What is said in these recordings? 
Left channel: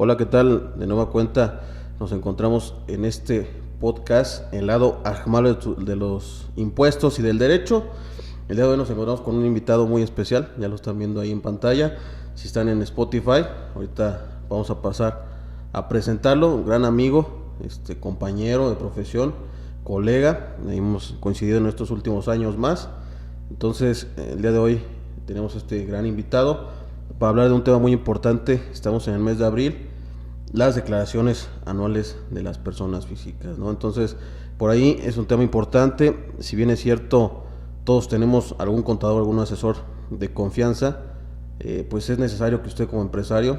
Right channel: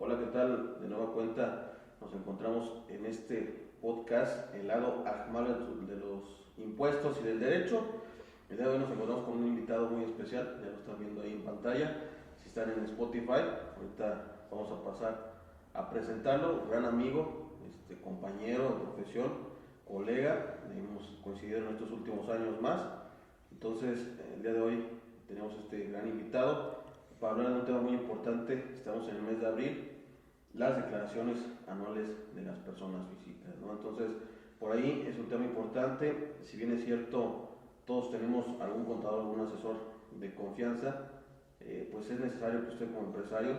Hola, ¿qué tal? De nueva cuenta nos encontramos en este podcast, el lado amable de los impuestos y del derecho. El día de hoy nos encontramos con un invitado muy especial, ya lo están viendo ahí en pantalla. Si están en Spotify, ahorita vamos a pasar a presentarlo, un gran amigo, compañero de profesión, colega, hemos coincidido en estos últimos años más. Entonces, el día de hoy tenemos este gran invitado para hablar de un tema muy importante. Estamos en el mes de abril, las declaraciones anuales de las personas físicas, ¿no? Entonces, por ahí es un tema importante. Si bien es cierto, todos tenemos algún contador, algún asesor de confianza, pues es necesario que usted como empresario,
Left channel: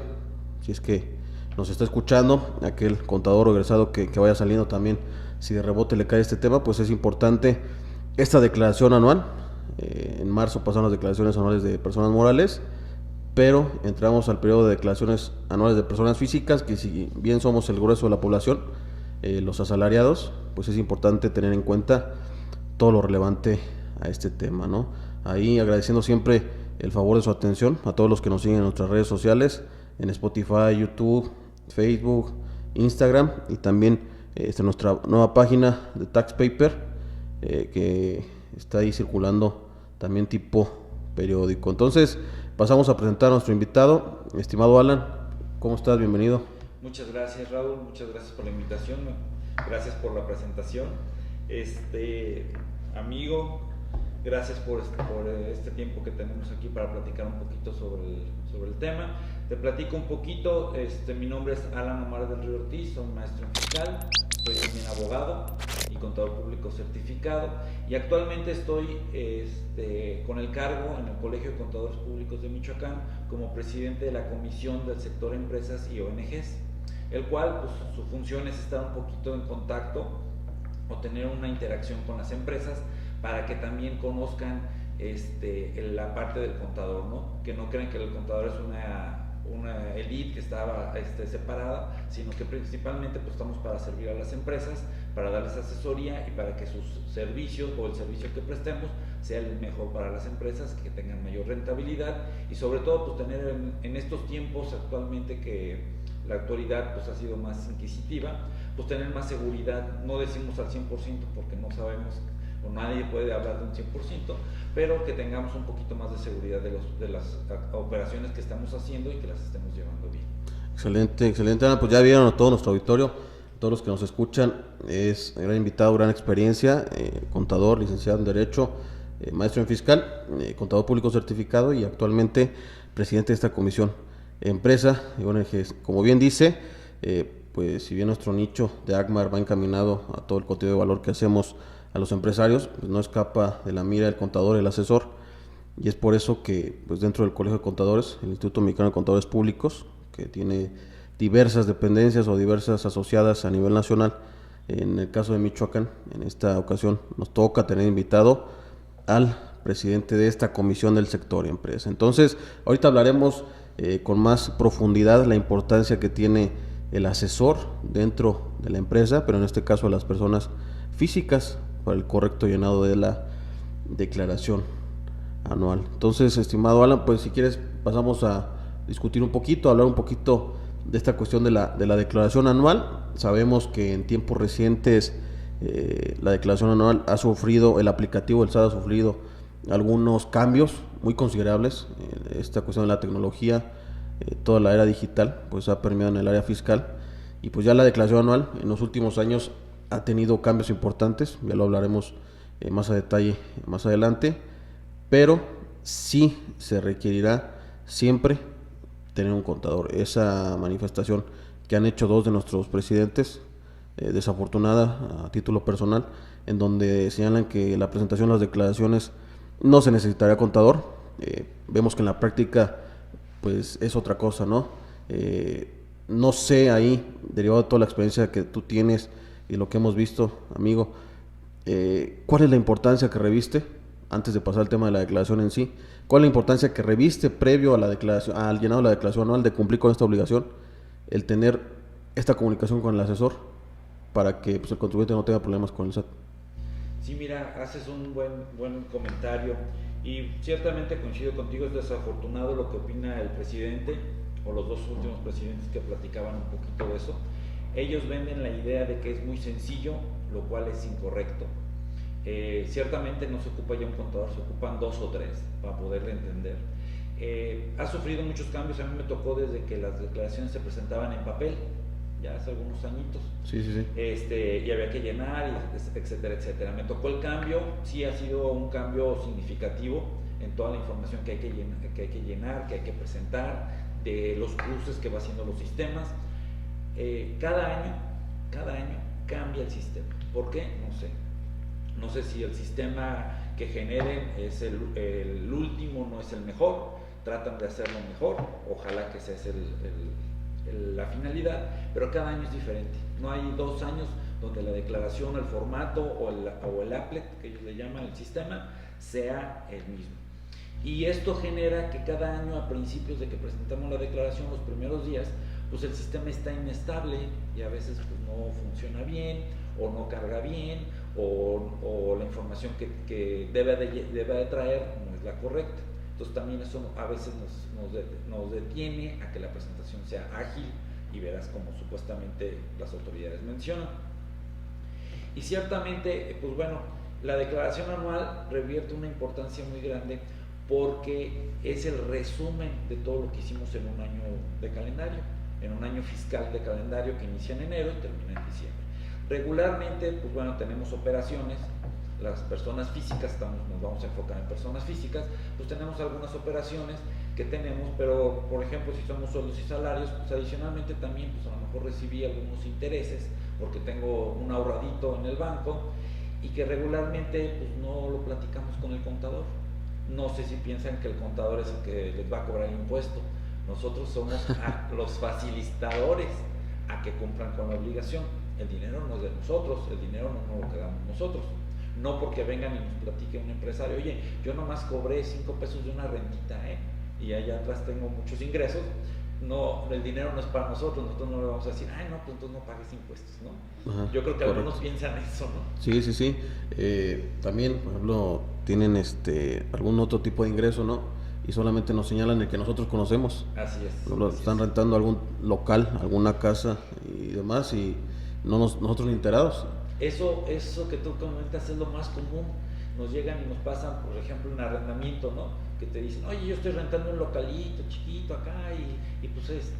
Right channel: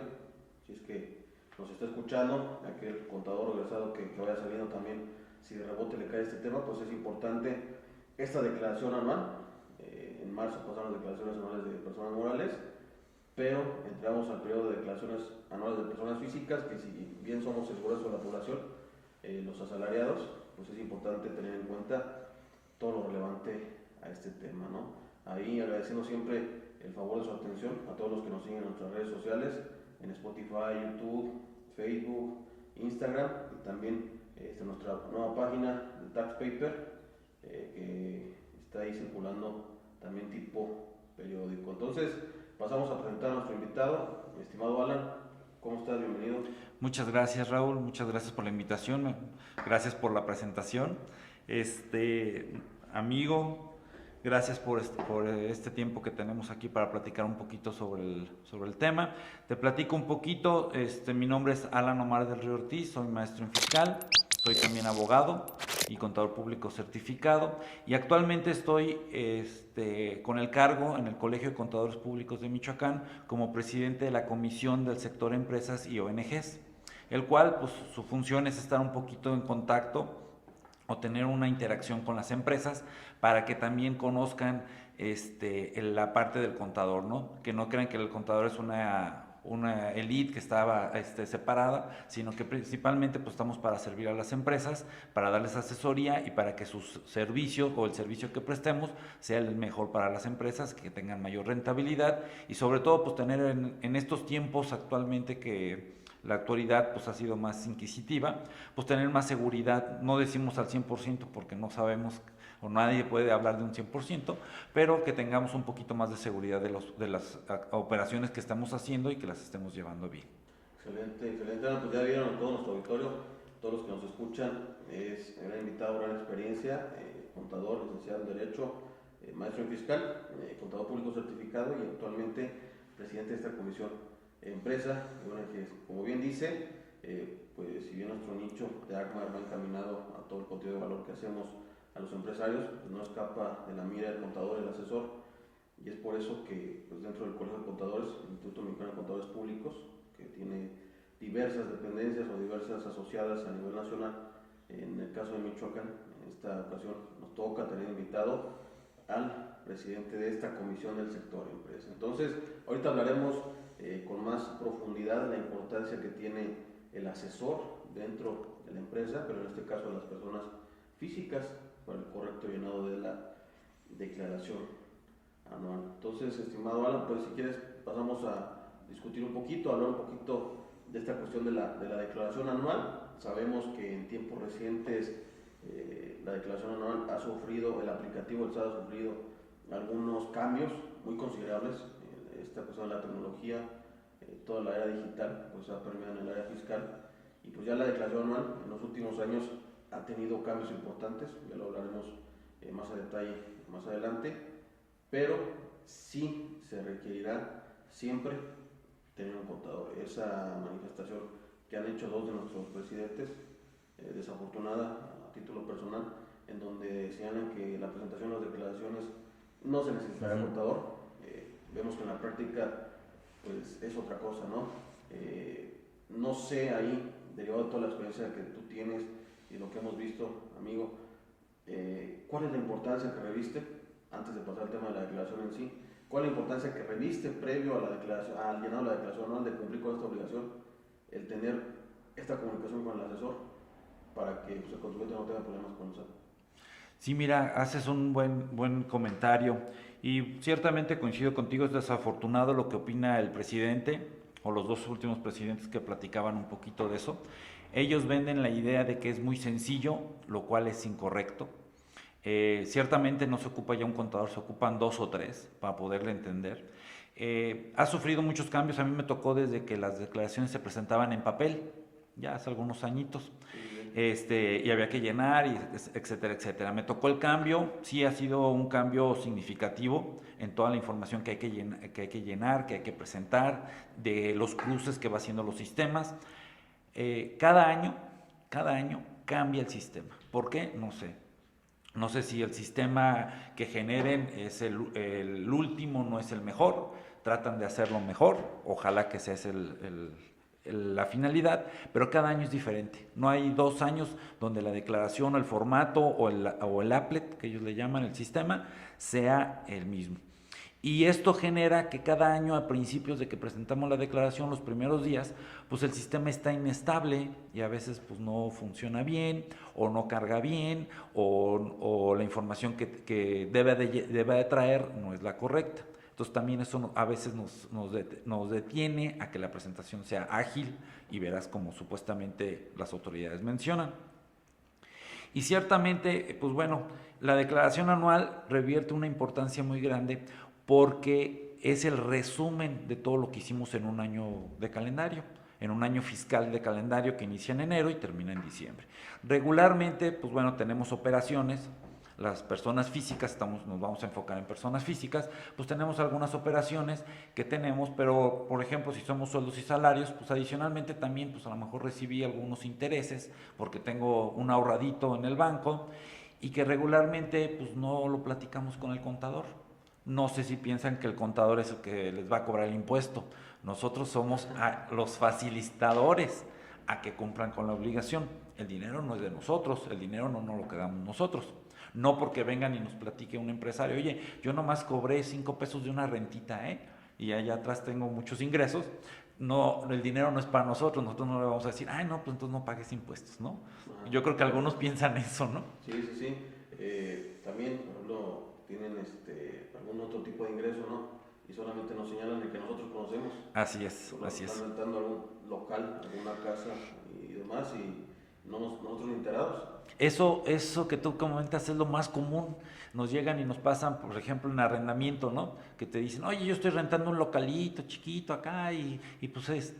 si es que nos está escuchando, aquel contador o egresado que vaya saliendo también, si de rebote le cae este tema, pues es importante esta declaración anual. En marzo pasaron las declaraciones anuales de personas morales, pero entramos al periodo de declaraciones anuales de personas físicas, que si bien somos el grueso de la población, los asalariados, pues es importante tener en cuenta todo lo relevante a este tema, ¿no? Ahí agradeciendo siempre el favor de su atención a todos los que nos siguen en nuestras redes sociales, en Spotify, YouTube, Facebook, Instagram, y también nuestra nueva página de Tax Paper, que está ahí circulando también tipo periódico. Entonces, pasamos a presentar a nuestro invitado, estimado Alan. ¿Cómo estás? Bienvenido. Muchas gracias, Raúl, muchas gracias por la invitación, gracias por la presentación. Amigo, gracias por este tiempo que tenemos aquí para platicar un poquito sobre el tema. Te platico un poquito. Mi nombre es Alan Omar del Río Ortiz, soy maestro en fiscal, soy también abogado y contador público certificado, y actualmente estoy con el cargo en el Colegio de Contadores Públicos de Michoacán como presidente de la Comisión del Sector Empresas y ONGs, el cual, pues, su función es estar un poquito en contacto o tener una interacción con las empresas para que también conozcan la parte del contador, ¿no? Que no crean que el contador es una elite que estaba separada, sino que principalmente, pues, estamos para servir a las empresas, para darles asesoría y para que sus servicios o el servicio que prestemos sea el mejor para las empresas, que tengan mayor rentabilidad y sobre todo, pues, tener en estos tiempos actualmente que la actualidad, pues, ha sido más inquisitiva, pues tener más seguridad. No decimos al 100% porque no sabemos o nadie puede hablar de un 100%, pero que tengamos un poquito más de seguridad de las operaciones que estamos haciendo y que las estemos llevando bien. Excelente, excelente, Ana. Pues ya vieron a todo nuestro auditorio, todos los que nos escuchan, es gran invitado, gran experiencia, contador, licenciado en Derecho, maestro en Fiscal, contador público certificado y actualmente presidente de esta comisión empresa y ONGs. Como bien dice, pues si bien nuestro nicho de ACMAR va encaminado a todo el contenido de valor que hacemos a los empresarios, pues no escapa de la mira el contador, el asesor, y es por eso que, pues, dentro del Colegio de Contadores, el Instituto Mexicano de Contadores Públicos, que tiene diversas dependencias o diversas asociadas a nivel nacional, en el caso de Michoacán, en esta ocasión nos toca tener invitado al presidente de esta comisión del sector empresa. Entonces, ahorita hablaremos con más profundidad la importancia que tiene el asesor dentro de la empresa, pero en este caso a las personas físicas, para el correcto llenado de la declaración anual. Entonces, estimado Alan, pues si quieres pasamos a discutir un poquito, hablar un poquito de esta cuestión de la declaración anual. Sabemos que en tiempos recientes la declaración anual ha sufrido, el aplicativo del SAT ha sufrido algunos cambios muy considerables. Esta cuestión de la tecnología, toda la era digital, pues ha permeado en el área fiscal, y pues ya la declaración anual en los últimos años ha tenido cambios importantes, ya lo hablaremos más a detalle más adelante, pero sí se requerirá siempre tener un contador. Esa manifestación que han hecho dos de nuestros presidentes, desafortunada a título personal, en donde señalan que la presentación de las declaraciones no se necesitaría contador. Vemos que en la práctica pues es otra cosa, ¿no? No sé ahí, derivado de toda la experiencia que tú tienes y lo que hemos visto, amigo, ¿cuál es la importancia que reviste antes de pasar al tema de la declaración en sí? ¿Cuál es la importancia que reviste previo a la declaración, al llenado de la declaración anual, de cumplir con esta obligación, el tener esta comunicación con el asesor para que, pues, el contribuyente no tenga problemas con el SAT? Sí, mira, haces un buen comentario y ciertamente coincido contigo. Es desafortunado lo que opina el presidente. o los dos últimos presidentes que platicaban un poquito de eso, ellos venden la idea de que es muy sencillo, lo cual es incorrecto. Ciertamente no se ocupa ya un contador, se ocupan 2 o 3 para poderle entender. Ha sufrido muchos cambios, a mí me tocó desde que las declaraciones se presentaban en papel, ya hace algunos añitos, Sí, sí, sí. y había que llenar, etcétera, etcétera. Me tocó el cambio, sí ha sido un cambio significativo en toda la información que hay que llenar, que hay que presentar, de los cruces que va haciendo los sistemas. Cada año cambia el sistema. ¿Por qué? No sé. No sé si el sistema que generen es el último, no es el mejor, tratan de hacerlo mejor, ojalá que esa es la finalidad, pero cada año es diferente. No hay 2 años donde la declaración, el formato o el applet, que ellos le llaman el sistema, sea el mismo. Y esto genera que cada año, a principios de que presentamos la declaración, los primeros días, pues el sistema está inestable y a veces pues no funciona bien o no carga bien o la información que debe de traer no es la correcta. Entonces también eso a veces nos detiene a que la presentación sea ágil y verás como supuestamente las autoridades mencionan. Y ciertamente, pues bueno, la declaración anual revierte una importancia muy grande porque es el resumen de todo lo que hicimos en un año de calendario, en un año fiscal de calendario que inicia en enero y termina en diciembre. Regularmente, pues bueno, tenemos operaciones, las personas físicas, nos vamos a enfocar en personas físicas, pues tenemos algunas operaciones que tenemos, pero por ejemplo, si somos sueldos y salarios, pues adicionalmente también, pues a lo mejor recibí algunos intereses porque tengo un ahorradito en el banco y que regularmente pues no lo platicamos con el contador. No sé si piensan que el contador es el que les va a cobrar el impuesto. Nosotros somos los facilitadores a que cumplan con la obligación. El dinero no es de nosotros, el dinero no nos lo quedamos nosotros. No porque vengan y nos platique un empresario, oye, yo nomás cobré 5 pesos de una rentita, y allá atrás tengo muchos ingresos. No, el dinero no es para nosotros no le vamos a decir, ay, no, pues entonces no pagues impuestos, ¿no? Ajá, Yo creo que correcto. algunos piensan eso, ¿no? Sí, sí, sí. También, por ejemplo, tienen algún otro tipo de ingreso, ¿no? Y solamente nos señalan el que nosotros conocemos. Así es. Por ejemplo, así están es. rentando algún local, alguna casa y demás, y nosotros ni enterados. Eso que tú comentas es lo más común. Nos llegan y nos pasan, por ejemplo, en arrendamiento, ¿no? Que te dicen, oye, yo estoy rentando un localito chiquito acá y pues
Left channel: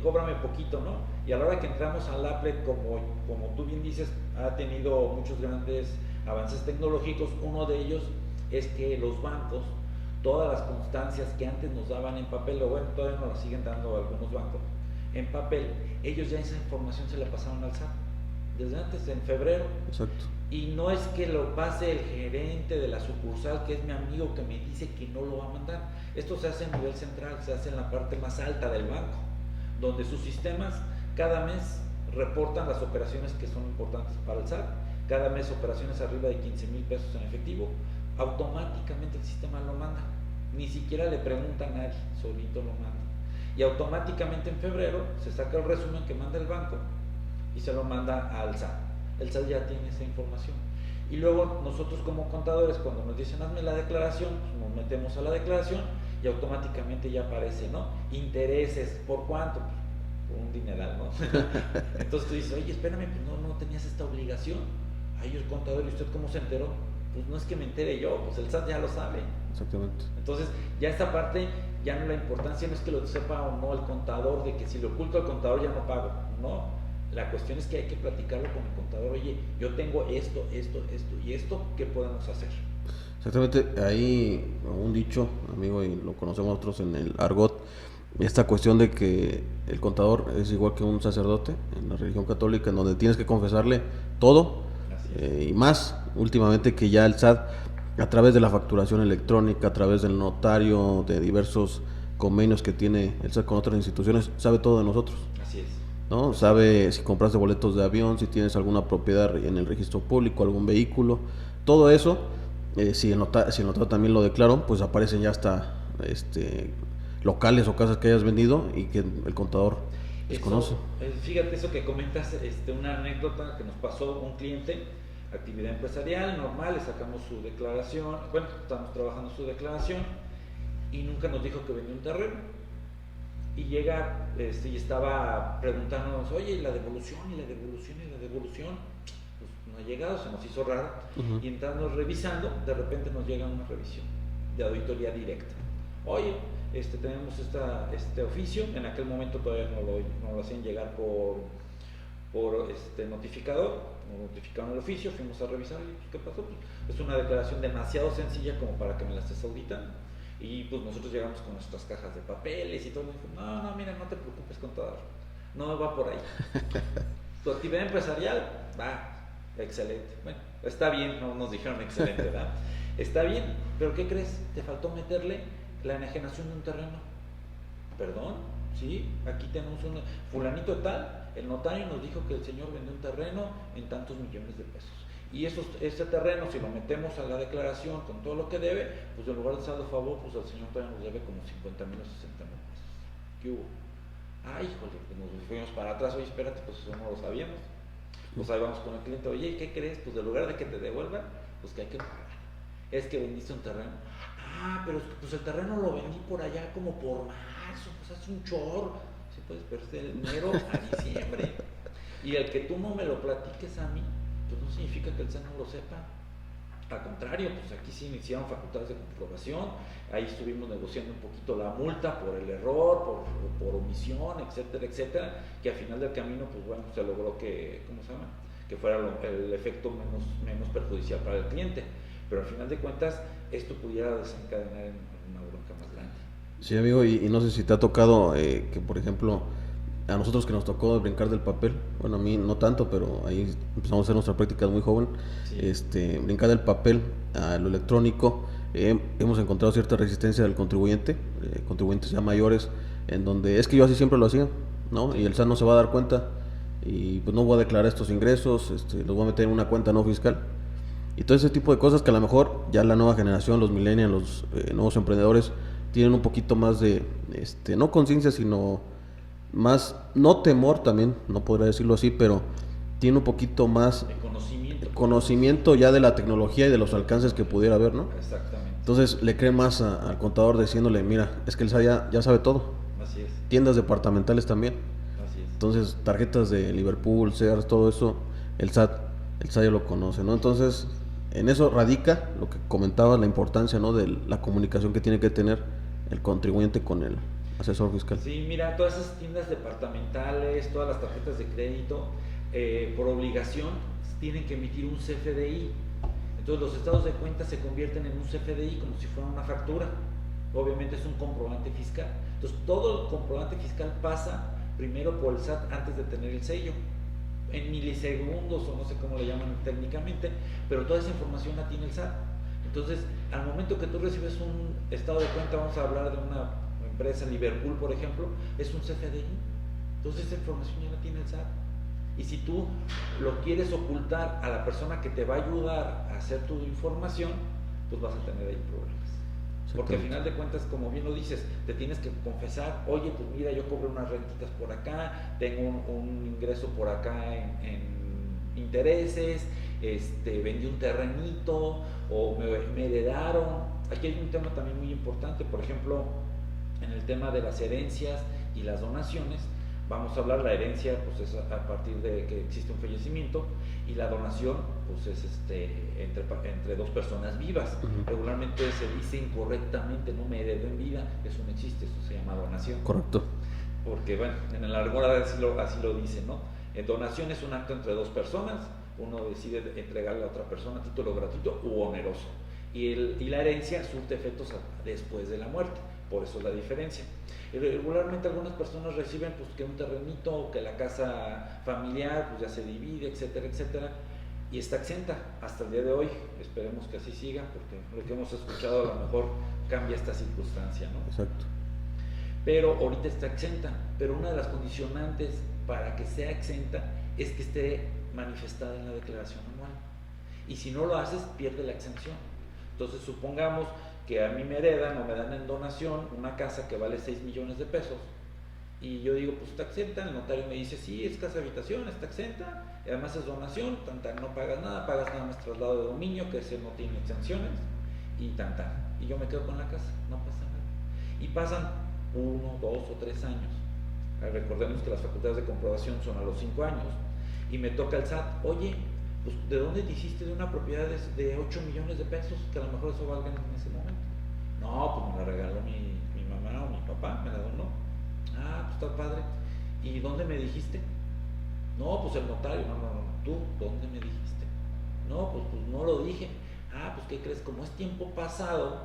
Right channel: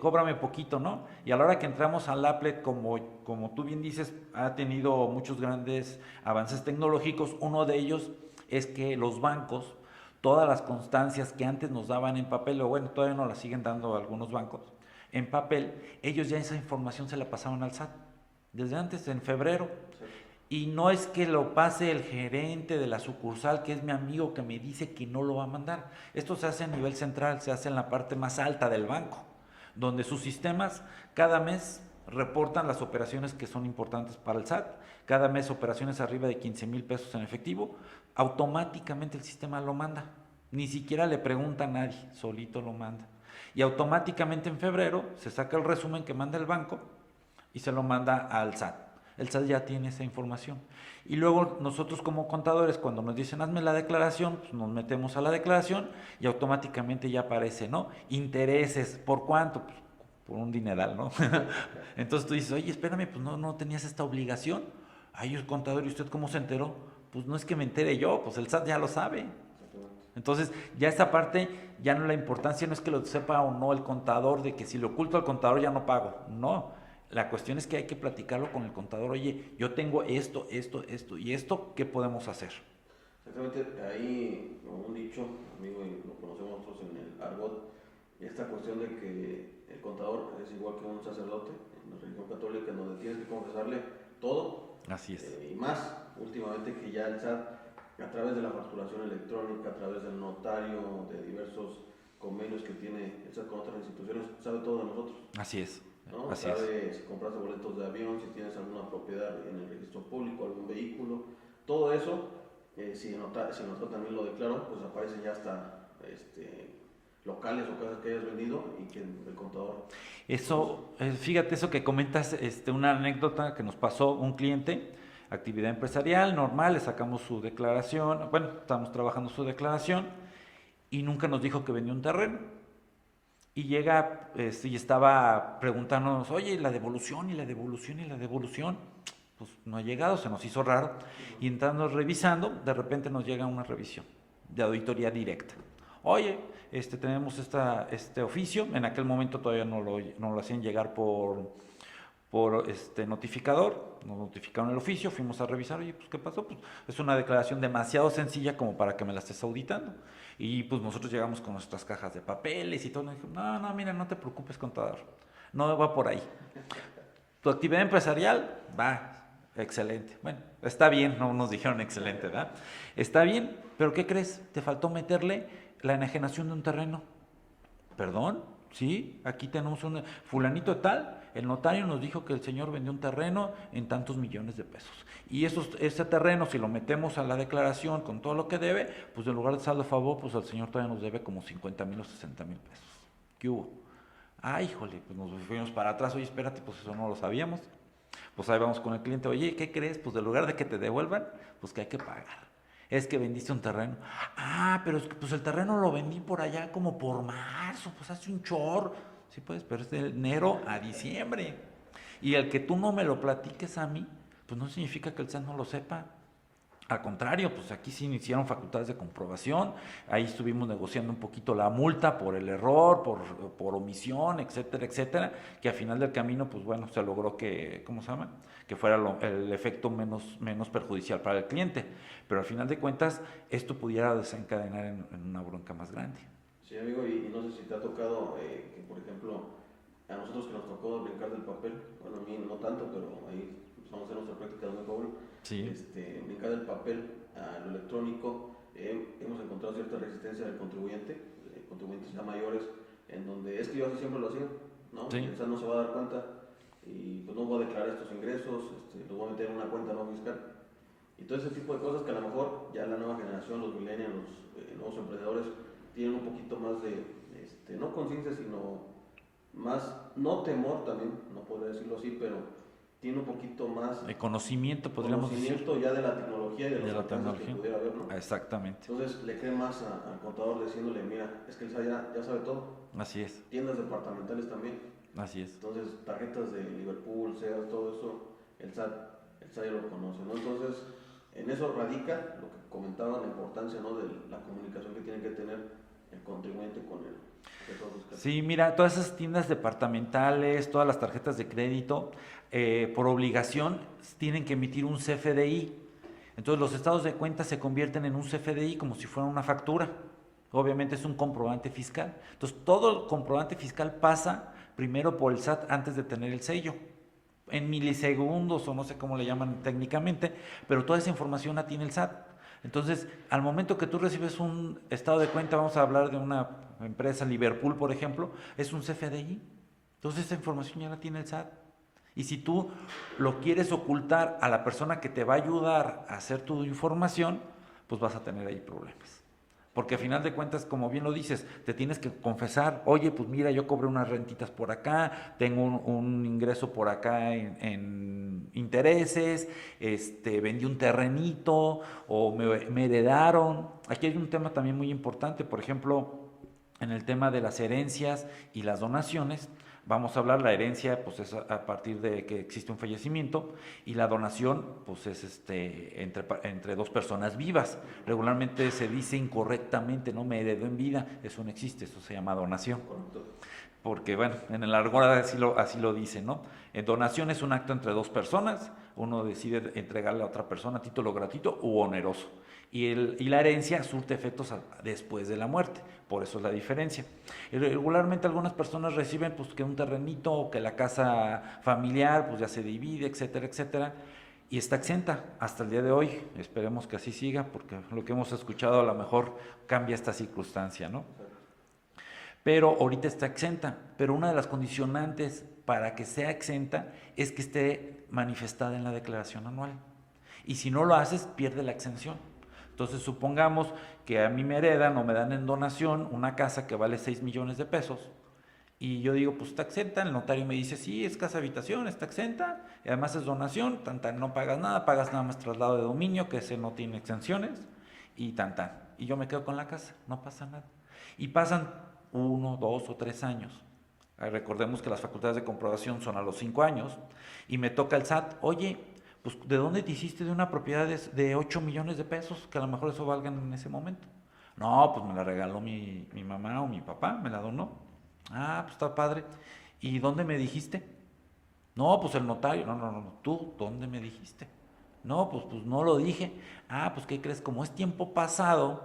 cóbrame poquito, ¿no? Y a la hora que entramos al applet, como tú bien dices, ha tenido muchos grandes avances tecnológicos. Uno de ellos es que los bancos, todas las constancias que antes nos daban en papel, o bueno, todavía nos las siguen dando algunos bancos en papel, ellos ya esa información se la pasaban al SAT desde antes, en febrero. Exacto. Y no es que lo pase el gerente de la sucursal, que es mi amigo, que me dice que no lo va a mandar. Esto se hace a nivel central, se hace en la parte más alta del banco, donde sus sistemas cada mes reportan las operaciones que son importantes para el SAT. Cada mes operaciones arriba de 15,000 pesos en efectivo, automáticamente el sistema lo manda. Ni siquiera le pregunta a nadie, solito lo manda. Y automáticamente en febrero se saca el resumen que manda el banco y se lo manda al SAT. El SAT ya tiene esa información. Y luego nosotros como contadores, cuando nos dicen hazme la declaración, pues nos metemos a la declaración y automáticamente ya aparece, ¿no? Intereses, ¿por cuánto? Pues por un dineral, ¿no? Entonces tú dices, oye, espérame, pues no tenías esta obligación. Ay, el contador, ¿y usted cómo se enteró? Pues no es que me entere yo, pues el SAT ya lo sabe. Exactamente. Entonces, ya esa parte, ya no la importancia no es que lo sepa o no el contador, de que si lo oculto al contador ya no pago. No, la cuestión es que hay que platicarlo con el contador. Oye, yo tengo esto, y esto, ¿qué podemos hacer? Exactamente, hay un dicho, amigo, y lo conocemos nosotros en el argot, esta cuestión de que el contador es igual que un sacerdote en la religión católica, en donde tienes que confesarle todo. Así es. Y más últimamente que ya el SAT, a través de la facturación electrónica, a través del notario, de diversos convenios que tiene el SAT con otras instituciones, sabe todo de nosotros, Así es. ¿no? Así Sabe es. si compraste boletos de avión, si tienes alguna propiedad en el registro público, algún vehículo, todo eso. Si el notario también lo declaró, pues aparecen ya hasta locales o casas que hayas vendido y que el contador conoce. Fíjate eso que comentas, una anécdota que nos pasó un cliente, actividad empresarial normal, le sacamos su declaración, bueno, estamos trabajando su declaración y nunca nos dijo que vendió un terreno. y llega y estaba preguntándonos, oye, ¿y la devolución? ¿Y la devolución? ¿Y la devolución? Pues no ha llegado, se nos hizo raro. Y entrando revisando, de repente nos llega una revisión de auditoría directa. Oye, tenemos este oficio, en aquel momento todavía no lo hacían llegar por notificador, nos notificaron el oficio, fuimos a revisar, y pues ¿qué pasó? Pues es una declaración demasiado sencilla como para que me la estés auditando. Y pues nosotros llegamos con nuestras cajas de papeles y todo, nos dijeron, no, mira, no te preocupes, contador, no va por ahí. Tu actividad empresarial, va, excelente. Bueno, está bien, no nos dijeron excelente, ¿verdad? Está bien, pero ¿qué crees? Te faltó meterle la enajenación de un terreno. ¿Perdón? Sí, aquí tenemos un fulanito tal, el notario nos dijo que el señor vendió un terreno en tantos millones de pesos. Y ese terreno, si lo metemos a la declaración con todo lo que debe, pues en lugar de saldo a favor, pues al señor todavía nos debe como 50,000 o 60,000 pesos. ¿Qué hubo? Híjole, pues nos fuimos para atrás, oye, espérate, pues eso no lo sabíamos. Pues ahí vamos con el cliente, oye, ¿qué crees? Pues en lugar de que te devuelvan, pues que hay que pagar. Es que vendiste un terreno. Pero es que pues el terreno lo vendí por allá como por marzo, pues hace un chorro. Sí, puedes, pero es de enero a diciembre. Y el que tú no me lo platiques a mí, pues no significa que el SAT no lo sepa. Al contrario, pues aquí sí iniciaron facultades de comprobación, ahí estuvimos negociando un poquito la multa por el error, por omisión, etcétera, etcétera, que al final del camino, pues bueno, se logró que, ¿cómo se llama? Que fuera el efecto menos perjudicial para el cliente. Pero al final de cuentas, esto pudiera desencadenar en una bronca más grande. Sí, amigo, y no sé si te ha tocado que, por ejemplo, a nosotros que nos tocó brincar del papel, bueno, a mí no tanto, pero ahí empezamos a hacer nuestra práctica muy joven, sí. Brincar del papel a lo electrónico, hemos encontrado cierta resistencia del contribuyente, contribuyentes ya mayores, en donde es que yo así siempre lo hacía, ¿no? Sí. Y el SAT no se va a dar cuenta, y pues no voy a declarar estos ingresos, los voy a meter en una cuenta no fiscal, y todo ese tipo de cosas que a lo mejor ya la nueva generación, los millennials, los nuevos emprendedores, tienen un poquito más de, no conciencia, sino más, no temor también, no podría decirlo así, pero tiene un poquito más de conocimiento ya de la tecnología y de los alcances que pudiera haber, ¿no? Exactamente. Entonces le cree más al contador diciéndole, mira, es que el SAT ya sabe todo. Así es. Tiendas departamentales también. Así es. Entonces tarjetas de Liverpool, Sears, todo eso, el SAT ya lo conoce, ¿no? Entonces en eso radica lo que comentaba, la importancia, ¿no? De la comunicación que tiene que tener el contribuyente con el asesor fiscal. Sí, mira, todas esas tiendas departamentales, todas las tarjetas de crédito, por obligación tienen que emitir un CFDI. Entonces los estados de cuenta se convierten en un CFDI como si fuera una factura. Obviamente es un comprobante fiscal. Entonces todo el comprobante fiscal pasa primero por el SAT antes de tener el sello. En milisegundos o no sé cómo le llaman técnicamente, pero toda esa información la tiene el SAT. Entonces, al momento que tú recibes un estado de cuenta, vamos a hablar de una empresa, Liverpool, por ejemplo, es un CFDI. Entonces, esa información ya la tiene el SAT. Y si tú lo quieres ocultar a la persona que te va a ayudar a hacer tu información, pues vas a tener ahí problemas. Porque al final de cuentas, como bien lo dices, te tienes que confesar, oye, pues mira, yo cobré unas rentitas por acá, tengo un ingreso por acá en intereses, vendí un terrenito o me heredaron. Aquí hay un tema también muy importante, por ejemplo, en el tema de las herencias y las donaciones. Vamos a hablar, la herencia pues es a partir de que existe un fallecimiento, y la donación pues es entre dos personas vivas. Regularmente se dice incorrectamente, no me heredó en vida, eso no existe, eso se llama donación. Correcto. Porque bueno, en el argot así lo dice, ¿no? Donación es un acto entre dos personas, uno decide entregarle a otra persona a título gratuito u oneroso. Y la herencia surte efectos después de la muerte, por eso es la diferencia. Y regularmente algunas personas reciben pues que un terrenito o que la casa familiar pues ya se divide, etcétera, etcétera, y está exenta hasta el día de hoy. Esperemos que así siga, porque lo que hemos escuchado a lo mejor cambia esta circunstancia, ¿no? Exacto. Pero ahorita está exenta, pero una de las condicionantes para que sea exenta es que esté manifestada en la declaración anual, y si no lo haces pierde la exención. Entonces supongamos que a mí me heredan o me dan en donación una casa que vale 6 millones de pesos, y yo digo pues está exenta, el notario me dice sí, es casa habitación, está exenta, y además es donación, no pagas nada más traslado de dominio, que ese no tiene exenciones, y y yo me quedo con la casa, no pasa nada. Y pasan 1, 2 o 3 años. Recordemos que las facultades de comprobación son a los 5 años y me toca el SAT, oye, pues ¿de dónde te hiciste de una propiedad de 8 millones de pesos? Que a lo mejor eso valgan en ese momento. No, pues me la regaló mi mamá o mi papá, me la donó. Ah, pues está padre. ¿Y dónde me dijiste? No, pues el notario. No, ¿tú dónde me dijiste? No, pues no lo dije. Ah, pues ¿qué crees? Como es tiempo pasado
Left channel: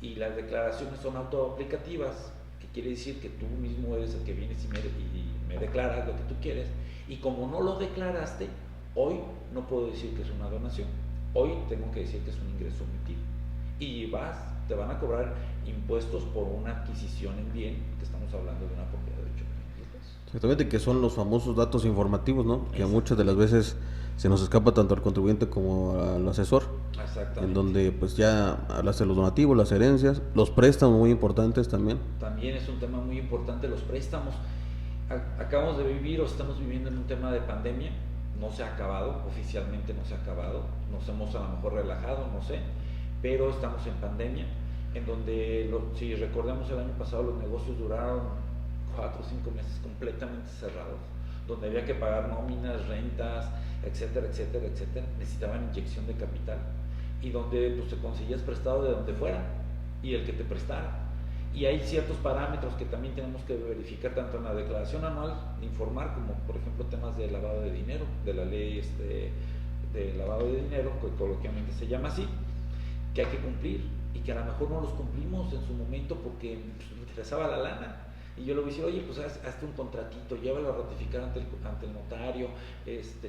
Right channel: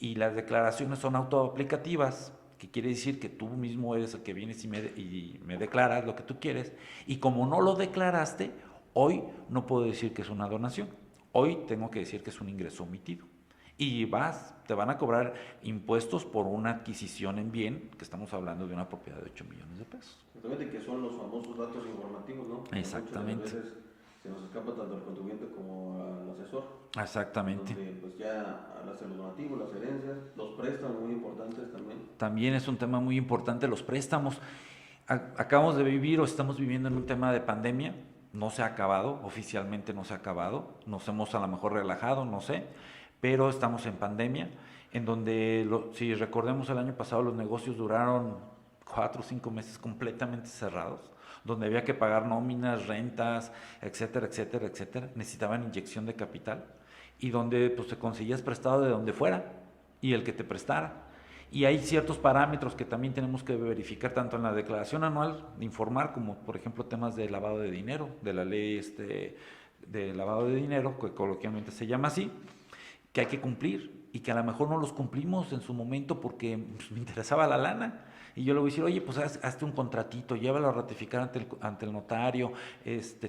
y las declaraciones son autoaplicativas, que quiere decir que tú mismo eres el que vienes y me declaras lo que tú quieres, y como no lo declaraste, hoy no puedo decir que es una donación, hoy tengo que decir que es un ingreso omitido. Y te van a cobrar impuestos por una adquisición en bien, que estamos hablando de una propiedad de 8 millones de pesos. Exactamente, que son los famosos datos informativos, ¿no? Que muchas de las veces se nos escapa tanto al contribuyente como al asesor. Exactamente. En donde pues ya hablaste de los donativos, las herencias, los préstamos muy importantes también. También es un tema muy importante los préstamos. Acabamos de vivir o estamos viviendo en un tema de pandemia, no se ha acabado, oficialmente no se ha acabado, nos hemos a lo mejor relajado, no sé, pero estamos en pandemia, en donde, si recordemos el año pasado, los negocios duraron 4 o 5 meses completamente cerrados, donde había que pagar nóminas, rentas, etcétera, etcétera, etcétera, necesitaban inyección de capital, y donde pues te conseguías prestado de donde fuera, y el que te prestara. Y hay ciertos parámetros que también tenemos que verificar tanto en la declaración anual de informar, como por ejemplo temas de lavado de dinero, de la ley de lavado de dinero, que coloquialmente se llama así, que hay que cumplir y que a lo mejor no los cumplimos en su momento porque pues, me interesaba la lana. Y yo le voy a decir, oye, pues hazte un contratito, llévalo a ratificar ante el notario,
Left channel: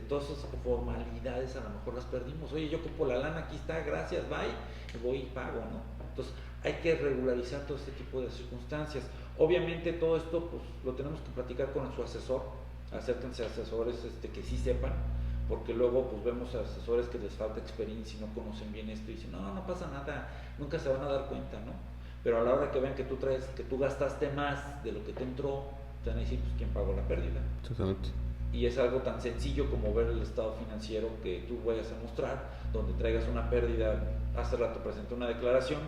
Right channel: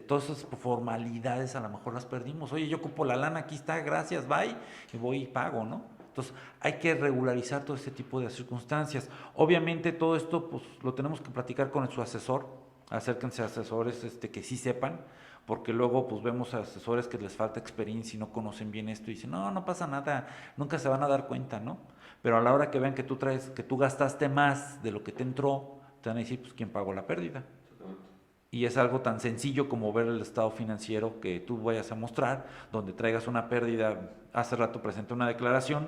todas esas formalidades a lo mejor las perdimos. Oye, yo ocupo la lana, aquí está, gracias, bye, y voy y pago, ¿no? Entonces hay que regularizar todo este tipo de circunstancias. Obviamente todo esto pues lo tenemos que platicar con su asesor, acérquense a asesores que sí sepan, porque luego pues vemos a asesores que les falta experiencia y no conocen bien esto y dicen, no pasa nada, nunca se van a dar cuenta, ¿no? Pero a la hora que vean que tú gastaste más de lo que te entró, te van a decir, pues ¿quién pagó la pérdida? Exactamente. Y es algo tan sencillo como ver el estado financiero que tú vayas a mostrar, donde traigas una pérdida. Hace rato presenté una declaración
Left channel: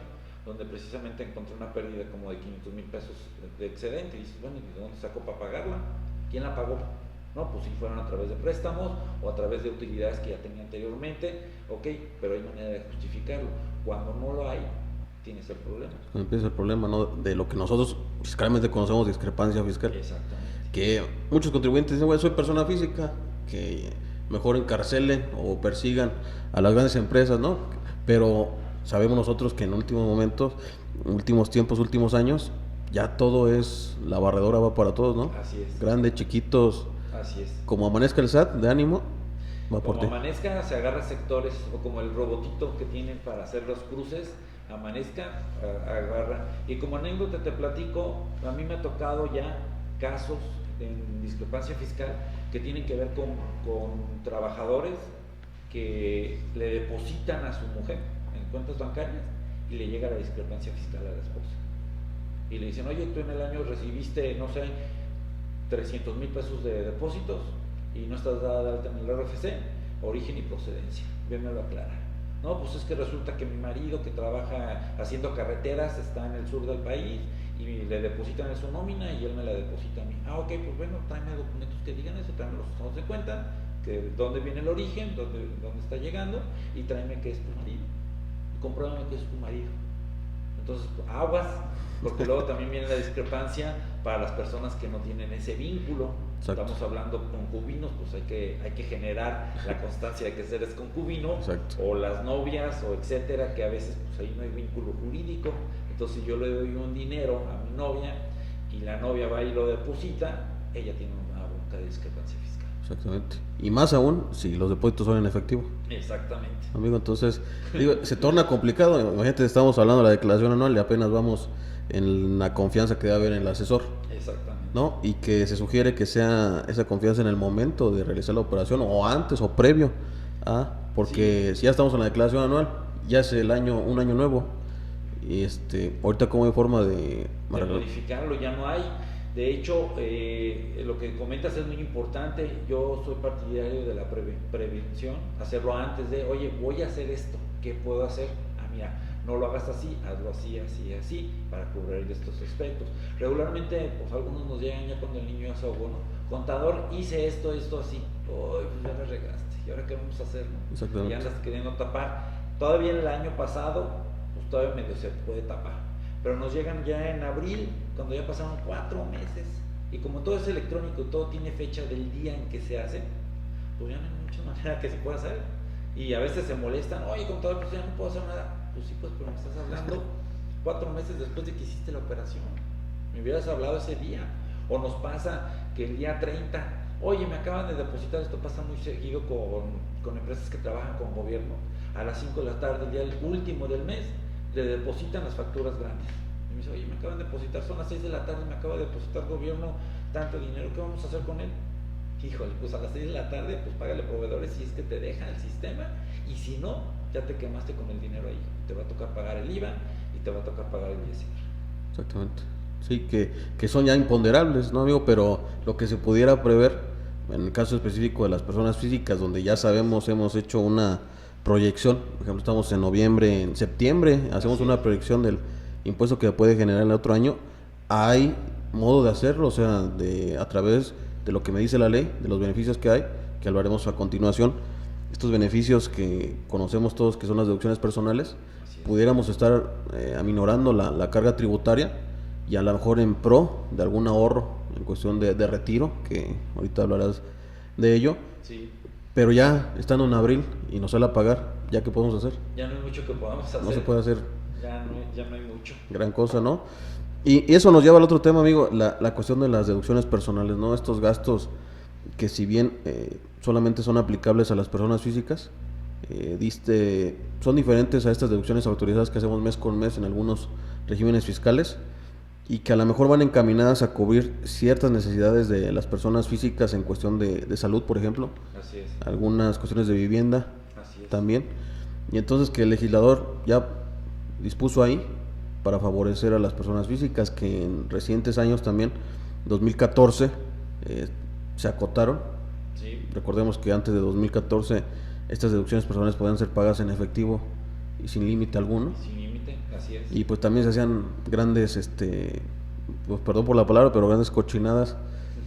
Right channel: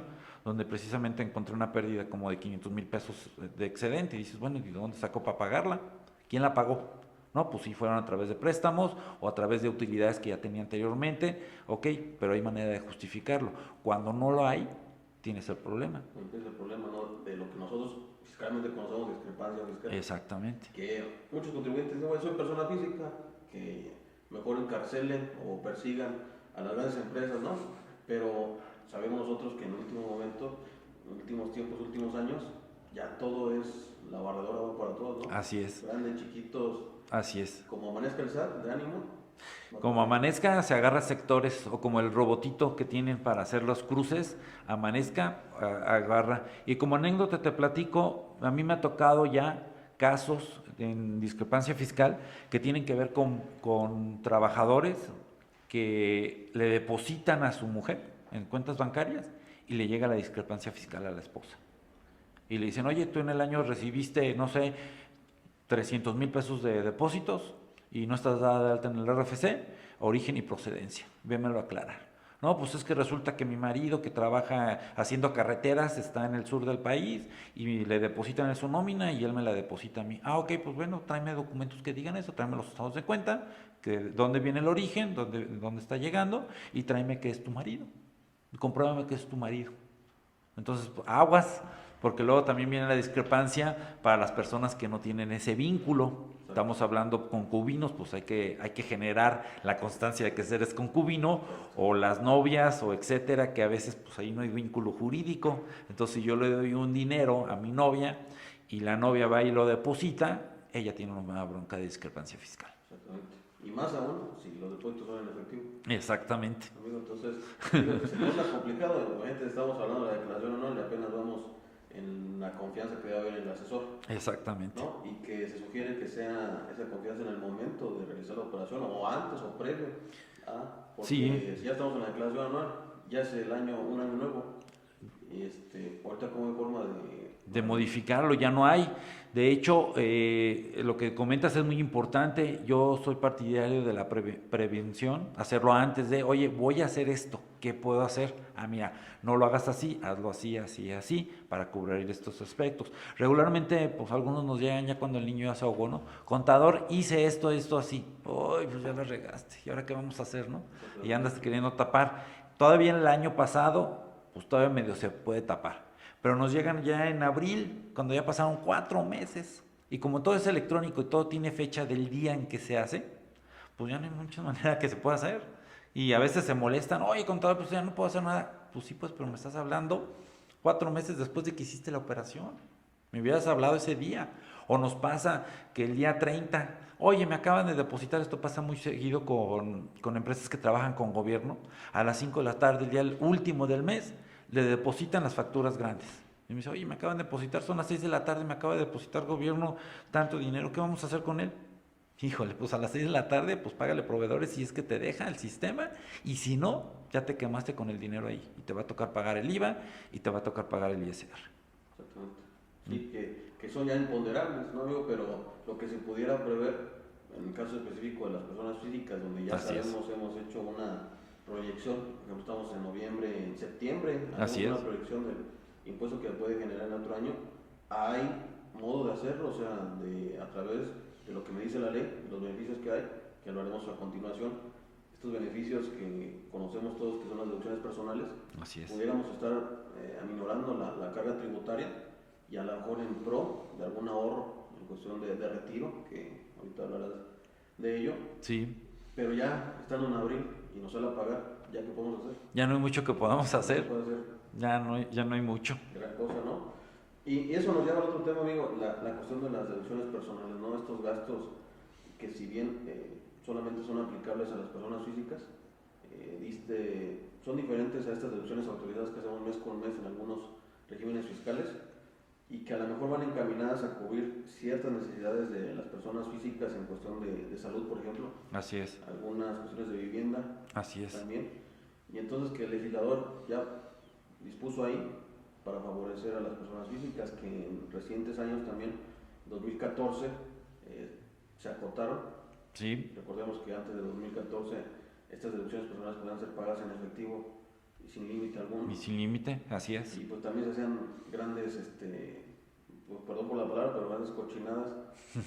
donde precisamente encontré una pérdida como de 500,000 pesos de excedente, y dices, bueno, ¿y de dónde sacó para pagarla? ¿Quién la pagó? No, pues sí fueron a través de préstamos o a través de utilidades que ya tenía anteriormente, ok, pero hay manera de justificarlo. Cuando no lo hay, tienes el problema. Empieza el problema, ¿no? De lo que nosotros fiscalmente conocemos de discrepancia fiscal. Exactamente. Que muchos contribuyentes dicen, bueno, soy persona física, que mejor encarcelen o persigan a las grandes empresas, ¿no? Pero sabemos nosotros que en últimos tiempos, últimos años, ya todo es, la barredora va para todos, ¿no? Así es. Grandes, chiquitos. Así es. Como amanezca el SAT, de ánimo. Como amanezca, se agarra sectores, o como el robotito que tienen para hacer los cruces, amanezca, agarra. Y como anécdota te platico, a mí me ha tocado ya casos en discrepancia fiscal que tienen que ver con trabajadores que le depositan a su mujer en cuentas bancarias y le llega la discrepancia fiscal a la esposa. Y le dicen, oye, tú en el año recibiste, no sé, 300,000 pesos de depósitos y no estás dada de alta en el RFC, origen y procedencia, vémelo aclarar. No, pues es que resulta que mi marido que trabaja haciendo carreteras está en el sur del país y le depositan en su nómina y él me la deposita a mí. Ah, ok, pues bueno, tráeme documentos que digan eso, tráeme los estados de cuenta, que dónde viene el origen, dónde está llegando, y tráeme que es tu marido, compruébame que es tu marido. Entonces, aguas, porque luego también viene la discrepancia para las personas que no tienen ese vínculo. Exacto. Estamos hablando concubinos, pues hay que generar la constancia de que eres concubino. Exacto. O las novias o etcétera, que a veces pues ahí no hay vínculo jurídico. Entonces si yo le doy un dinero a mi novia y la novia va y lo deposita, ella tiene una bronca de discrepancia fiscal. Exactamente. Y más aún si los depósitos son en efectivo. Exactamente. Amigo, entonces se torna complicado. Imagínate, estamos hablando de la declaración anual y apenas vamos en la confianza que debe haber en el asesor. Exactamente. ¿No? Y que se sugiere que sea esa confianza en el momento de realizar la operación o antes o previo porque si ya estamos en la declaración anual, ya es un año nuevo y ahorita como hay forma de modificarlo, ya no hay. De hecho, lo que comentas es muy importante. Yo soy partidario de la prevención, hacerlo antes de, oye, voy a hacer esto, ¿qué puedo hacer? Ah, mira, no lo hagas así, hazlo así, así, así, para cubrir estos aspectos. Regularmente, pues algunos nos llegan ya cuando el niño ya se ahogó, ¿no? Contador, hice esto, así. Uy, pues ya la regaste, ¿y ahora qué vamos a hacer, no? Y andas queriendo tapar. Todavía el año pasado, pues todavía medio se puede tapar. Pero nos llegan ya en abril, cuando ya pasaron 4 meses, y como todo es electrónico y todo tiene fecha del día en que se hace, pues ya no hay mucha manera que se pueda hacer. Y a veces se molestan, oye, contador, pues ya no puedo hacer nada. Pues sí, pues, pero me estás hablando 4 meses después de que hiciste la operación. Me hubieras hablado ese día. O nos pasa que el día 30, oye, me acaban de depositar, esto pasa muy seguido con empresas que trabajan con gobierno, a las 5 de la tarde, el día último del mes, le depositan las facturas grandes. Y me dice, oye, me acaban de depositar, son las 6 de la tarde, me acaba de depositar gobierno tanto dinero, ¿qué vamos a hacer con él? Híjole, pues a las 6 de la tarde, pues págale proveedores si es que te deja el sistema, y si no, ya te quemaste con el dinero ahí. Te va a tocar pagar el IVA y te va a tocar pagar el ISR. Exactamente. Sí, que son ya imponderables, ¿no, amigo? Pero lo que se pudiera prever, en el caso específico de las personas físicas, donde ya sabemos, hemos hecho una proyección, por ejemplo, estamos en noviembre, en septiembre, hacemos una proyección del impuesto que puede generar el otro año. Hay modo de hacerlo, o sea, a través de lo que me dice la ley, de los beneficios que hay, que lo haremos a continuación. Estos beneficios que conocemos todos, que son las deducciones personales, pudiéramos estar aminorando la carga tributaria y a lo mejor en pro de algún ahorro en cuestión de retiro, que ahorita hablarás de ello. Sí. Pero ya estando en abril y nos sale a pagar, ¿ya qué podemos hacer? Ya no hay mucho que podamos hacer. No se puede hacer. Ya no hay mucho. Gran cosa, ¿no? Y eso nos lleva al otro tema, amigo, la cuestión de las deducciones personales, ¿no? Estos gastos que si bien solamente son aplicables a las personas físicas, son diferentes a estas deducciones autorizadas que hacemos mes con mes en algunos regímenes fiscales y que a lo mejor van encaminadas a cubrir ciertas necesidades de las personas físicas en cuestión de salud, por ejemplo. Así es. Algunas cuestiones de vivienda. Así es. También. Y entonces que el legislador ya dispuso ahí para favorecer a las personas físicas que en recientes años también, 2014, se acotaron. Sí. Recordemos que antes de 2014 estas deducciones personales podían ser pagadas en efectivo y sin límite alguno. Y sin límite, así es. Y pues también se hacían grandes, pues perdón por la palabra, pero grandes cochinadas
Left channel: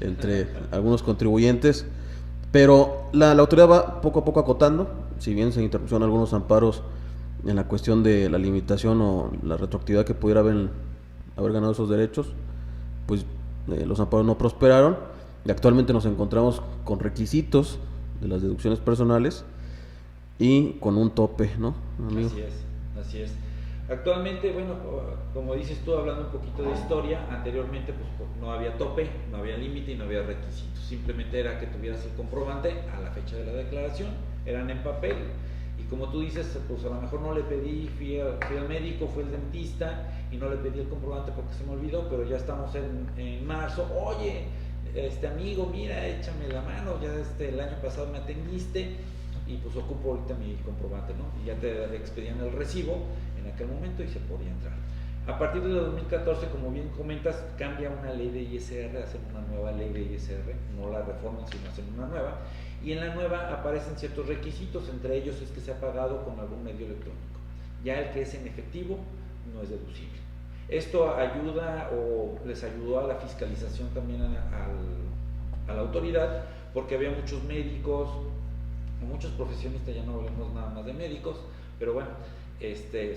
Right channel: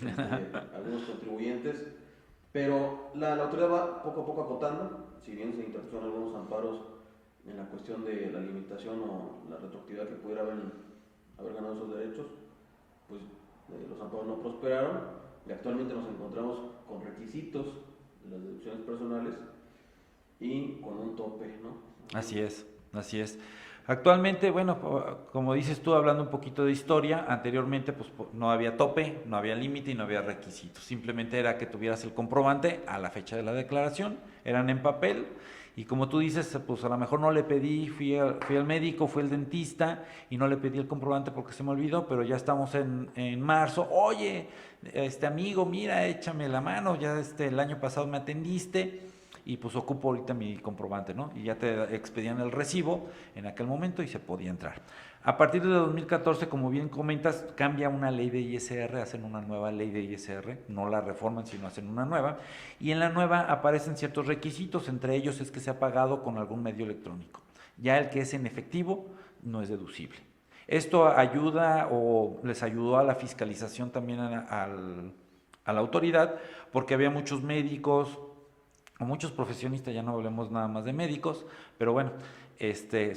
entre algunos contribuyentes. Pero la autoridad va poco a poco acotando, si bien se interpusieron algunos amparos en la cuestión de la limitación o la retroactividad que pudiera haber ganado esos derechos, pues los amparos no prosperaron y actualmente nos encontramos con requisitos de las deducciones personales y con un tope, ¿no? Así es. Actualmente, bueno, como dices tú, hablando un poquito de historia, anteriormente pues no había tope, no había límite y no había requisitos. Simplemente era que tuvieras el comprobante a la fecha de la declaración, eran en papel. Y como tú dices, pues a lo mejor no le pedí, fui al médico, fui al dentista y no le pedí el comprobante porque se me olvidó, pero ya estamos en marzo. Oye, amigo, mira, échame la mano, ya el año pasado me atendiste y pues ocupo ahorita mi comprobante, ¿no? Y ya te expedían el recibo en aquel momento y se podía entrar. A partir de 2014, como bien comentas, cambia una ley de ISR, hacen una nueva ley de ISR, no la reforman, sino hacen una nueva, y en la nueva aparecen ciertos requisitos, entre ellos es que se ha pagado con algún medio electrónico. Ya el que es en efectivo no es deducible. Esto ayuda o les ayudó a la fiscalización también a la autoridad, porque había muchos médicos o muchos profesionistas, ya no hablemos nada más de médicos, pero bueno,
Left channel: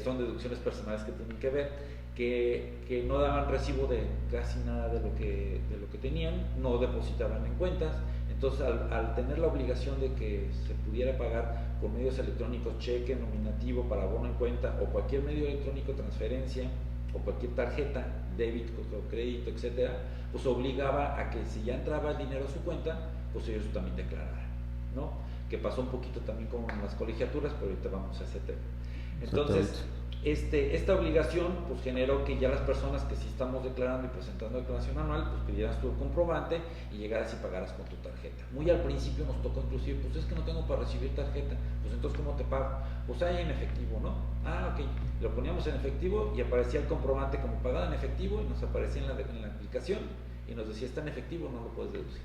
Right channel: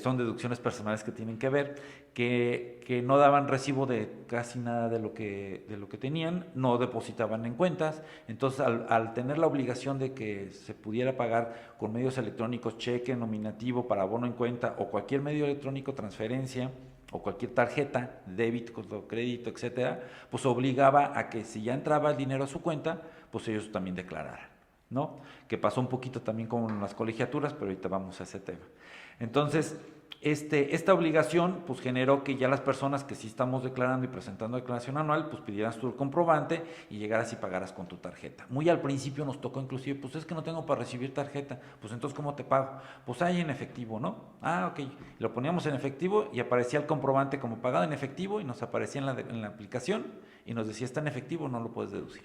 son deducciones personales que tienen que ver, que no daban recibo de casi nada de lo que tenían, no depositaban en cuentas. Entonces al tener la obligación de que se pudiera pagar con medios electrónicos, cheque, nominativo, para abono en cuenta o cualquier medio electrónico, transferencia o cualquier tarjeta, débito o crédito, etcétera, pues obligaba a que si ya entraba el dinero a su cuenta, pues ellos también declararan, ¿no? Que pasó un poquito también con las colegiaturas, pero ahorita vamos a ese tema. Entonces, esta obligación pues generó que ya las personas que sí estamos declarando y presentando declaración anual, pues pidieras tu comprobante y llegaras y pagaras con tu tarjeta. Muy al principio nos tocó inclusive, pues es que no tengo para recibir tarjeta, pues entonces ¿cómo te pago? Pues hay en efectivo, ¿no? Ah, ok, lo poníamos en efectivo y aparecía el comprobante como pagado en efectivo y nos aparecía en la aplicación y nos decía, está en efectivo, no lo puedes deducir.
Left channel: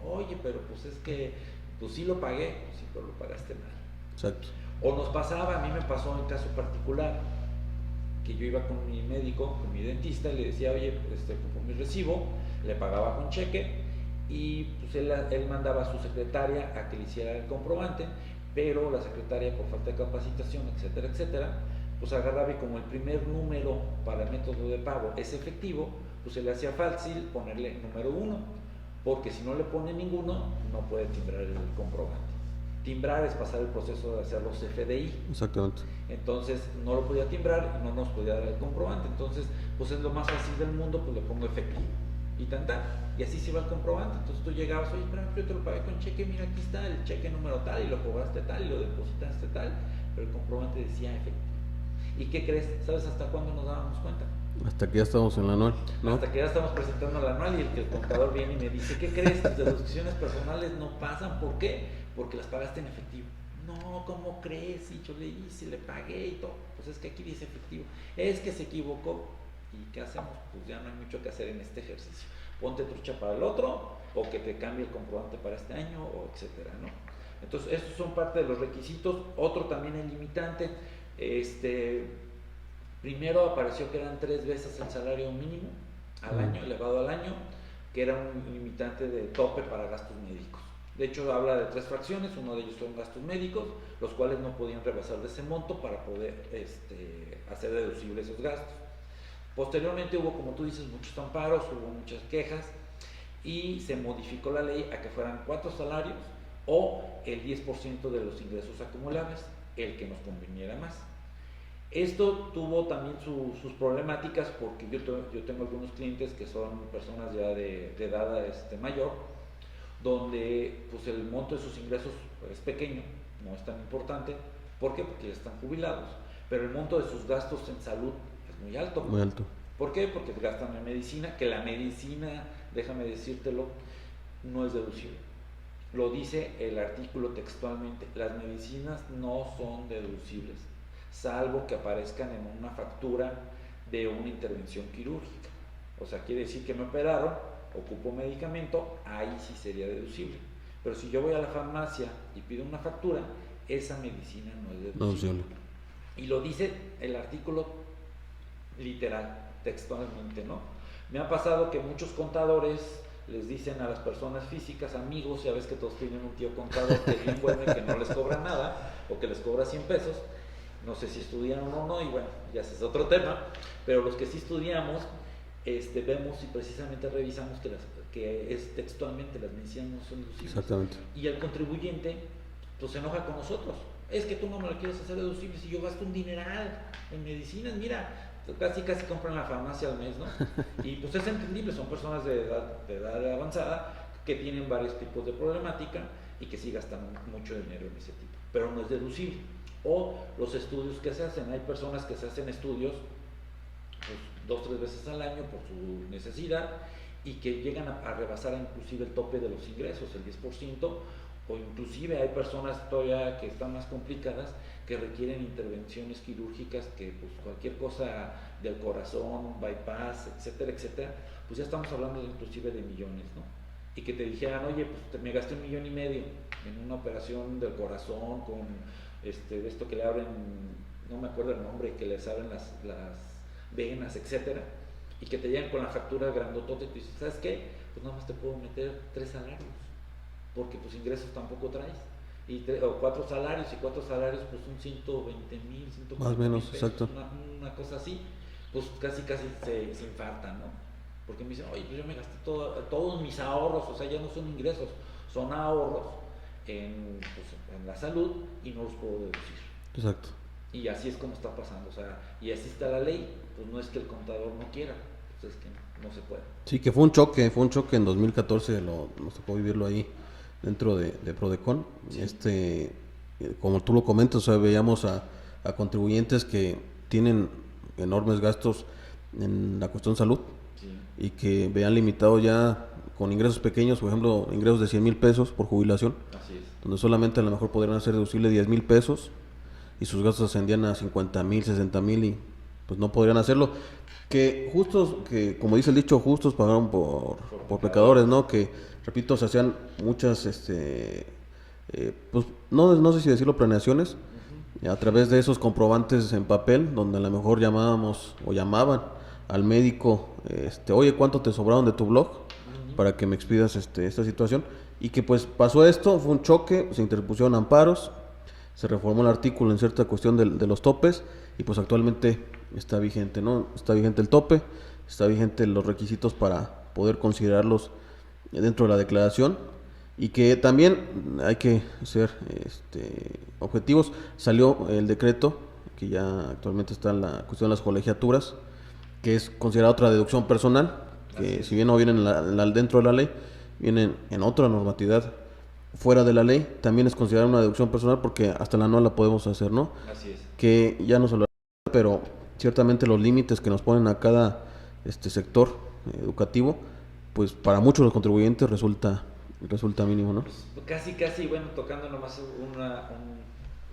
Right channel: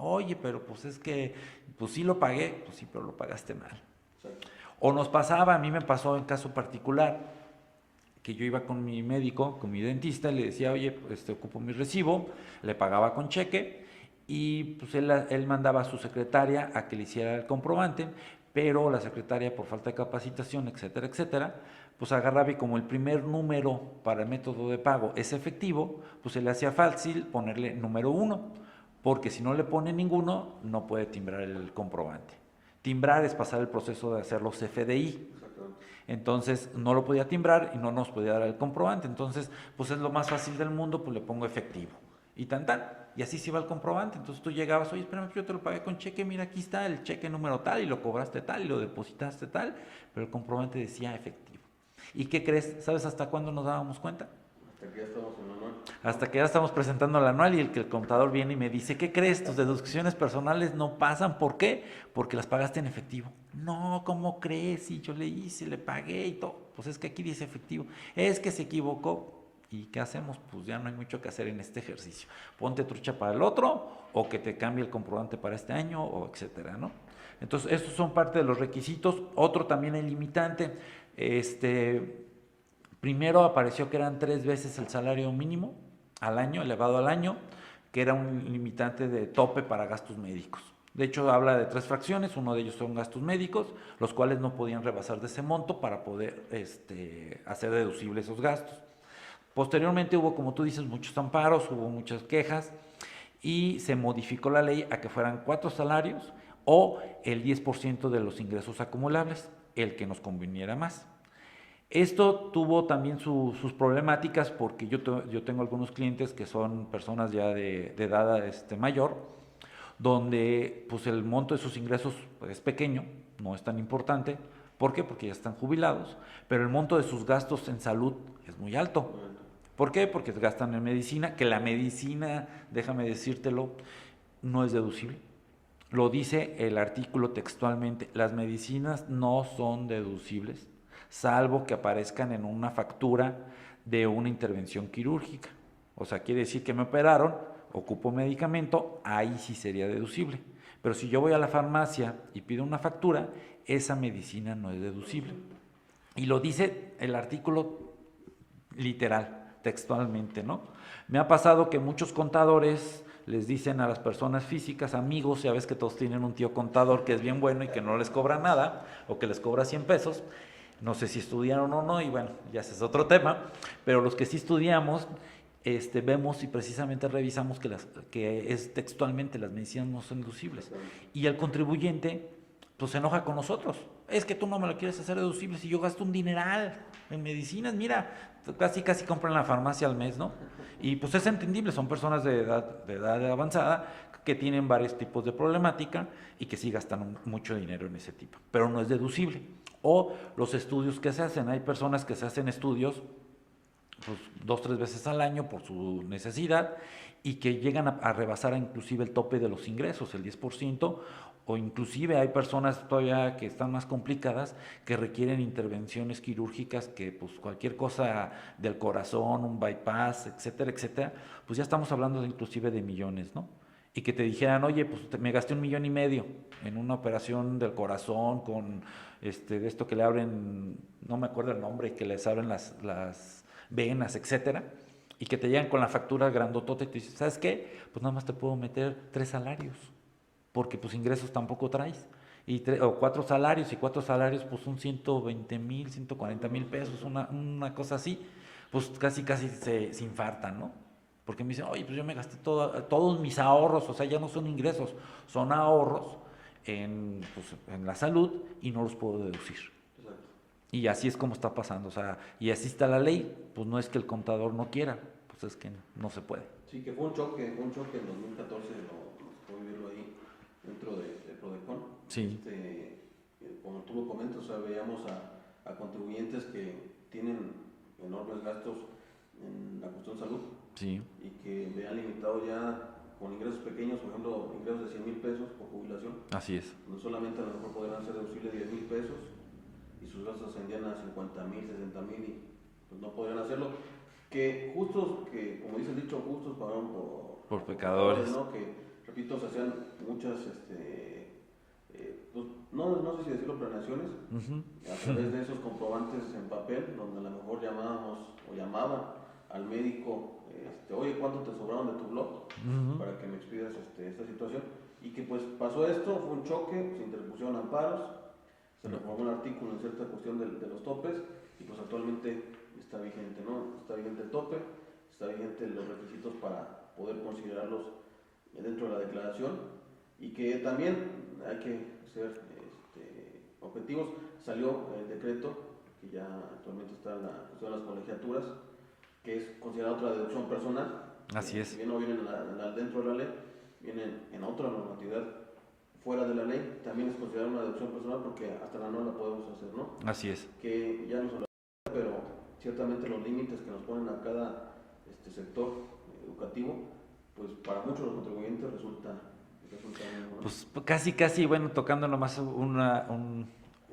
Oye, pero pues es que, pues sí lo pagué, pues sí, pero lo pagaste mal. Exacto. O nos pasaba, a mí me pasó en caso particular, que yo iba con mi médico, con mi dentista, y le decía, oye, ocupo mi recibo, le pagaba con cheque, y pues él mandaba a su secretaria a que le hiciera el comprobante, pero la secretaria, por falta de capacitación, etcétera, etcétera, pues agarraba y como el primer número para el método de pago es efectivo, pues se le hacía fácil ponerle número 1, porque si no le pone ninguno, no puede timbrar el comprobante. Timbrar es pasar el proceso de hacer los FDI. Exactamente. Entonces no lo podía timbrar y no nos podía dar el comprobante. Entonces, pues es lo más fácil del mundo, pues le pongo efectivo. Y tan. Y así se iba el comprobante. Entonces tú llegabas, oye, espérame, yo te lo pagué con cheque, mira, aquí está el cheque número tal, y lo cobraste tal, y lo depositaste tal, pero el comprobante decía efectivo. ¿Y qué crees? ¿Sabes hasta cuándo nos dábamos cuenta? Hasta que ya estamos en la anual, ¿no? Hasta que ya estamos presentando el anual y el contador viene y me dice, ¿qué crees? Tus deducciones personales no pasan. ¿Por qué? Porque las pagaste en efectivo. No, ¿cómo crees? Y yo le hice, le pagué y todo. Pues es que aquí dice efectivo. Es que se equivocó. ¿Y qué hacemos? Pues ya no hay mucho que hacer en este ejercicio. Ponte trucha para el otro, o que te cambie el comprobante para este año, o etcétera, ¿no? Entonces, estos son parte de los requisitos. Otro también el limitante. Primero apareció que eran 3 veces el salario mínimo al año, elevado al año, que era un limitante de tope para gastos médicos. De hecho, habla de 3 fracciones, uno de ellos son gastos médicos, los cuales no podían rebasar de ese monto para poder hacer deducibles esos gastos. Posteriormente hubo, como tú dices, muchos amparos, hubo muchas quejas y se modificó la ley a que fueran 4 salarios o el 10% de los ingresos acumulables, el que nos conveniera más. Esto tuvo también sus problemáticas porque yo tengo algunos clientes que son personas ya de edad mayor, donde pues el monto de sus ingresos es pequeño, no es tan importante. ¿Por qué? Porque ya están jubilados, pero el monto de sus gastos en salud es muy alto. Muy alto. ¿Por qué? Porque gastan en medicina, que la medicina, déjame decírtelo, no es deducible. Lo dice el artículo textualmente, las medicinas no son deducibles, salvo que aparezcan en una factura de una intervención quirúrgica. O sea, quiere decir que me operaron, ocupo medicamento, ahí sí sería deducible. Pero si yo voy a la farmacia y pido una factura, esa medicina no es deducible. Y lo dice el artículo literal, textualmente, ¿no? Me ha pasado que muchos contadores les dicen a las personas físicas, amigos, ya ves que todos tienen un tío contador que es bien bueno y que no les cobra nada, o que les cobra 100 pesos, no sé si estudiaron o no, y bueno, ya ese es otro tema, pero los que sí estudiamos, vemos y precisamente revisamos que es textualmente, las medicinas no son deducibles. Exactamente. Y el contribuyente, pues se enoja con nosotros, es que tú no me lo quieres hacer deducible si yo gasto un dineral en medicinas, mira, casi compran en la farmacia al mes, ¿no? Y pues es entendible, son personas de edad avanzada que tienen varios tipos de problemática y que sí gastan mucho dinero en ese tipo, pero no es deducible. O los estudios que se hacen, hay personas que se hacen estudios pues 2-3 veces al año por su necesidad y que llegan a rebasar inclusive el tope de los ingresos, el 10%, o inclusive hay personas todavía que están más complicadas que requieren intervenciones quirúrgicas que pues cualquier cosa del corazón, un bypass, etcétera, etcétera, pues ya estamos hablando de inclusive de millones, ¿no? Y que te dijeran, oye, pues me gasté $1.5 million en una operación del corazón con de esto que le abren, no me acuerdo el nombre, que les abren las venas, etcétera, y que te llegan con la factura grandotota y te dices, ¿sabes qué? Pues nada más te puedo meter 3 salarios, porque pues ingresos tampoco traes, o 4 salarios, y 4 salarios pues son 120,000, 140,000 pesos, una cosa así, pues casi se infartan, ¿no? Porque me dicen, oye, pues yo me gasté todos mis ahorros, o sea, ya no son ingresos, son ahorros en la salud y no los puedo deducir. Exacto. Y así es como está pasando, o sea, y así está la ley, pues no es que el contador no quiera, pues es que no se puede. Sí, que fue un choque en 2014, nos tocó vivirlo ahí dentro de Prodecon. Sí. Como tú lo comentas, o sea, veíamos a contribuyentes que tienen enormes gastos en la cuestión salud. Sí. Y que vean limitado ya con ingresos pequeños, por ejemplo, ingresos de 100,000 pesos por jubilación. Así es. Donde solamente a lo mejor podrían hacer deducible 10,000 pesos y sus gastos ascendían a 50,000, 60,000 y pues no podrían hacerlo. Que justos, que como dice el dicho, justos pagaron por pecadores, ¿no? Que, repito, se hacían muchas, pues no sé si decirlo, planeaciones, a través de esos comprobantes en papel, donde a lo mejor llamábamos o llamaban al médico, oye, ¿cuánto te sobraron de tu blog? Para que me expidas esta situación. Y que pues pasó esto, fue un choque, se interpusieron amparos, se reformó el artículo en cierta cuestión de los topes, y pues actualmente está vigente, ¿no? Está vigente el tope, está vigente los requisitos para poder considerarlos dentro de la declaración, y que también hay que ser objetivos. Salió el decreto que ya actualmente está en la cuestión de las colegiaturas, que es considerada otra deducción personal, que si bien no viene dentro de la ley, vienen en otra normatividad fuera de la ley, también es considerada una deducción personal, porque hasta la anual la podemos hacer, ¿no? Así es. Que ya no se lo, pero ciertamente los límites que nos ponen a cada sector educativo, pues para muchos de los contribuyentes resulta mínimo, ¿no? Pues casi, bueno, tocando nomás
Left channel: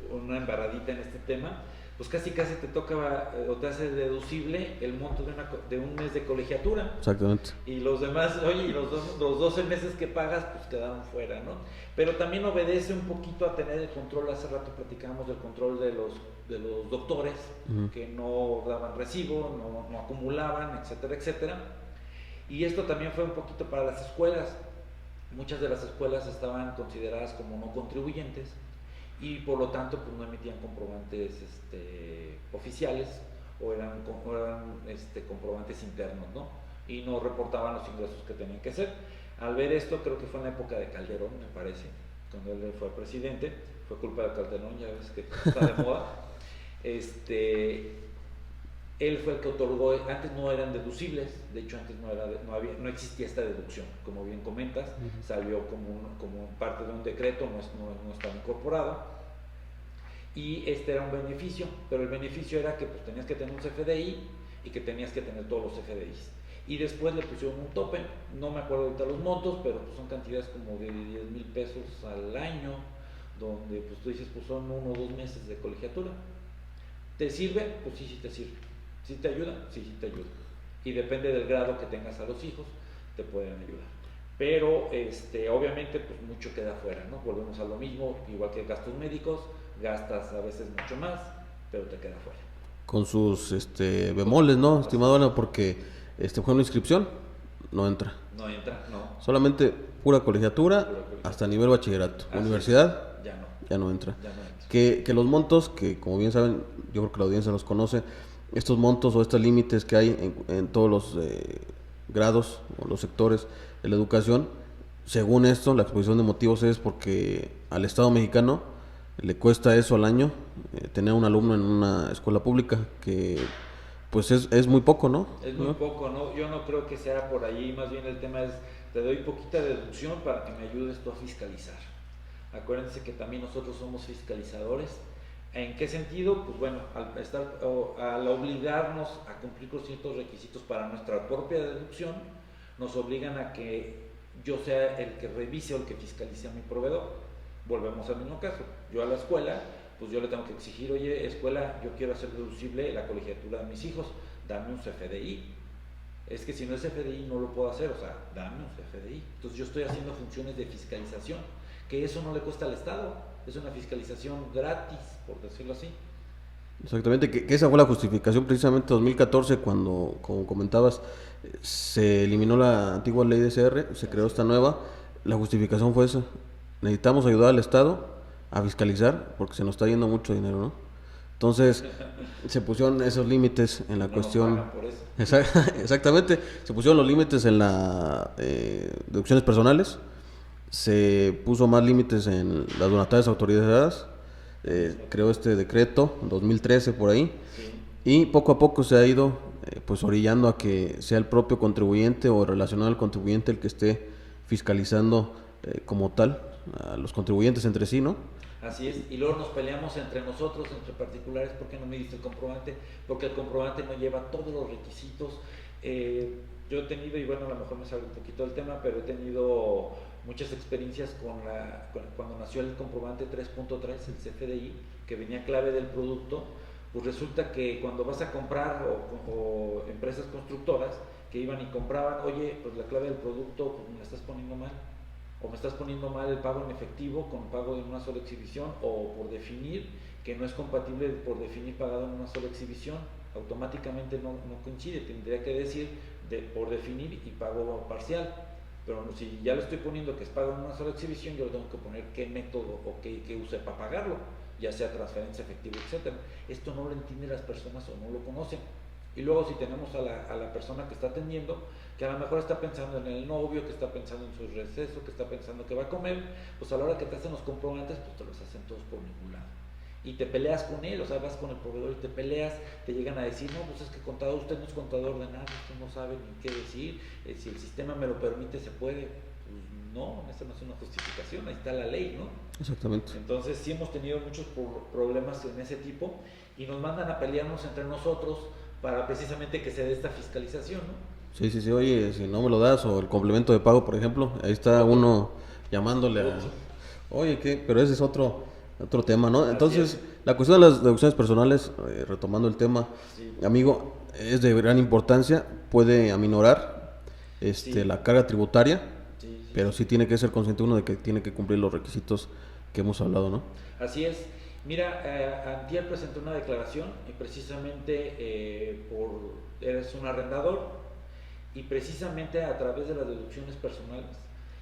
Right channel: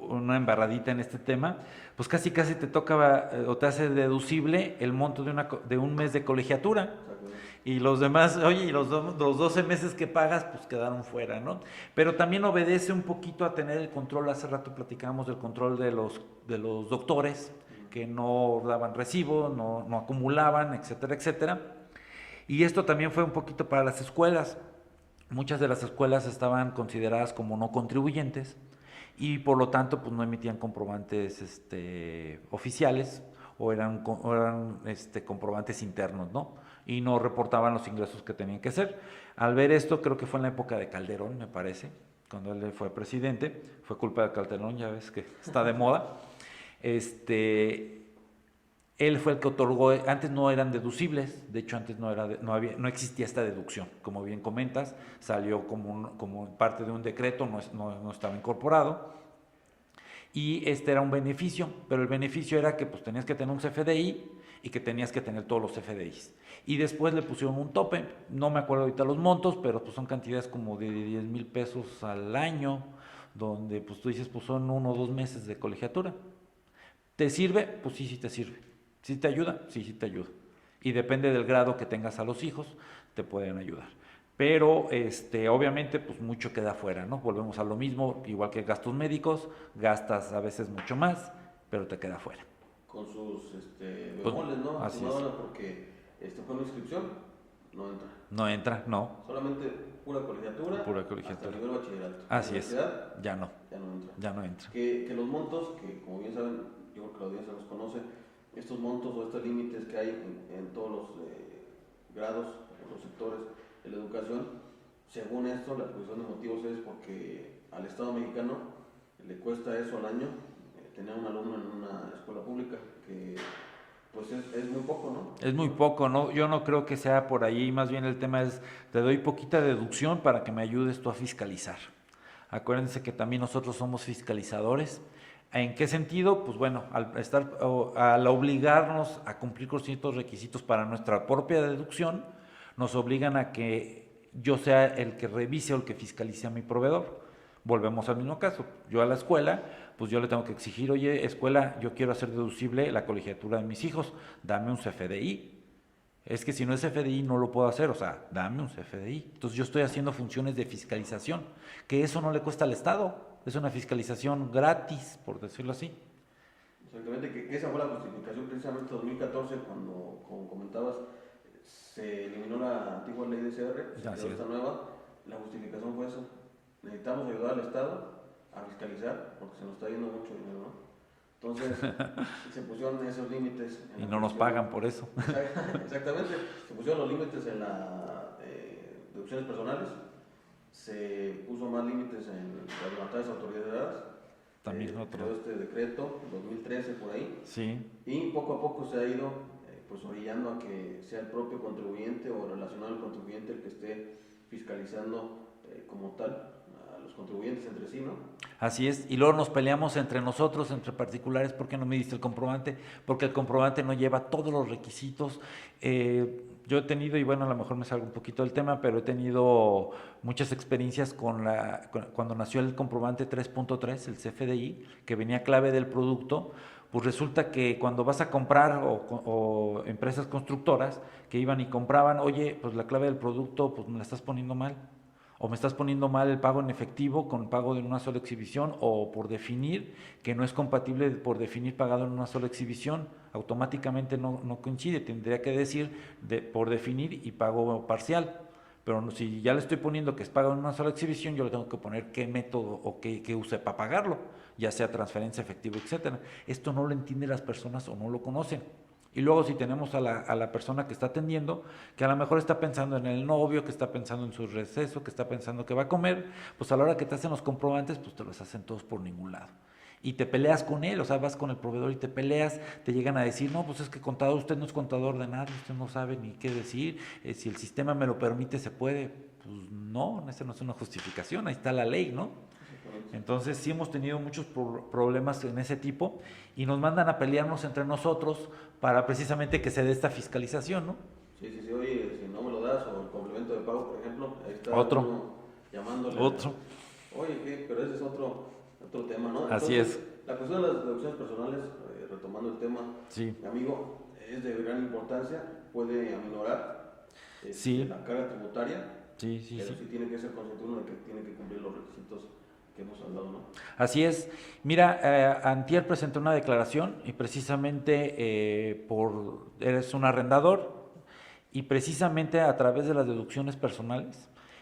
una embarradita en este tema, pues casi te toca o te hace deducible el monto de un mes de colegiatura. Exactamente. Y los demás, oye, y los 12 meses que pagas, pues quedaron fuera, ¿no? Pero también obedece un poquito a tener el control. Hace rato platicábamos del control de los doctores, que no daban recibo, no acumulaban, etcétera, etcétera. Y esto también fue un poquito para las escuelas. Muchas de las escuelas estaban consideradas como no contribuyentes, y por lo tanto pues no emitían comprobantes oficiales, o eran comprobantes internos, ¿no? Y no reportaban los ingresos que tenían que hacer. Al ver esto, creo que fue en la época de Calderón, me parece, cuando él fue presidente. Fue culpa de Calderón, ya ves que está de moda. Él fue el que otorgó. Antes no eran deducibles, de hecho antes no existía esta deducción, como bien comentas. Salió como parte de un decreto, no estaba incorporado, y era un beneficio, pero el beneficio era que pues tenías que tener un CFDI, y que tenías que tener todos los CFDIs, y después le pusieron un tope. No me acuerdo ahorita los montos, pero pues son cantidades como de 10,000 pesos al año, donde pues tú dices, pues son 1 o 2 meses de colegiatura. ¿Te sirve? Pues sí te sirve. ¿Sí te ayuda? Sí te ayuda. Y depende del grado que tengas a los hijos, te pueden ayudar. Pero obviamente pues mucho queda fuera, ¿no? Volvemos a lo mismo, igual que gastos médicos, gastas a veces mucho más, pero te queda fuera. Con sus bemoles, ¿no, estimado Ana? Porque fue una inscripción, no entra. No entra, no. Solamente pura colegiatura, hasta nivel bachillerato. Universidad, ya no entra. Ya no entra. Que los montos, que como bien saben, yo creo que la audiencia los conoce, estos montos o estos límites que hay en todos los grados o los sectores de la educación, según esto, la exposición de motivos es porque al Estado mexicano le cuesta eso al año, tener un alumno en una escuela pública, que pues es muy poco, ¿no? Es muy poco, ¿no? Yo no creo que sea por ahí, más bien el tema es, te doy poquita deducción para que me ayudes tú a fiscalizar. Acuérdense que también nosotros somos fiscalizadores. ¿En qué sentido? Pues bueno, al obligarnos a cumplir con ciertos requisitos para nuestra propia deducción, nos obligan a que yo sea el que revise o el que fiscalice a mi proveedor. Volvemos al mismo caso. Yo a la escuela, pues yo le tengo que exigir, oye, escuela, yo quiero hacer deducible la colegiatura de mis hijos, dame un CFDI. Es que si no es CFDI no lo puedo hacer, o sea, dame un CFDI. Entonces yo estoy haciendo funciones de fiscalización, que eso no le cuesta al Estado, es una fiscalización gratis, por decirlo así. Exactamente, que esa fue la justificación precisamente en 2014, cuando, como comentabas, se eliminó la antigua ley de CR, se creó esta nueva. La justificación fue esa: necesitamos ayudar al Estado a fiscalizar porque se nos está yendo mucho dinero, ¿no? Entonces se pusieron esos límites en la cuestión. Nos pagan por eso. Exactamente, se pusieron los límites en las deducciones personales, se puso más límites en las donatarias autorizadas, creó este decreto en 2013 por ahí, sí. Y poco a poco se ha ido pues orillando a que sea el propio contribuyente o relacionado al contribuyente el que esté fiscalizando como tal a los contribuyentes entre sí, ¿no? Así es, y luego nos peleamos entre nosotros, entre particulares, ¿por qué no me diste el comprobante? Porque el comprobante no lleva todos los requisitos. Yo he tenido, y bueno, a lo mejor me salgo un poquito del tema, pero he tenido muchas experiencias cuando nació el comprobante 3.3, el CFDI, que venía clave del producto. pues resulta que cuando vas a comprar o empresas constructoras que iban y compraban, oye, pues la clave del producto pues me la estás poniendo mal, o me estás poniendo mal el pago en efectivo con el pago de una sola exhibición, o por definir que no es compatible por definir pagado en una sola exhibición, automáticamente no coincide, tendría que decir por definir y pago parcial. Pero si ya le estoy poniendo que es pago en una sola exhibición, yo le tengo que poner qué método o qué use para pagarlo, ya sea transferencia, efectivo, etcétera. Esto no lo entienden las personas o no lo conocen. Y luego si tenemos a la persona que está atendiendo, que a lo mejor está pensando en el novio, que está pensando en su receso, que está pensando que va a comer, pues a la hora que te hacen los comprobantes, pues te los hacen todos por ningún lado. Y te peleas con él, o sea, vas con el proveedor y te peleas, te llegan a decir, no, pues es que contador, usted no es contador de nada, usted no sabe ni qué decir, si el sistema me lo permite, se puede. Pues no, esa no es una justificación, ahí está la ley, ¿no? Exactamente. Entonces sí hemos tenido muchos problemas en ese tipo y nos mandan a pelearnos entre nosotros para precisamente que se dé esta fiscalización, ¿no? Sí, sí, sí, oye, si no me lo das, o el complemento de pago, por ejemplo, ahí está uno llamándole. Oye, ¿qué? Pero ese es otro tema, ¿no? Entonces, la cuestión de las deducciones personales, retomando el tema, sí, amigo, es de gran importancia, puede aminorar sí, la carga tributaria, sí, sí, pero sí tiene que ser consciente uno de que tiene que cumplir los requisitos que hemos hablado, ¿no? Así es. Mira, antier presenté una declaración y precisamente eres un arrendador y precisamente a través de las deducciones personales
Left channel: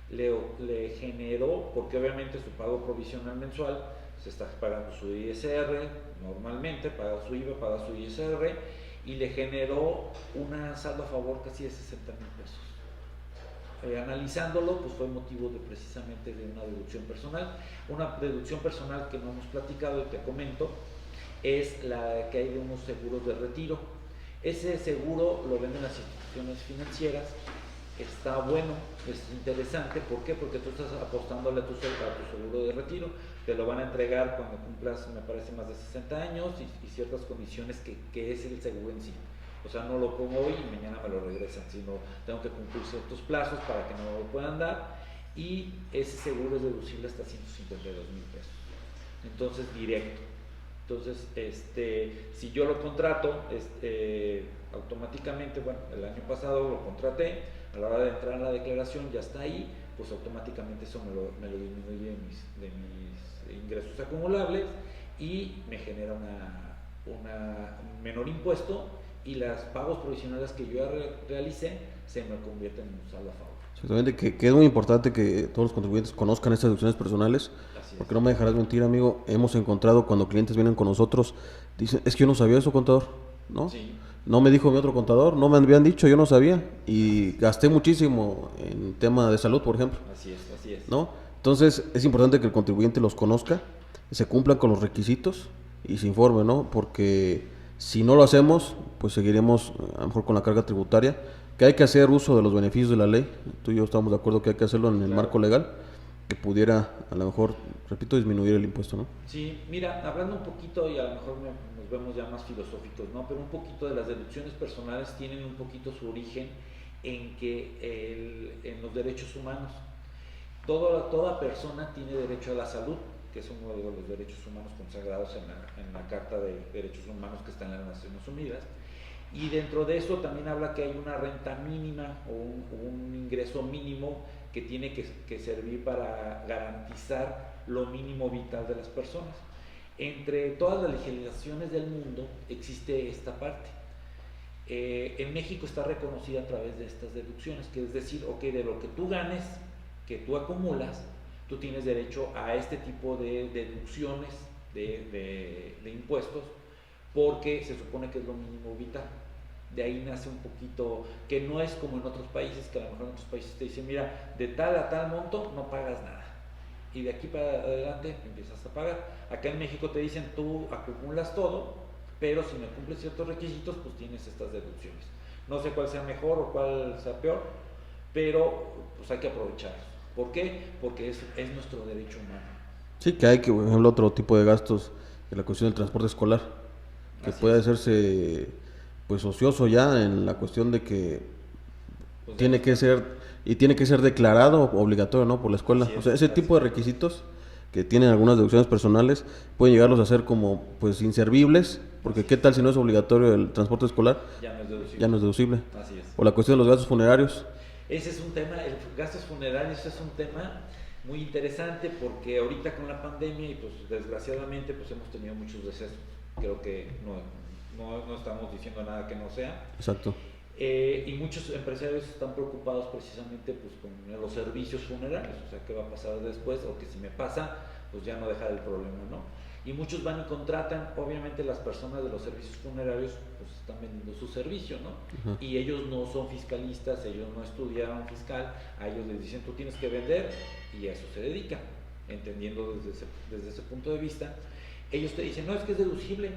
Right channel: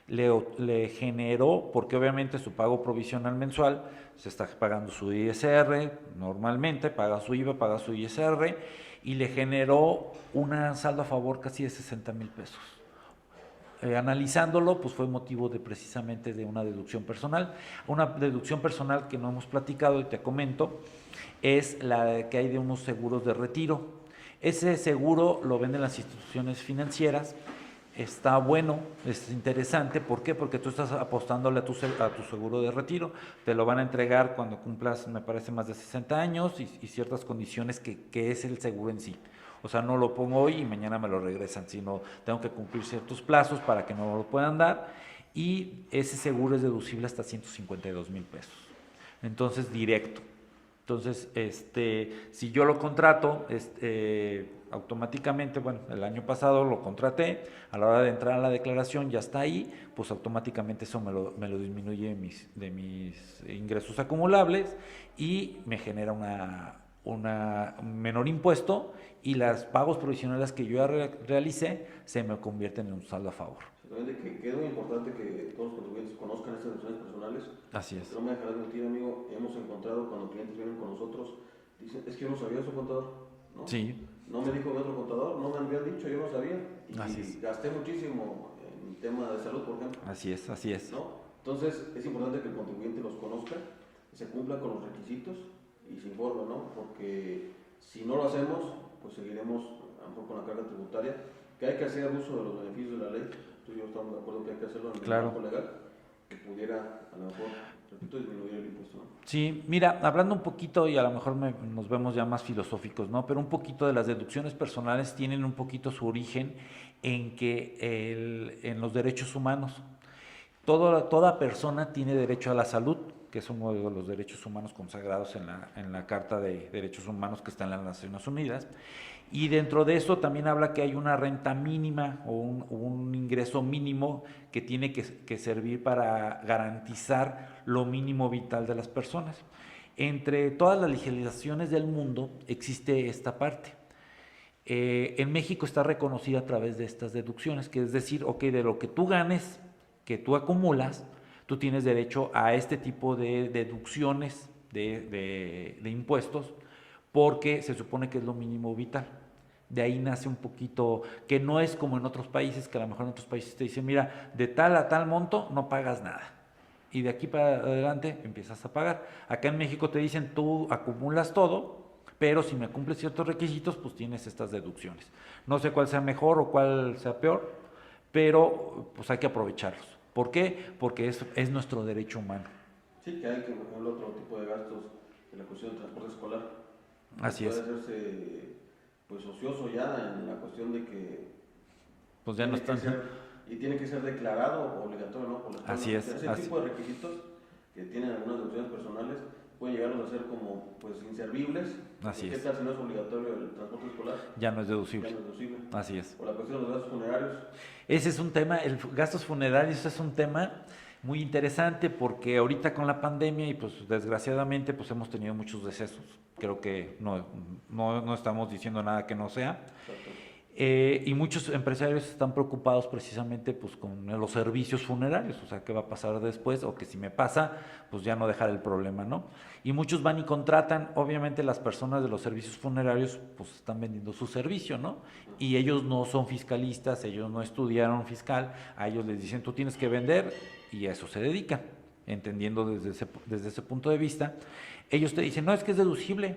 le generó, porque obviamente su pago provisional mensual se está pagando su ISR, normalmente paga su IVA, paga su ISR y le generó un saldo a favor casi de 60,000 pesos. Analizándolo, pues fue motivo de precisamente de una deducción personal. Una deducción personal que no hemos platicado y te comento es la que hay de unos seguros de retiro. Ese seguro lo venden las instituciones financieras, está bueno, es interesante. ¿Por qué? Porque tú estás apostándole a tu seguro de retiro, te lo van a entregar cuando cumplas, me parece, más de 60 años y ciertas condiciones que es el seguro en sí. O sea, no lo pongo hoy y mañana me lo regresan, sino tengo que cumplir ciertos plazos para que no me lo puedan dar, y ese seguro es deducible hasta 152,000 pesos. Entonces, directo. Entonces, si yo lo contrato, automáticamente, bueno, el año pasado lo contraté, a la hora de entrar a la declaración ya está ahí, pues automáticamente eso me lo disminuye de mis ingresos acumulables y me genera un menor impuesto, y los pagos provisionales que yo ya realicé se me convierten en un saldo a favor. Exactamente, que es muy importante que todos los contribuyentes conozcan estas deducciones personales. Así es. Porque no me dejarás mentir, amigo, hemos encontrado cuando clientes vienen con nosotros, dicen, es que yo no sabía eso, contador, ¿no? Sí. No me dijo mi otro contador, no me habían dicho, yo no sabía, y gasté muchísimo en tema de salud, por ejemplo. Así es. ¿No? Entonces, es importante que el contribuyente los conozca, se cumplan con los requisitos y se informe, ¿no? Porque si no lo hacemos, pues seguiremos a lo mejor con la carga tributaria, que hay que hacer uso de los beneficios de la ley. Tú y yo estamos de acuerdo que hay que hacerlo en el marco legal, que pudiera a lo mejor, repito, disminuir el impuesto, ¿no? Sí, mira, hablando un poquito, y a lo mejor nos vemos ya más filosóficos, ¿no? Pero un poquito de las deducciones personales tienen un poquito su origen en en los derechos humanos. Toda persona tiene derecho a la salud, que es uno de los derechos humanos consagrados en la Carta de Derechos Humanos que está en las Naciones Unidas, y dentro de eso también habla que hay una renta mínima o un ingreso mínimo que tiene que servir para garantizar lo mínimo vital de las personas. Entre todas las legislaciones del mundo existe esta parte. En México está reconocida a través de estas deducciones, que es decir, ok, de lo que tú ganes, que tú acumulas, tú tienes derecho a este tipo de deducciones de impuestos, porque se supone que es lo mínimo vital. De ahí nace un poquito, que no es como en otros países, que a lo mejor en otros países te dicen, mira, de tal a tal monto no pagas nada, y de aquí para adelante empiezas a pagar. Acá en México te dicen, tú acumulas todo, pero si me cumples ciertos requisitos, pues tienes estas deducciones. No sé cuál sea mejor o cuál sea peor, pero pues hay que aprovecharlos. ¿Por qué? Porque es nuestro derecho humano. Sí, que hay que, por ejemplo, otro tipo de gastos, en la cuestión del transporte escolar, que puede hacerse pues ocioso ya, en la cuestión de que pues tiene que ser declarado obligatorio, ¿no? Por la escuela. O sea, ese tipo de requisitos que tienen algunas deducciones personales, pueden llegarlos a ser como pues inservibles, porque qué tal si no es obligatorio el transporte escolar, ya no es deducible. Ya no es deducible. Así es. O la cuestión de los gastos funerarios. Ese es un tema, gastos funerarios es un tema muy interesante porque ahorita con la pandemia y pues desgraciadamente pues hemos tenido muchos decesos. Creo que no estamos diciendo nada que no sea. Exacto. Y muchos empresarios están preocupados precisamente pues con los servicios funerarios, o sea, qué va a pasar después, o que si me pasa, pues ya no dejar el problema, ¿no? Y muchos van y contratan, obviamente las personas de los servicios funerarios pues están vendiendo su servicio, ¿no? Y ellos no son fiscalistas, ellos no estudiaron fiscal, a ellos les dicen tú tienes que vender y a eso se dedican, entendiendo desde ese punto de vista. Ellos te dicen, no, es que es deducible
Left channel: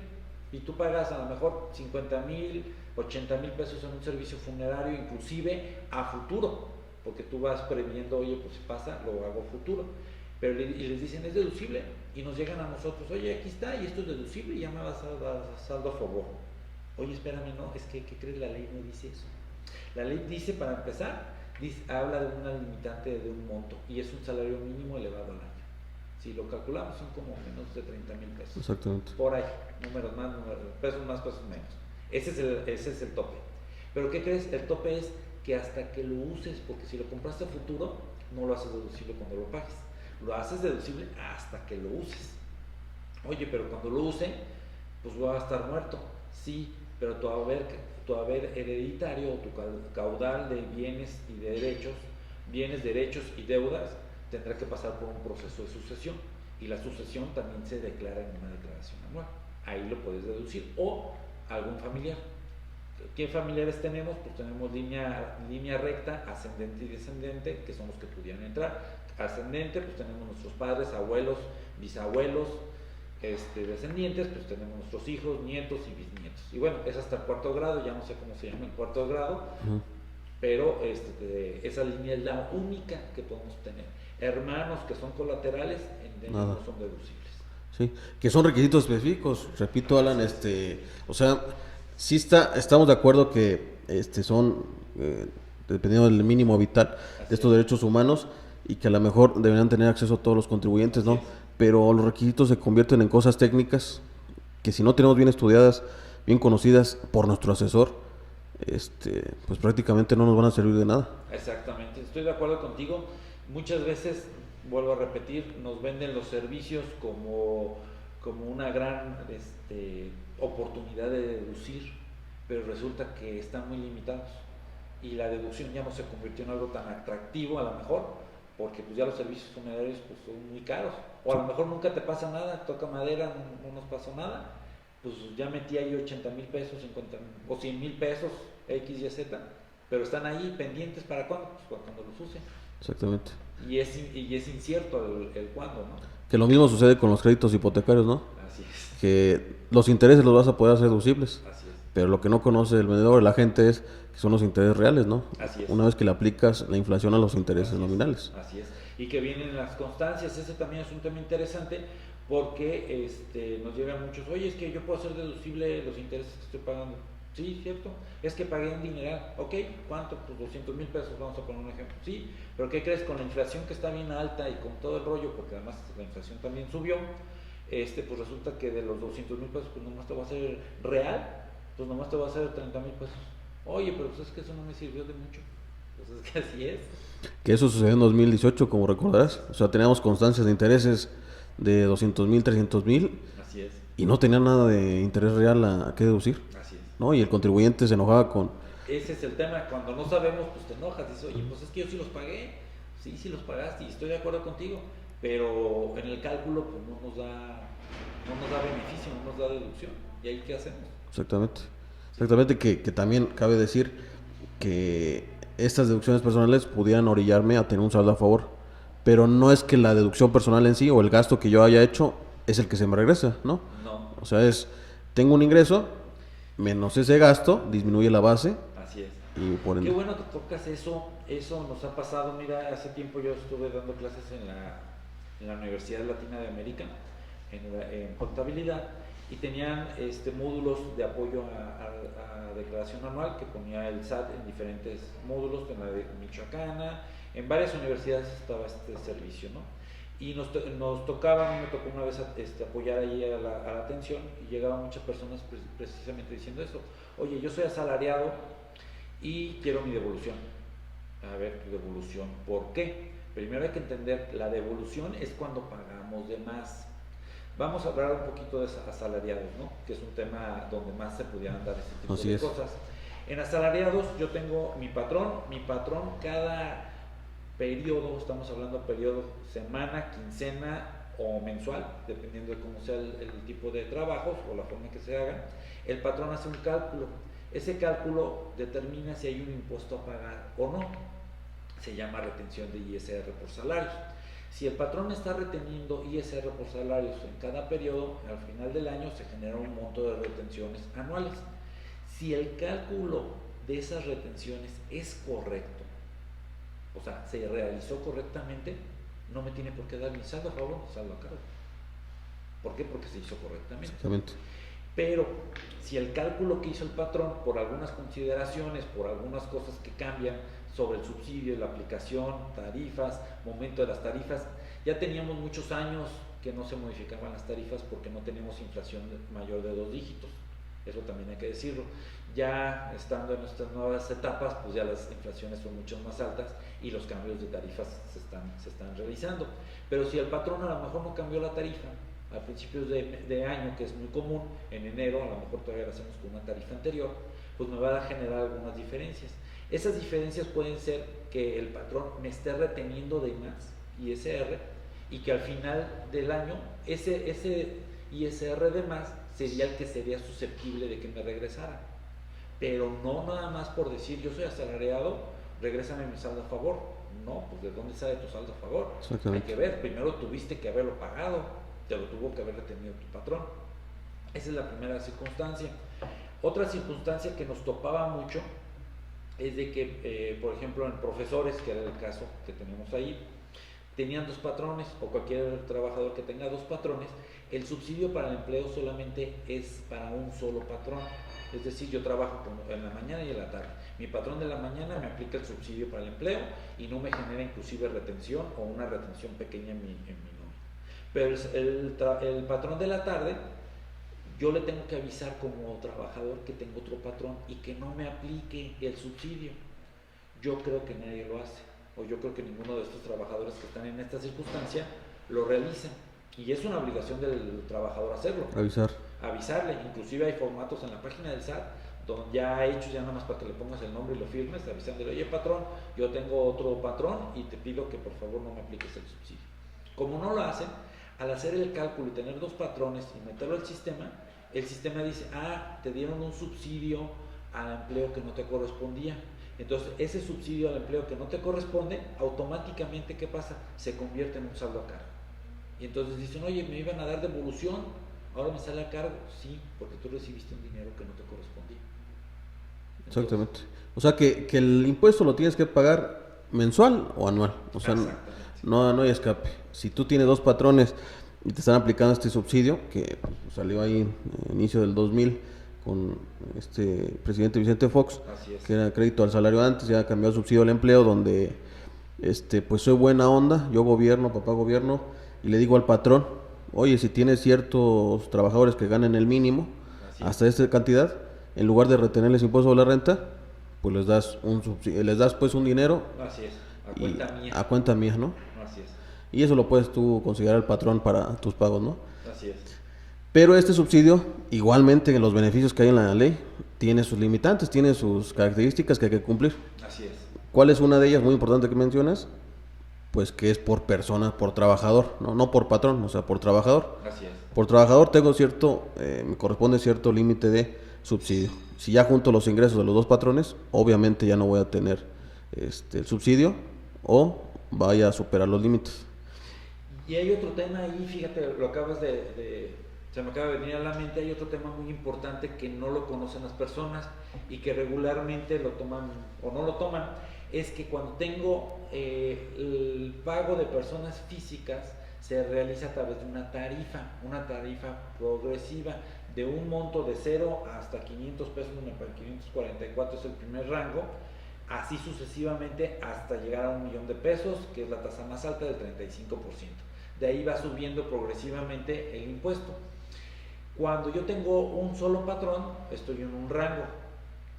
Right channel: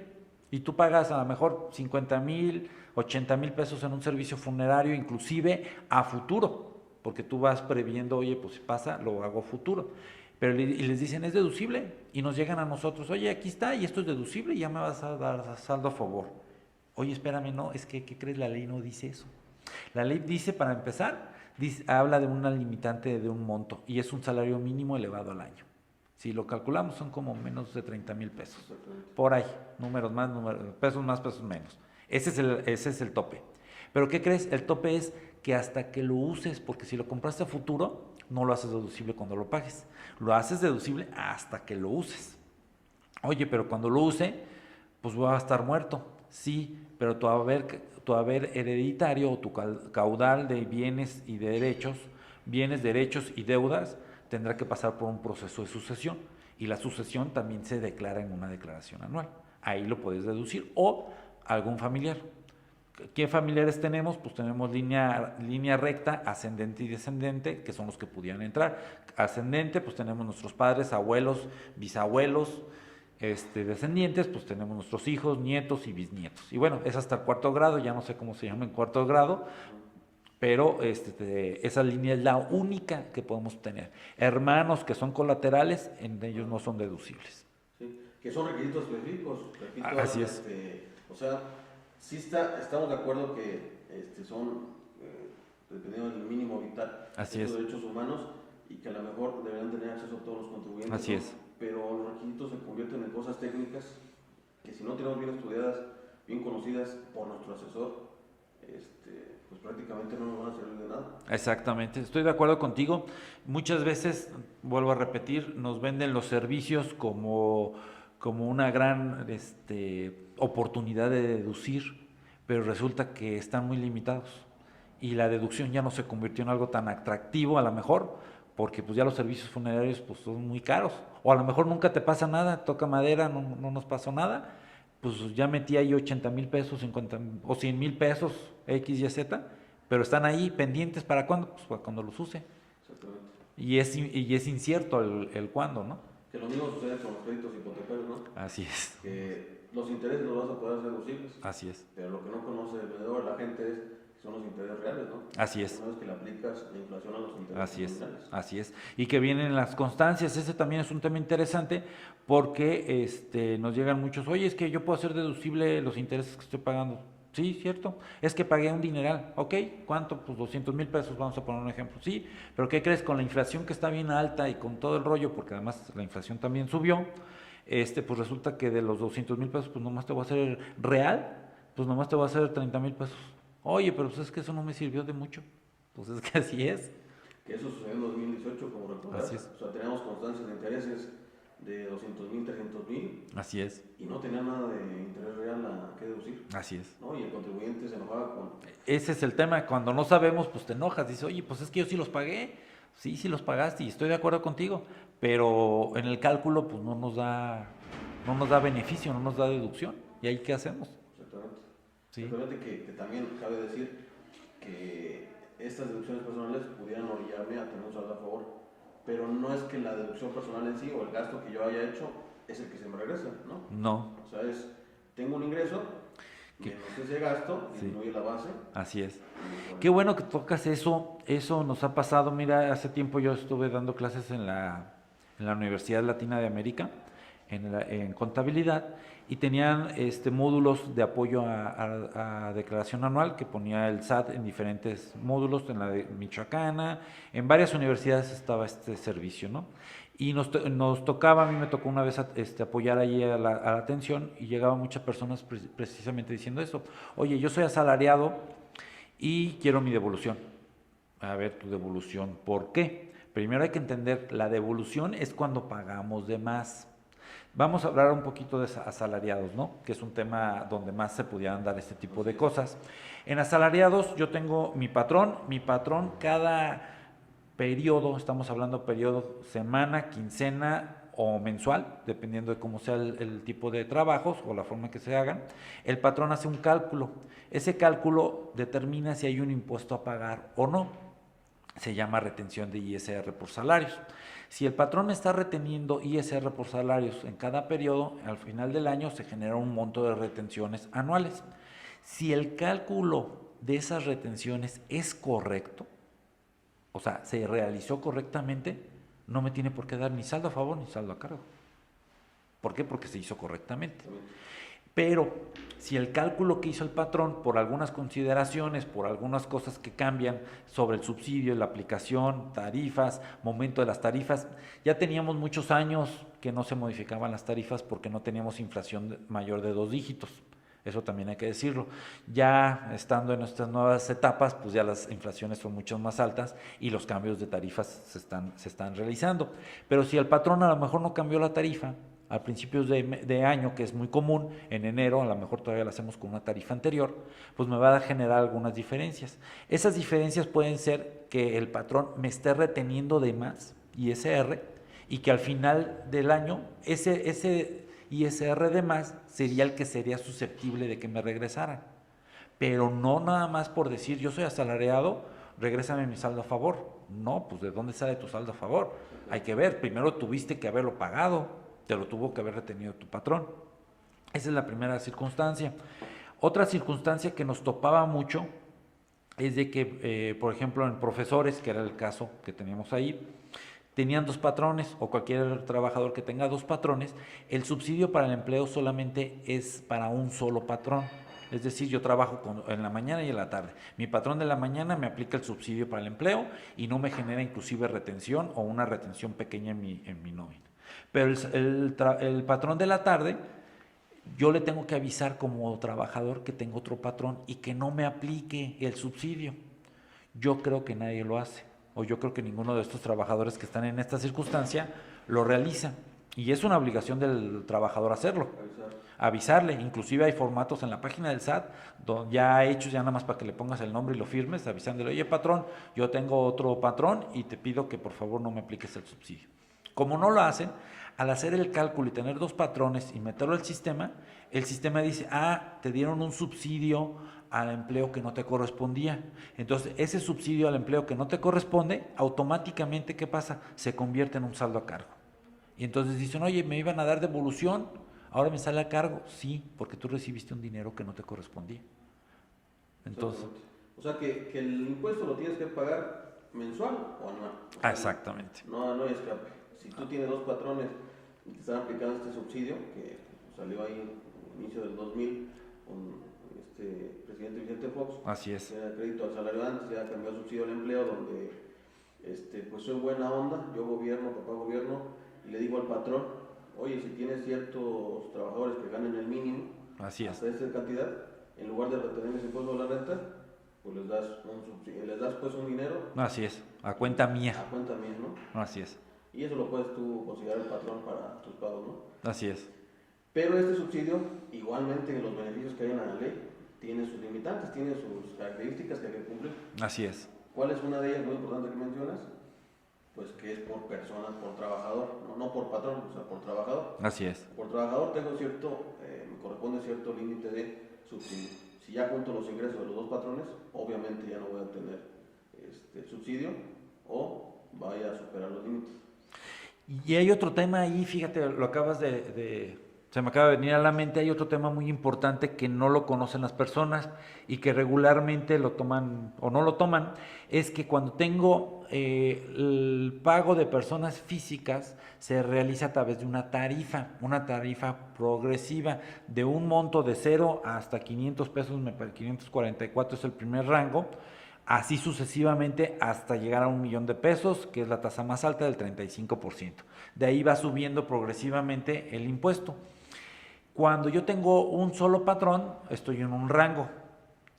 y tú pagas a lo mejor 50,000, 80,000 pesos en un servicio funerario, inclusive a futuro, porque tú vas previendo, oye, pues si pasa, lo hago futuro. Pero y les dicen, es deducible, y nos llegan a nosotros, oye, aquí está, y esto es deducible, y ya me vas a dar saldo a favor. Oye, espérame, no, es que, ¿qué crees? La ley no dice eso. La ley dice, para empezar, habla de una limitante de un monto, y es un salario mínimo elevado al año. Si lo calculamos, son como menos de 30,000 pesos. Exactamente. Por ahí, números más, pesos más, pesos menos. Ese es el tope. Pero ¿qué crees? El tope es que hasta que lo uses, porque si lo compraste a futuro, no lo haces deducible cuando lo pagues. Lo haces deducible hasta que lo uses. Oye, pero cuando lo use, pues voy a estar muerto. Sí, pero tu haber hereditario o tu caudal de bienes y de derechos, y deudas, tendrá que pasar por un proceso de sucesión. Y la sucesión también se declara en una declaración anual. Ahí lo puedes deducir. O algún familiar. ¿Qué familiares tenemos? Pues tenemos línea recta, ascendente y descendente, que son los que pudieran entrar. Ascendente, pues tenemos nuestros padres, abuelos, bisabuelos. Descendientes, pues tenemos nuestros hijos, nietos y bisnietos. Y bueno, es hasta el 4º grado, ya no sé cómo se llama en 4º grado, pero esa línea es la única que podemos tener. Hermanos que son colaterales, en ellos no son deducibles. Sí, que son requisitos específicos, repito, Alan, o sea, sí estamos de acuerdo que son, dependiendo del mínimo vital de estos derechos humanos, y que a lo mejor deberían tener acceso a todos los contribuyentes, ¿no? Pero los requisitos se convierten en cosas técnicas que si no tenemos bien estudiadas, bien conocidas por nuestro asesor, pues prácticamente no nos van a servir de nada. Exactamente, estoy de acuerdo contigo. Muchas veces, vuelvo a repetir, nos venden los servicios como una gran oportunidad de deducir, pero resulta que están muy limitados y la deducción ya no se convirtió en algo tan atractivo a lo mejor, porque pues ya los servicios funerarios pues son muy caros, o a lo mejor nunca te pasa nada, toca madera, no nos pasó nada, pues ya metí ahí 80,000 pesos, 50 o 100,000 pesos, X, Y, Z, pero están ahí pendientes. ¿Para cuándo? Pues cuando los use. Exactamente. Y es incierto el cuándo, ¿no? Que lo mismo sucede con los créditos hipotecarios, ¿no? Así es. Que los intereses los vas a poder hacer deducibles. Así es. Pero lo que no conoce el vendedor, la gente, es que son los intereses reales, ¿no? Así es. Una vez que le aplicas la inflación a los intereses nominales. Así es. Y que vienen las constancias, ese también es un tema interesante, porque nos llegan muchos, oye, es que yo puedo hacer deducible los intereses que estoy pagando. Sí, cierto, es que pagué un dineral. Ok, ¿cuánto? Pues 200,000 pesos, vamos a poner un ejemplo. Sí, pero ¿qué crees? Con la inflación que está bien alta y con todo el rollo, porque además la inflación también subió, pues resulta que de los 200,000 pesos, pues nomás te voy a hacer real, pues nomás te voy a hacer 30,000 pesos. Oye, pero pues es que eso no me sirvió de mucho. Pues es que así es. Que eso sucedió en 2018, como recordarás. O sea, teníamos constancias de intereses de 200,000, 300,000. Así es. Y no tenía nada de interés real a qué deducir. Así es. ¿No? Y el contribuyente se enojaba con... Ese es el tema, cuando no sabemos, pues te enojas, dices, oye, pues es que yo sí los pagué. Sí los pagaste y estoy de acuerdo contigo, pero en el cálculo pues no nos da beneficio, no nos da deducción. ¿Y ahí qué hacemos? Exactamente. Sí. Exactamente, que también cabe decir que estas deducciones personales pudieran orillarme a tener un saldo a favor, pero no es que la deducción personal en sí o el gasto que yo haya hecho es el que se me regresa, ¿no? No. O sea, tengo un ingreso, menos ese gasto, disminuye la base. Así es. Y Qué bueno que tocas eso nos ha pasado. Mira, hace tiempo yo estuve dando clases en la Universidad Latina de América, en contabilidad, y tenían módulos de apoyo a declaración anual que ponía el SAT en diferentes módulos, en la de Michoacana, en varias universidades estaba este servicio, ¿no? Y nos tocaba, a mí me tocó una vez apoyar ahí a la atención y llegaban muchas personas precisamente diciendo eso. Oye, yo soy asalariado y quiero mi devolución. A ver, tu devolución, ¿por qué? Primero hay que entender, la devolución es cuando pagamos de más. Vamos a hablar un poquito de asalariados, ¿no? Que es un tema donde más se pudieran dar este tipo de cosas. En asalariados yo tengo mi patrón cada periodo, estamos hablando periodo semana, quincena o mensual, dependiendo de cómo sea el tipo de trabajos o la forma en que se hagan, el patrón hace un cálculo. Ese cálculo determina si hay un impuesto a pagar o no. Se llama retención de ISR por salarios. Si el patrón está reteniendo ISR por salarios en cada periodo, al final del año se genera un monto de retenciones anuales. Si el cálculo de esas retenciones es correcto, o sea, se realizó correctamente, no me tiene por qué dar ni saldo a favor ni saldo a cargo. ¿Por qué? Porque se hizo correctamente. Exactamente. Pero si el cálculo que hizo el patrón, por algunas consideraciones, por algunas cosas que cambian sobre el subsidio, la aplicación, tarifas, momento de las tarifas, ya teníamos muchos años que no se modificaban las tarifas porque no teníamos inflación mayor de 2 dígitos. Eso también hay que decirlo. Ya estando en nuestras nuevas etapas, pues ya las inflaciones son mucho más altas y los cambios de tarifas se están realizando. Pero si el patrón a lo mejor no cambió la tarifa a principios de año, que es muy común, en enero a lo mejor todavía la hacemos con una tarifa anterior, pues me va a generar algunas diferencias. Esas diferencias pueden ser que el patrón me esté reteniendo de más ISR y que al final del año ese ISR de más sería el que sería susceptible de que me regresara. Pero no nada más por decir yo soy asalariado, regrésame mi saldo a favor. No, pues ¿de dónde sale tu saldo a favor? Hay que ver, primero tuviste que haberlo pagado, te lo tuvo que haber retenido tu patrón. Esa es la primera circunstancia. Otra circunstancia que nos topaba mucho es de que, por ejemplo, en profesores, que era el caso que teníamos ahí, tenían 2 patrones, o cualquier trabajador que tenga 2 patrones, el subsidio para el empleo solamente es para un solo patrón. Es decir, yo trabajo en la mañana y en la tarde. Mi patrón de la mañana me aplica el subsidio para el empleo y no me genera inclusive retención o una retención pequeña en mi nómina. Pero el patrón de la tarde, yo le tengo que avisar como trabajador que tengo otro patrón y que no me aplique el subsidio. Yo creo que nadie lo hace, o yo creo que ninguno de estos trabajadores que están en esta circunstancia lo realiza. Y es una obligación del trabajador hacerlo. Avisarle. Inclusive hay formatos en la página del SAT ya hechos, ya nada más para que le pongas el nombre y lo firmes, avisándole, oye patrón, yo tengo otro patrón y te pido que por favor no me apliques el subsidio. Como no lo hacen, al hacer el cálculo y tener 2 patrones y meterlo al sistema, el sistema dice, te dieron un subsidio al empleo que no te correspondía. Entonces, ese subsidio al empleo que no te corresponde, automáticamente, ¿qué pasa? Se convierte en un saldo a cargo. Y entonces dicen, oye, me iban a dar devolución, ahora me sale a cargo. Sí, porque tú recibiste un dinero que no te correspondía. Entonces, exactamente. O sea, que el impuesto lo tienes que pagar mensual o anual. O sea, exactamente. No hay escape. Si tú tienes 2 patrones y te están aplicando este subsidio, que salió ahí en inicio del 2000 con este presidente Vicente Fox, así es, que era crédito al salario antes, ya cambió a subsidio al empleo, donde pues soy buena onda, yo gobierno, papá gobierno, y le digo al patrón, oye, si tienes ciertos trabajadores que ganen el mínimo, hasta esta cantidad, en lugar de retenerles impuesto sobre la renta, pues les das pues un dinero. Así es, a cuenta mía. A cuenta mía, ¿no? Así es. Y eso lo puedes tú considerar el patrón para tus pagos, ¿no? Así es. Pero este subsidio, igualmente en los beneficios que hay en la ley, tiene sus limitantes, tiene sus características que hay que cumplir. Así es. ¿Cuál es una de ellas muy importante que mencionas? Pues que es por persona, por trabajador, no por patrón, o sea, por trabajador. Así es. Por trabajador tengo me corresponde cierto límite de subsidio. Si ya junto los ingresos de los 2 patrones, obviamente ya no voy a tener el subsidio o vaya a superar los límites. Y hay otro tema ahí, fíjate, lo acabas se me acaba de venir a la mente, hay otro tema muy importante que no lo conocen las personas y que regularmente lo toman o no lo toman, es que cuando tengo el pago de personas físicas, se realiza a través de una tarifa progresiva de un monto de 0 hasta 500 pesos, 544 es el primer rango, así sucesivamente hasta llegar a 1,000,000 de pesos, que es la tasa más alta del 35%. De ahí va subiendo progresivamente el impuesto. Cuando yo tengo un solo patrón, estoy en un rango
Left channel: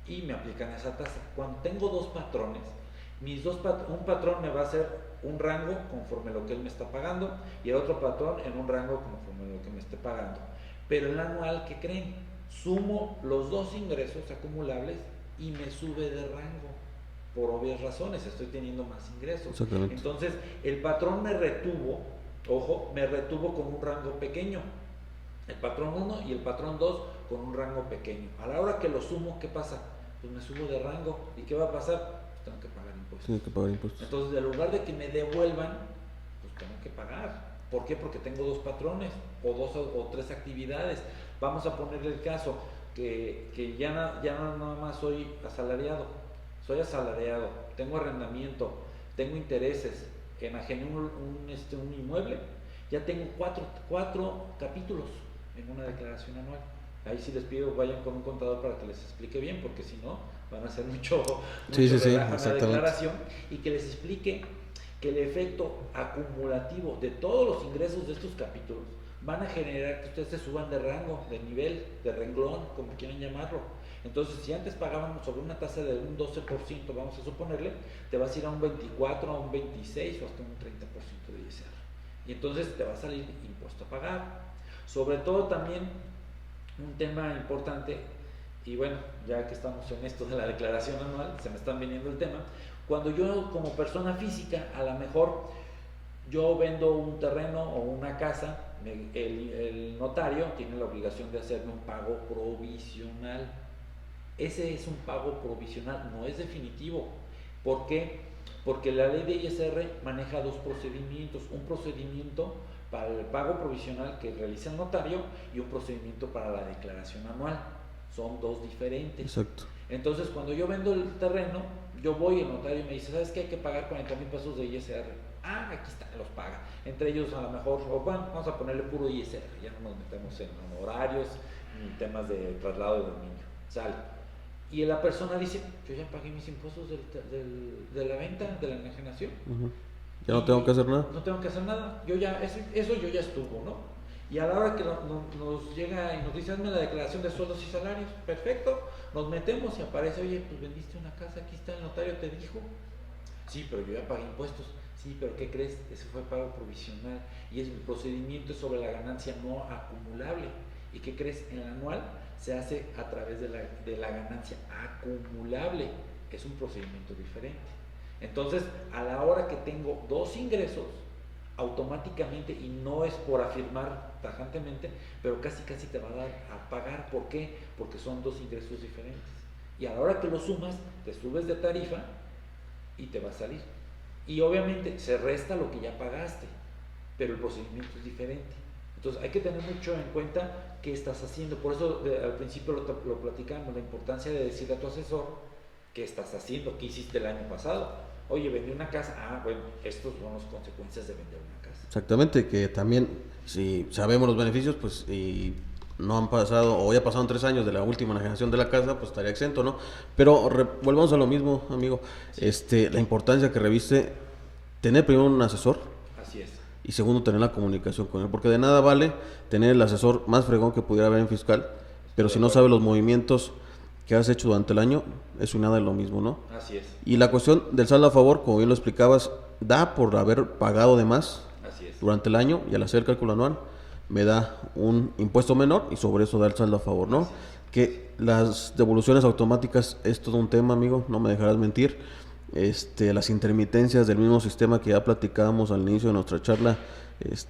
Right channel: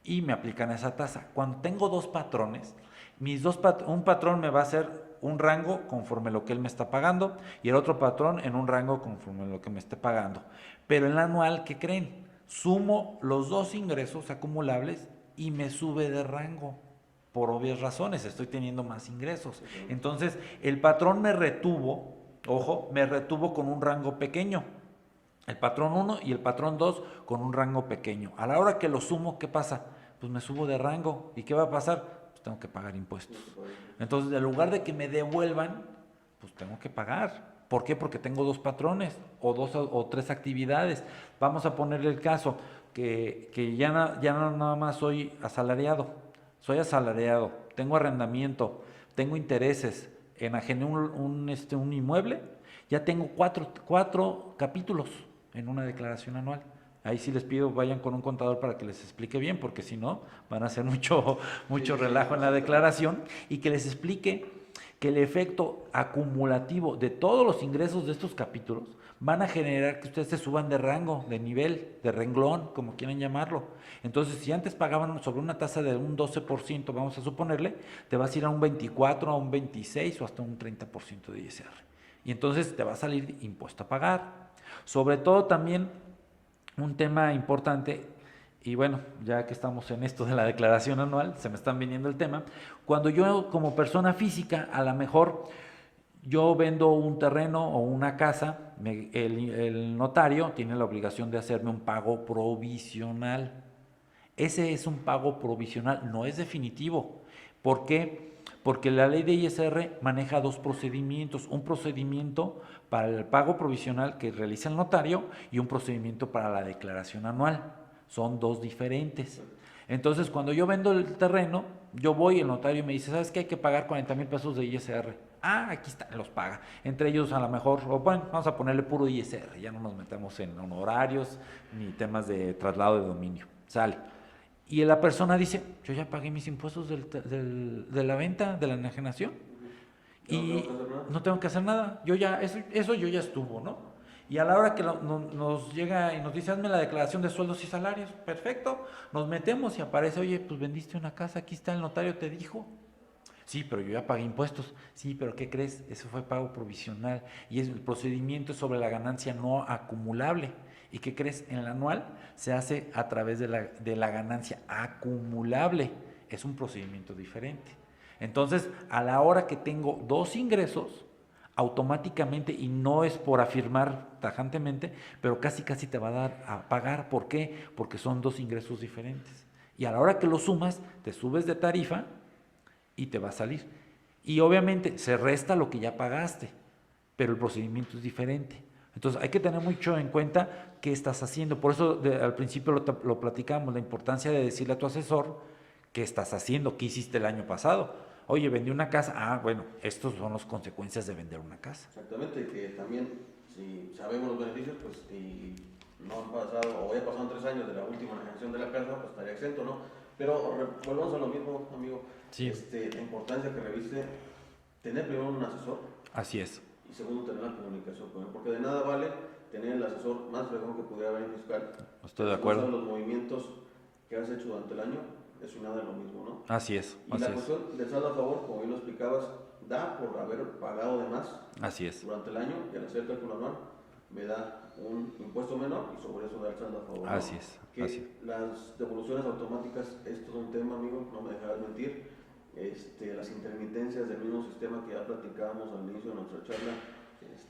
y me aplican esa tasa. Cuando tengo dos patrones, un patrón me va a hacer un rango conforme lo que él me está pagando y el otro patrón en un rango conforme lo que me esté pagando. Pero el anual, ¿qué creen? Sumo los dos ingresos acumulables y me sube de rango. Por obvias razones, estoy teniendo más ingresos. Entonces, el patrón me retuvo, ojo, me retuvo con un rango pequeño. El patrón 1 y el patrón 2 con un rango pequeño. A la hora que lo sumo, ¿qué pasa? Pues me subo de rango. ¿Y qué va a pasar? Pues tengo que pagar impuestos. Entonces, en lugar de que me devuelvan, pues tengo que pagar. ¿Por qué? Porque tengo dos patrones o dos o tres actividades. Vamos a ponerle el caso que ya no nada más soy asalariado. Soy asalariado, tengo arrendamiento, tengo intereses, enajené un inmueble, ya tengo cuatro capítulos en una declaración anual. Ahí sí les pido vayan con un contador para que les explique bien, porque si no van a hacer mucho relajo en la declaración, y que les explique que el efecto acumulativo de todos los ingresos de estos capítulos van a generar que ustedes se suban de rango, de nivel, de renglón, como quieran llamarlo. Entonces, si antes pagaban sobre una tasa de un 12%, vamos a suponerle, te vas a ir a un 24, a un 26 o hasta un 30% de ISR. Y entonces te va a salir impuesto a pagar. Sobre todo también un tema importante, y bueno, ya que estamos en esto de la declaración anual, se me están viniendo el tema, cuando yo como persona física, a lo mejor yo vendo un terreno o una casa, el notario tiene la obligación de hacerme un pago provisional. Ese es un pago provisional, no es definitivo. ¿Por qué? Porque la ley de ISR maneja dos procedimientos. Un procedimiento para el pago provisional que realiza el notario y un procedimiento para la declaración anual. Son dos diferentes. Exacto. Entonces, cuando yo vendo el terreno, yo voy, el notario me dice, ¿sabes qué? Hay que pagar 40,000 pesos de ISR. Ah, aquí está, los paga. Entre ellos, a lo mejor, o bueno, vamos a ponerle puro ISR. Ya no nos metemos en honorarios ni temas de traslado de dominio. Sale. Y la persona dice, yo ya pagué mis impuestos de la venta, de la enajenación. Ya no tengo que hacer nada. No tengo que hacer nada. Yo ya, eso yo ya estuvo, ¿no? Y a la hora que nos llega y nos dice, hazme la declaración de sueldos y salarios, perfecto, nos metemos y aparece, oye, pues vendiste una casa, aquí está el notario, te dijo. Sí, pero yo ya pagué impuestos. Sí, pero ¿qué crees? Ese fue pago provisional y el procedimiento es sobre la ganancia no acumulable. ¿Y qué crees? En el anual se hace a través de la ganancia acumulable. Es un procedimiento diferente. Entonces, a la hora que tengo dos ingresos, automáticamente, y no es por afirmar tajantemente, pero casi te va a dar a pagar. ¿Por qué? Porque son dos ingresos diferentes. Y a la hora que lo sumas, te subes de tarifa y te va a salir. Y obviamente se resta lo que ya pagaste, pero el procedimiento es diferente. Entonces hay que tener mucho en cuenta qué estás haciendo. Por eso al principio lo platicamos, la importancia de decirle a tu asesor qué estás haciendo, qué hiciste el año pasado. Oye, vendí una casa. Ah, bueno, estos son las consecuencias de vender una casa. Exactamente, que también si sabemos los beneficios, pues y no han pasado, o ya pasaron 3 años de la última enajenación de la casa, pues estaría exento, ¿no? Pero volvamos a lo mismo, amigo. Sí. La importancia que reviste tener primero un asesor. Así es. Y segundo, tener la comunicación con él, porque de nada vale tener el asesor más fregón que pudiera haber en fiscal, pero si no sabe los movimientos que has hecho durante el año, eso y nada es lo mismo, ¿no? Así es. Y la cuestión del saldo a favor, como bien lo explicabas, da por haber pagado de más. Así es. Durante el año, y al hacer el cálculo anual, me da un impuesto menor y sobre eso da el saldo a favor, ¿no? Así es. Que las devoluciones automáticas es todo un tema, amigo, no me dejarás mentir. Las intermitencias del mismo sistema que ya platicábamos al inicio de nuestra charla,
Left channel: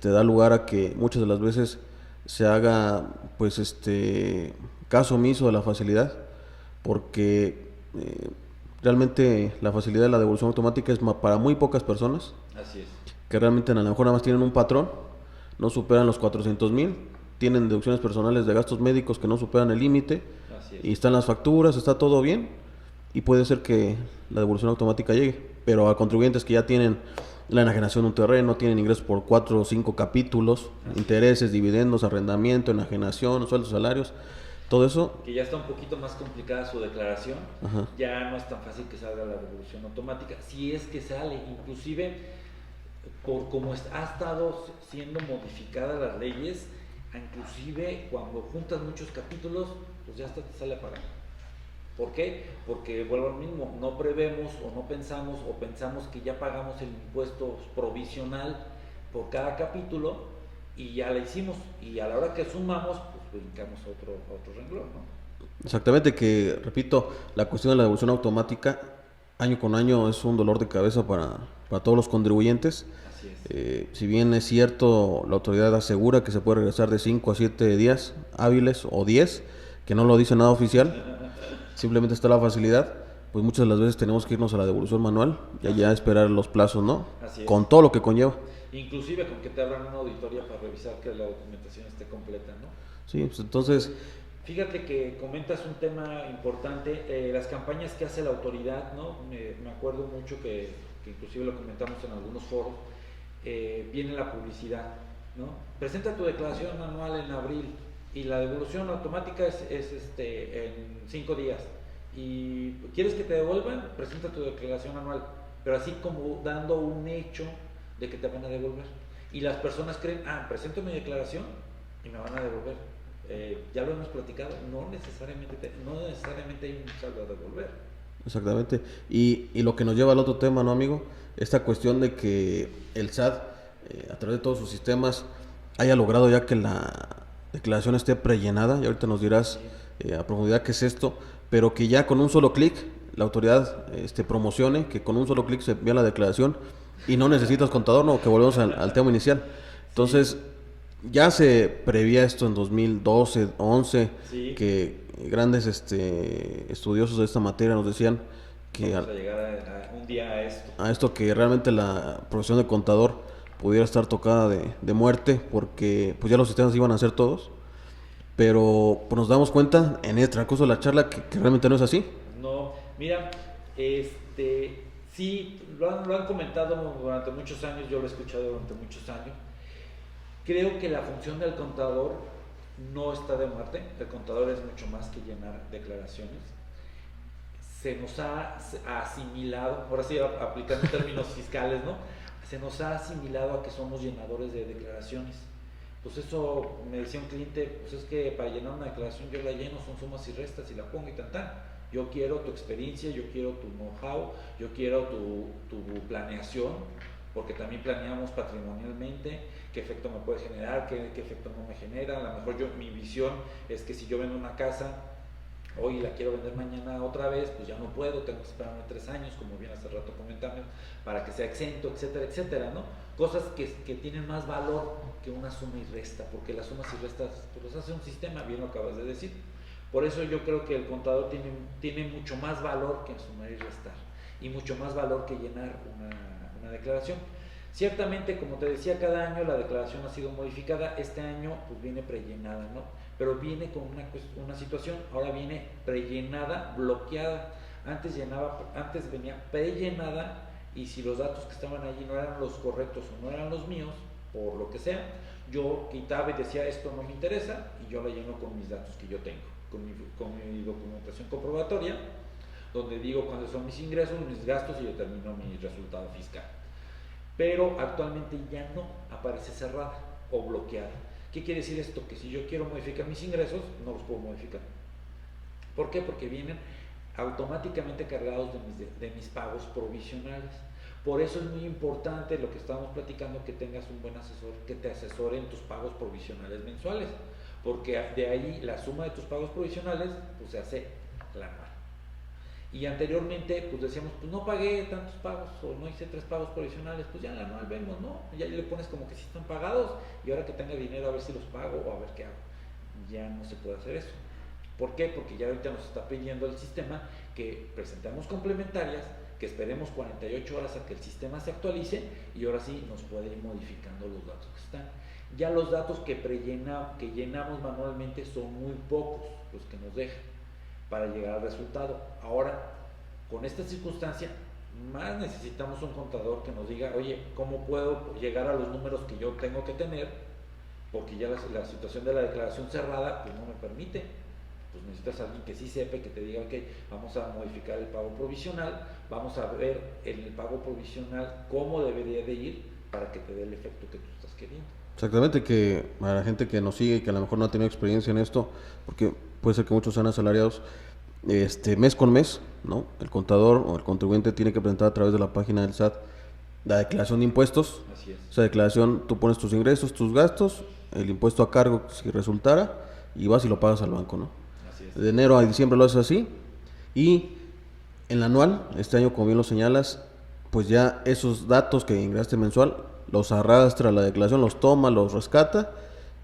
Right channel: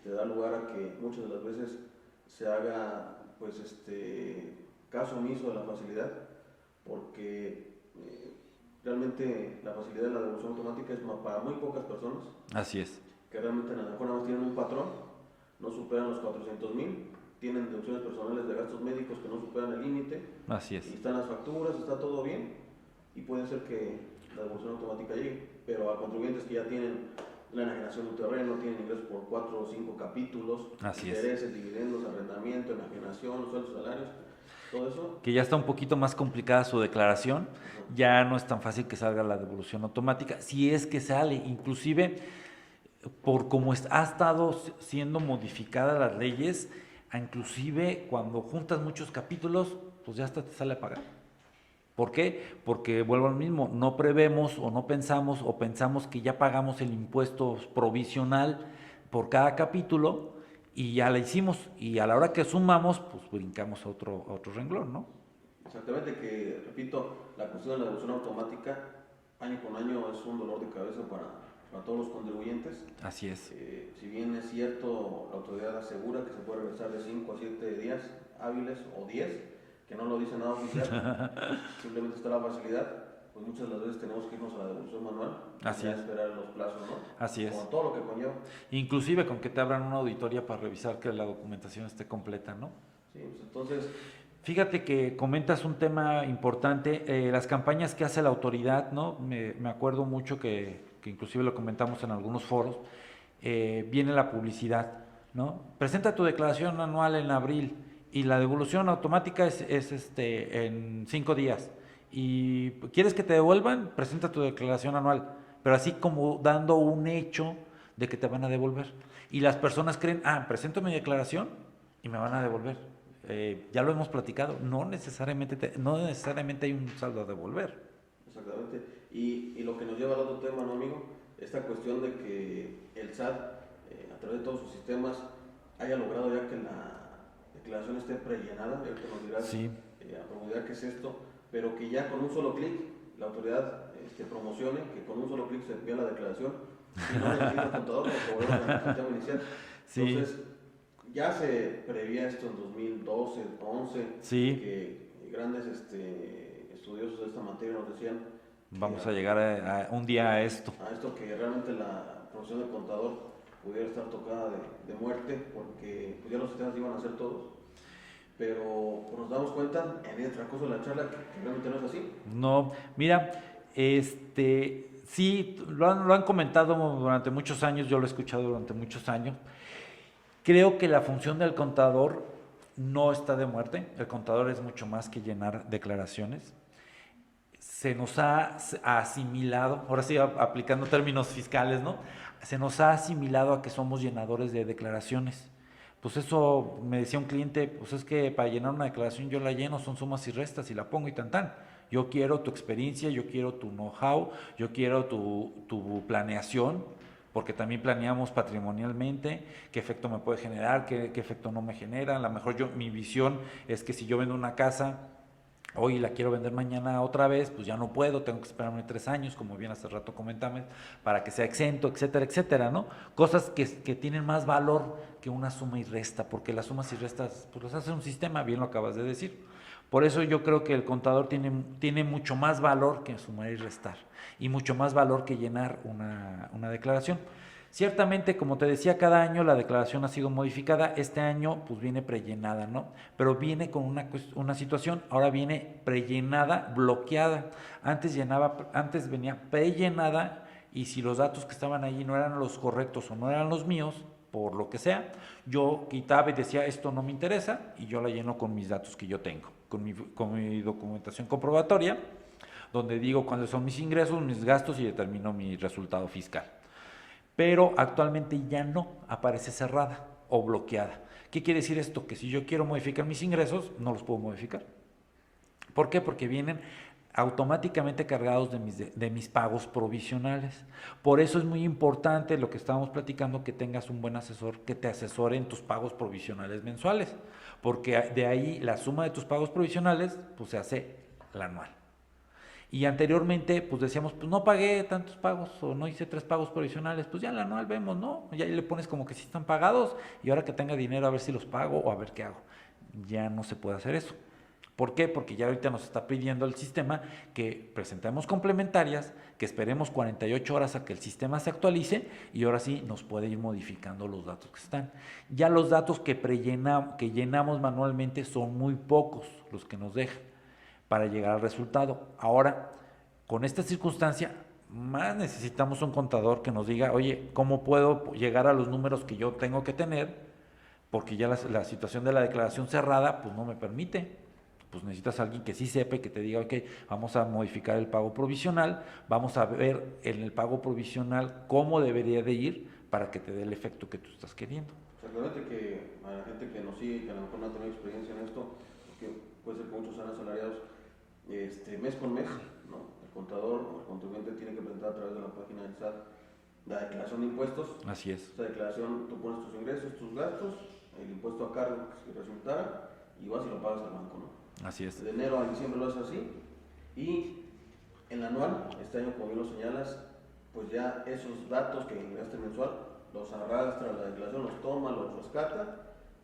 da lugar a que muchas de las veces se haga, pues, caso omiso de la facilidad, porque realmente la facilidad de la devolución automática es para muy pocas personas. Así es. Que realmente a lo mejor nada más tienen un patrón, no superan los 400,000, tienen deducciones personales de gastos médicos que no superan el límite. Así es. Y están las facturas, está todo bien, y puede ser que la devolución automática llegue, pero a contribuyentes que ya tienen la enajenación de un terreno, tienen ingresos por 4 o 5 capítulos, intereses, dividendos, arrendamiento, enajenación, sueldos, salarios, todo eso. Que ya está un poquito más complicada su declaración. Ya no es tan fácil que salga la devolución automática. Si es que sale, inclusive por cómo ha estado siendo modificadas las leyes, inclusive cuando juntas muchos capítulos, pues ya hasta te sale a pagar. ¿Por qué? Porque vuelvo al mismo, no prevemos o no pensamos o pensamos que ya pagamos el impuesto provisional por cada capítulo y ya la hicimos, y a la hora que sumamos, pues brincamos a otro renglón, ¿no? Exactamente, que repito, la cuestión de la devolución automática año con año es un dolor de cabeza para todos los contribuyentes. Así es. Si bien es cierto, la autoridad asegura que se puede regresar de 5 a 7 días hábiles o 10, que no lo dice nada oficial, simplemente está la facilidad, pues muchas de las veces tenemos que irnos a la devolución manual y ya esperar los plazos, ¿no? Así es. Con todo lo que conlleva. Inclusive con que te abran una auditoría para revisar que la documentación esté completa, ¿no? Sí, pues entonces... Fíjate que comentas un tema importante, las campañas que hace la autoridad, ¿no? Me acuerdo mucho que inclusive lo comentamos en algunos foros, viene la publicidad, ¿no? Presenta tu declaración anual en abril y la devolución automática es en 5 días. Y quieres que te devuelvan, presenta tu declaración anual, pero así como dando un hecho de que te van a devolver. Y las personas creen, presento mi declaración y me van a devolver. Ya lo hemos platicado, no necesariamente hay un saldo a devolver. Exactamente. Y lo que nos lleva al otro tema, ¿no, amigo? Esta cuestión de que el SAT, a través de todos sus sistemas, haya logrado ya que la declaración esté prellenada, y ahorita nos dirás a profundidad qué es esto, pero que ya con un solo clic la autoridad promocione que con un solo clic se envía la declaración y no necesitas contador, no, que volvemos al tema inicial. Entonces, ya se prevía esto en 2012, 11, que grandes estudiosos de esta materia nos decían que vamos a llegar a un día a esto. A esto, que realmente la profesión de contador pudiera estar tocada de muerte, porque pues ya los sistemas iban a hacer todos, pero pues nos damos cuenta en el transcurso de la charla que realmente no es así. No, mira, sí, lo han comentado durante muchos años, yo lo he escuchado durante muchos años. Creo que la función del contador no está de muerte. El contador es mucho más que llenar declaraciones. Se nos ha asimilado, ahora sí aplicando términos fiscales, ¿no? Se nos ha asimilado a que somos llenadores de declaraciones. Pues eso, me decía un cliente, pues es que para llenar una declaración yo la lleno, son sumas y restas y la pongo y tan. Yo quiero tu experiencia, yo quiero tu know-how, yo quiero tu planeación, porque también planeamos patrimonialmente qué efecto me puede generar, qué efecto no me genera. A lo mejor mi visión es que si yo vendo una casa hoy la quiero vender mañana otra vez, pues ya no puedo, tengo que esperarme 3 años, como bien hace rato comentamos, para que sea exento, etcétera, etcétera, ¿no? Cosas que tienen más valor que una suma y resta, porque las sumas y restas pues las hace un sistema, bien lo acabas de decir. Por eso yo creo que el contador tiene mucho más valor que sumar y restar, y mucho más valor que llenar una declaración. Ciertamente, como te decía, cada año la declaración ha sido modificada. Este año pues viene prellenada, ¿no? Pero viene con una situación, ahora viene prellenada, bloqueada. Antes venía prellenada, y si los datos que estaban allí no eran los correctos o no eran los míos, por lo que sea, yo quitaba y decía, esto no me interesa, y yo la lleno con mis datos que yo tengo, con mi documentación comprobatoria, donde digo cuáles son mis ingresos, mis gastos, y determino mi resultado fiscal. Pero actualmente ya no, aparece cerrada o bloqueada. ¿Qué quiere decir esto? Que si yo quiero modificar mis ingresos, no los puedo modificar. ¿Por qué? Porque vienen automáticamente cargados de mis pagos provisionales. Por eso es muy importante lo que estábamos platicando, que tengas un buen asesor que te asesore en tus pagos provisionales mensuales, porque de ahí la suma de tus pagos provisionales pues se hace la anual. Y anteriormente pues decíamos, pues no pagué tantos pagos o no hice 3 pagos provisionales, pues ya en la anual vemos, ¿no? Ya le pones como que sí están pagados, y ahora que tenga dinero a ver si los pago o a ver qué hago. Ya no se puede hacer eso. ¿Por qué? Porque ya ahorita nos está pidiendo el sistema que presentemos complementarias, que esperemos 48 horas a que el sistema se actualice, y ahora sí nos puede ir modificando los datos que están. Ya los datos que llenamos manualmente son muy pocos los que nos dejan para llegar al resultado. Ahora, con esta circunstancia, más necesitamos un contador que nos diga, oye, ¿cómo puedo llegar a los números que yo tengo que tener? Porque ya la situación de la declaración cerrada pues no me permite. Pues necesitas a alguien que sí sepa y que te diga, ok, vamos a modificar el pago provisional, vamos a ver en el pago provisional cómo debería de ir para que te dé el efecto que tú estás queriendo. Exactamente, que a la gente que nos sigue y que a lo mejor no ha tenido experiencia en esto, porque puede ser que muchos sean asalariados, mes con mes, ¿no? El contador o el contribuyente tiene que presentar a través de la página del SAT la declaración de impuestos. Así es. Esa declaración, tú pones tus ingresos, tus gastos, el impuesto a cargo si resultara, y vas y lo pagas al banco, ¿no? Así es. De enero a diciembre lo haces así, y en la anual, este año como bien lo señalas, pues ya esos datos que ingresaste mensual, los arrastra a la declaración, los toma, los rescata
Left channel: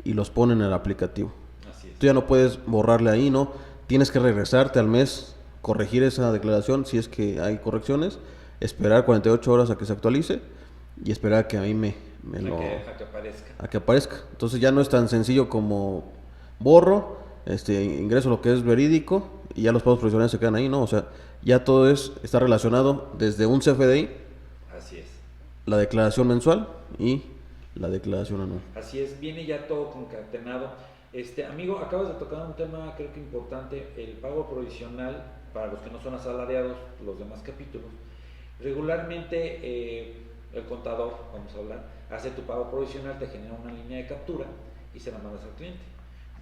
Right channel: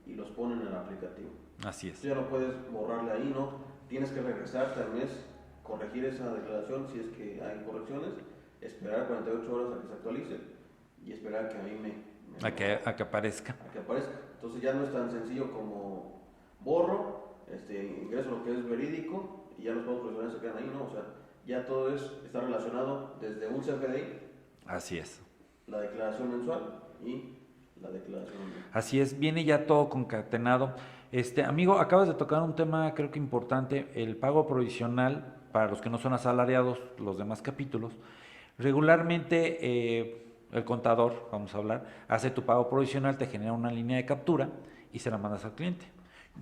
y los pone en el aplicativo. Así es. Tú ya no puedes borrarle ahí, ¿no? Tienes que regresarte al mes, corregir esa declaración si es que hay correcciones, esperar 48 horas a que se actualice y esperar a que a mí a que aparezca. A que aparezca. Entonces ya no es tan sencillo como borro, ingreso lo que es verídico y ya los pagos provisionales se quedan ahí, ¿no? O sea, ya todo está relacionado desde un CFDI. Así es. La declaración mensual y la declaración anual. Así es, viene ya todo concatenado. Amigo, acabas de tocar un tema creo que importante, el pago provisional para los que no son asalariados, los demás capítulos. Regularmente el contador, vamos a hablar, hace tu pago provisional, te genera una línea de captura y se la mandas al cliente.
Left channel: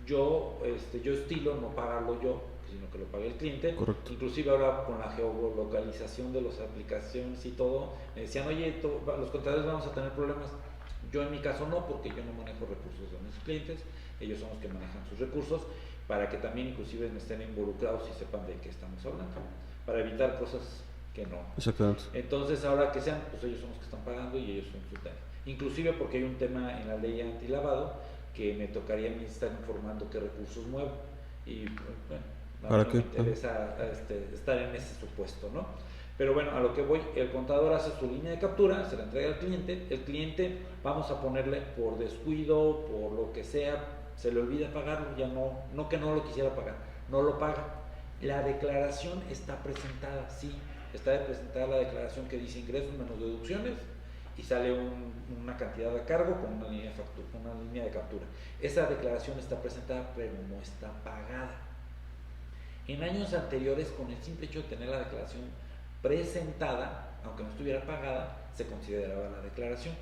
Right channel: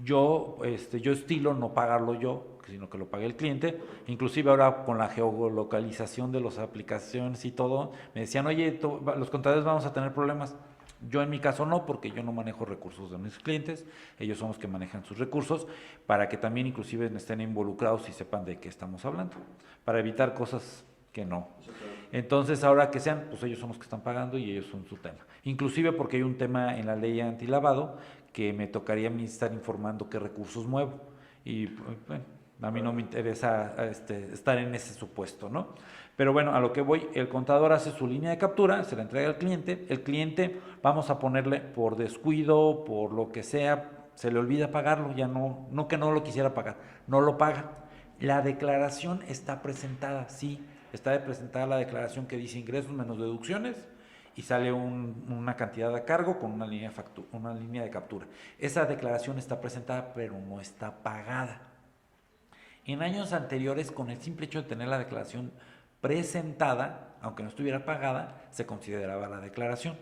Yo estilo no pagarlo yo, sino que lo pague el cliente. Correcto. Inclusive ahora con la geolocalización de las aplicaciones y todo, me decían, oye, los contadores vamos a tener problemas. Yo en mi caso no, porque yo no manejo recursos de mis clientes, ellos son los que manejan sus recursos, para que también inclusive estén involucrados y sepan de qué estamos hablando, para evitar cosas que no. Exactamente. Entonces ahora que sean, pues ellos son los que están pagando y ellos son su tema. Inclusive porque hay un tema en la ley antilavado que me tocaría a mí estar informando qué recursos muevo y bueno, a mí no me interesa estar en ese supuesto, ¿no? Pero bueno, a lo que voy, el contador hace su línea de captura, se la entrega al cliente, el cliente, vamos a ponerle por descuido, por lo que sea, se le olvida pagarlo, ya no que no lo quisiera pagar, no lo paga. La declaración está presentada, sí, está presentada la declaración que dice ingresos menos deducciones y sale una cantidad a cargo con una línea de captura. Esa declaración está presentada, pero no está pagada. En años anteriores, con el simple hecho de tener la declaración presentada, aunque no estuviera pagada, se consideraba la declaración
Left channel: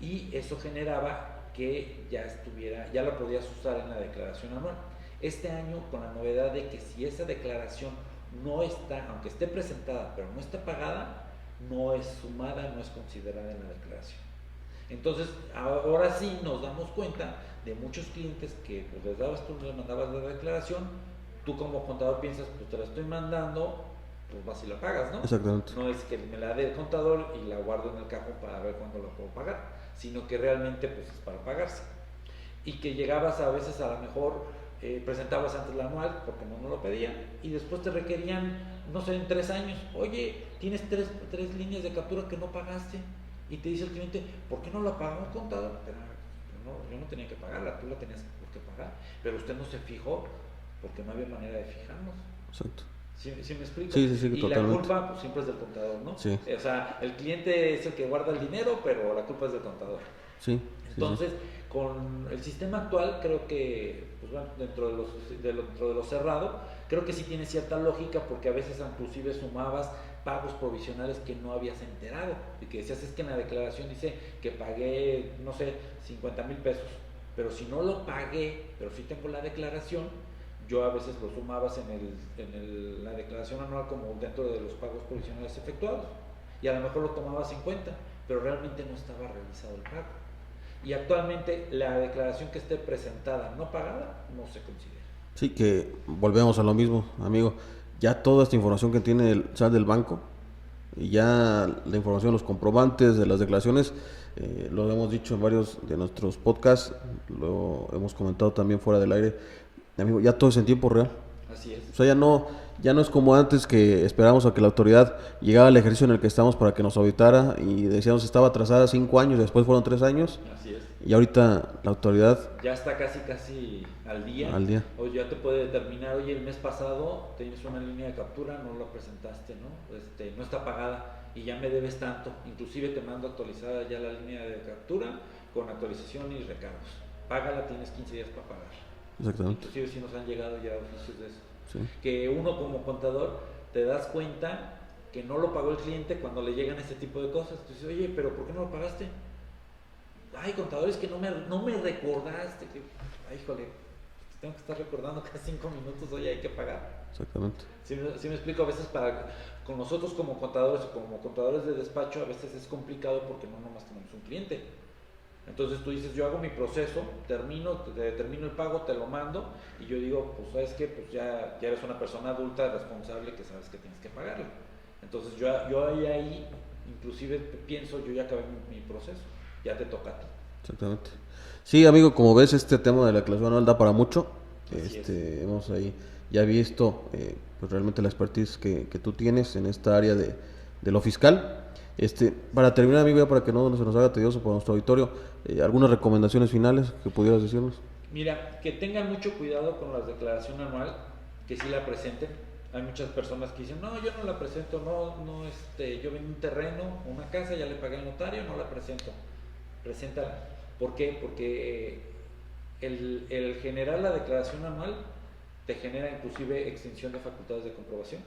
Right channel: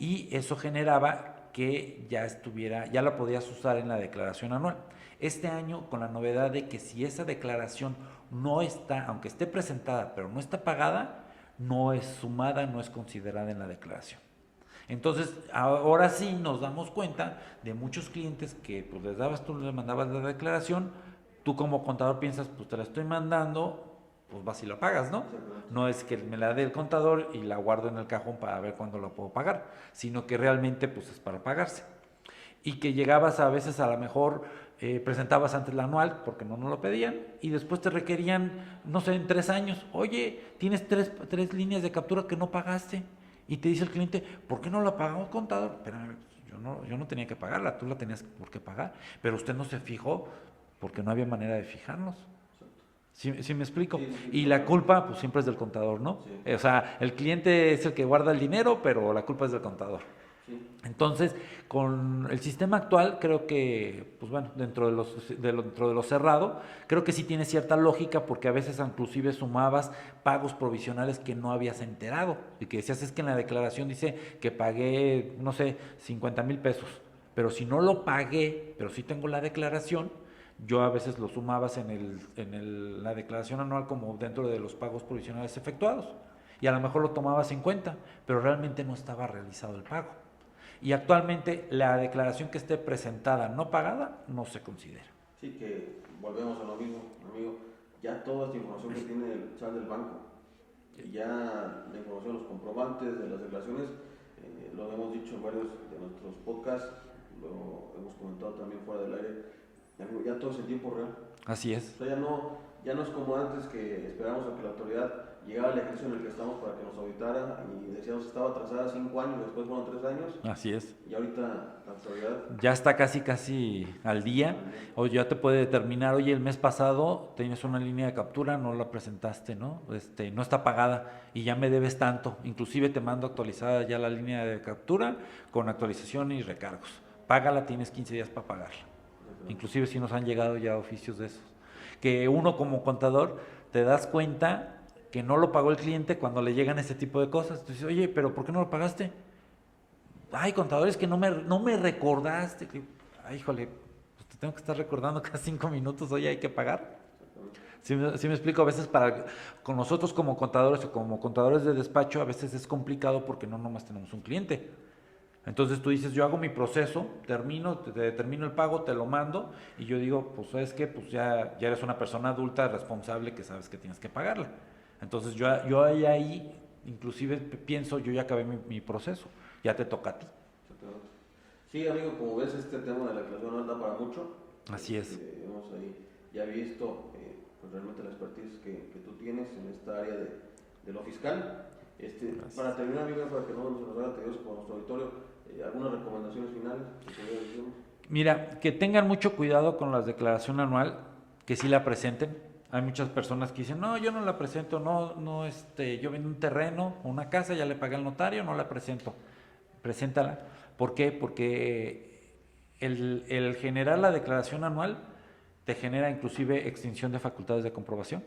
y eso generaba que ya la podías usar en la declaración anual. Este año, con la novedad de que si esa declaración no está, aunque esté presentada, pero no está pagada, no es sumada, no es considerada en la declaración. Entonces, ahora sí nos damos cuenta de muchos clientes que pues les mandabas la declaración, tú como contador piensas, pues te la estoy mandando, pues vas y la pagas, ¿no? Exactamente. No es que me la dé el contador y la guardo en el cajón para ver cuándo la puedo pagar, sino que realmente pues es para pagarse. Y que llegabas a veces a lo mejor, presentabas antes la anual porque no lo pedían y después te requerían, no sé, en 3 años, oye, tienes tres líneas de captura que no pagaste y te dice el cliente, ¿por qué no la pagó contador? Pero yo no tenía que pagarla, tú la tenías por qué pagar, pero usted no se fijó porque no había manera de fijarnos. Exacto. ¿Sí me explico? Sí, y totalmente. la culpa pues siempre es del contador, ¿no? Sí. O sea, el cliente es el que guarda el dinero, pero la culpa es del contador. Sí. Entonces, con el sistema actual, creo que, pues bueno, dentro de lo cerrado, creo que sí tiene cierta lógica porque a veces inclusive sumabas pagos provisionales que no habías enterado y que decías, es que en la declaración dice que pagué, no sé, 50,000 pesos, pero si no lo pagué, pero sí tengo la declaración, yo a veces lo sumabas en la declaración anual como dentro de los pagos provisionales efectuados y a lo mejor lo tomabas en cuenta, pero realmente no estaba realizado el pago. Y actualmente la declaración que esté presentada no pagada no se considera. Sí, que volvemos a lo mismo, amigo. Ya toda esta información que tiene el SAT del banco y ya la información, los comprobantes de las declaraciones, lo hemos dicho en varios de nuestros podcasts, lo hemos comentado también fuera del aire, amigo, ya todo es en tiempo real. Así es. O sea, ya no es como antes que esperábamos a que la autoridad llegara al ejercicio en el que estamos para que nos auditara y decíamos estaba atrasada 5 años, después fueron 3 años. Así es. Y ahorita la autoridad ya está casi al día. O ya te puede determinar, oye, el mes pasado tienes una línea de captura, no la presentaste, ¿no? No está pagada y ya me debes tanto. Inclusive te mando actualizada ya la línea de captura con actualización y recargos. Págala, tienes 15 días para pagarla. Exactamente. Inclusive si nos han llegado ya oficios de eso. Sí. Que uno como contador te das cuenta que no lo pagó el cliente cuando le llegan este tipo de cosas. Entonces, oye, pero ¿por qué no lo pagaste? Ay, contadores que no me recordaste. Ay, híjole, pues te tengo que estar recordando cada 5 minutos, oye, hay que pagar. Exactamente. Sí me explico, a veces con nosotros como contadores o como contadores de despacho, a veces es complicado porque no nomás tenemos un cliente. Entonces tú dices, yo hago mi proceso, termino el pago, te lo mando, y yo digo, pues sabes qué, pues ya eres una persona adulta, responsable, que sabes que tienes que pagarla. Entonces yo ahí, inclusive pienso, yo ya acabé mi proceso, ya te toca a ti. Exactamente. Sí, amigo, como ves, este tema de la declaración anual da para mucho. Así es. Hemos ahí ya visto pues realmente la expertise que tú tienes en esta área de lo fiscal. Para terminar, amigo, ya para que no se nos haga tedioso por nuestro auditorio, algunas recomendaciones finales que pudieras decirnos. Mira, que tengan mucho cuidado con la declaración anual, que sí la presenten. Hay muchas personas que dicen, no, yo no la presento, yo vendo un terreno, una casa, ya le pagué al notario, no la presento. Preséntala. ¿Por qué? Porque el generar la declaración anual te genera inclusive extinción de facultades de comprobación.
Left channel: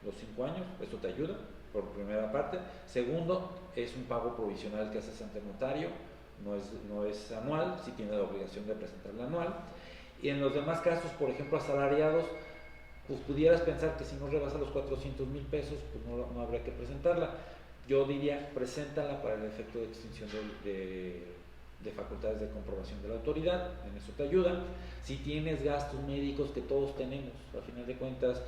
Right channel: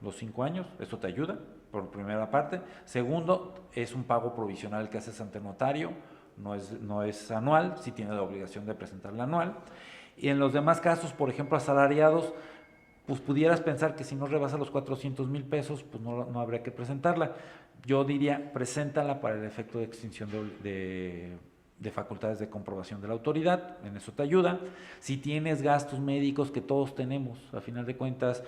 Los 5 años, eso te ayuda, por primera parte. Segundo, es un pago provisional que haces ante notario, no es anual, sí tiene la obligación de presentarla anual. Y en los demás casos, por ejemplo, asalariados, pues pudieras pensar que si no rebasa los 400,000 pesos, pues no habría que presentarla. Yo diría, preséntala para el efecto de extinción de facultades de comprobación de la autoridad, en eso te ayuda. Si tienes gastos médicos, que todos tenemos, a final de cuentas,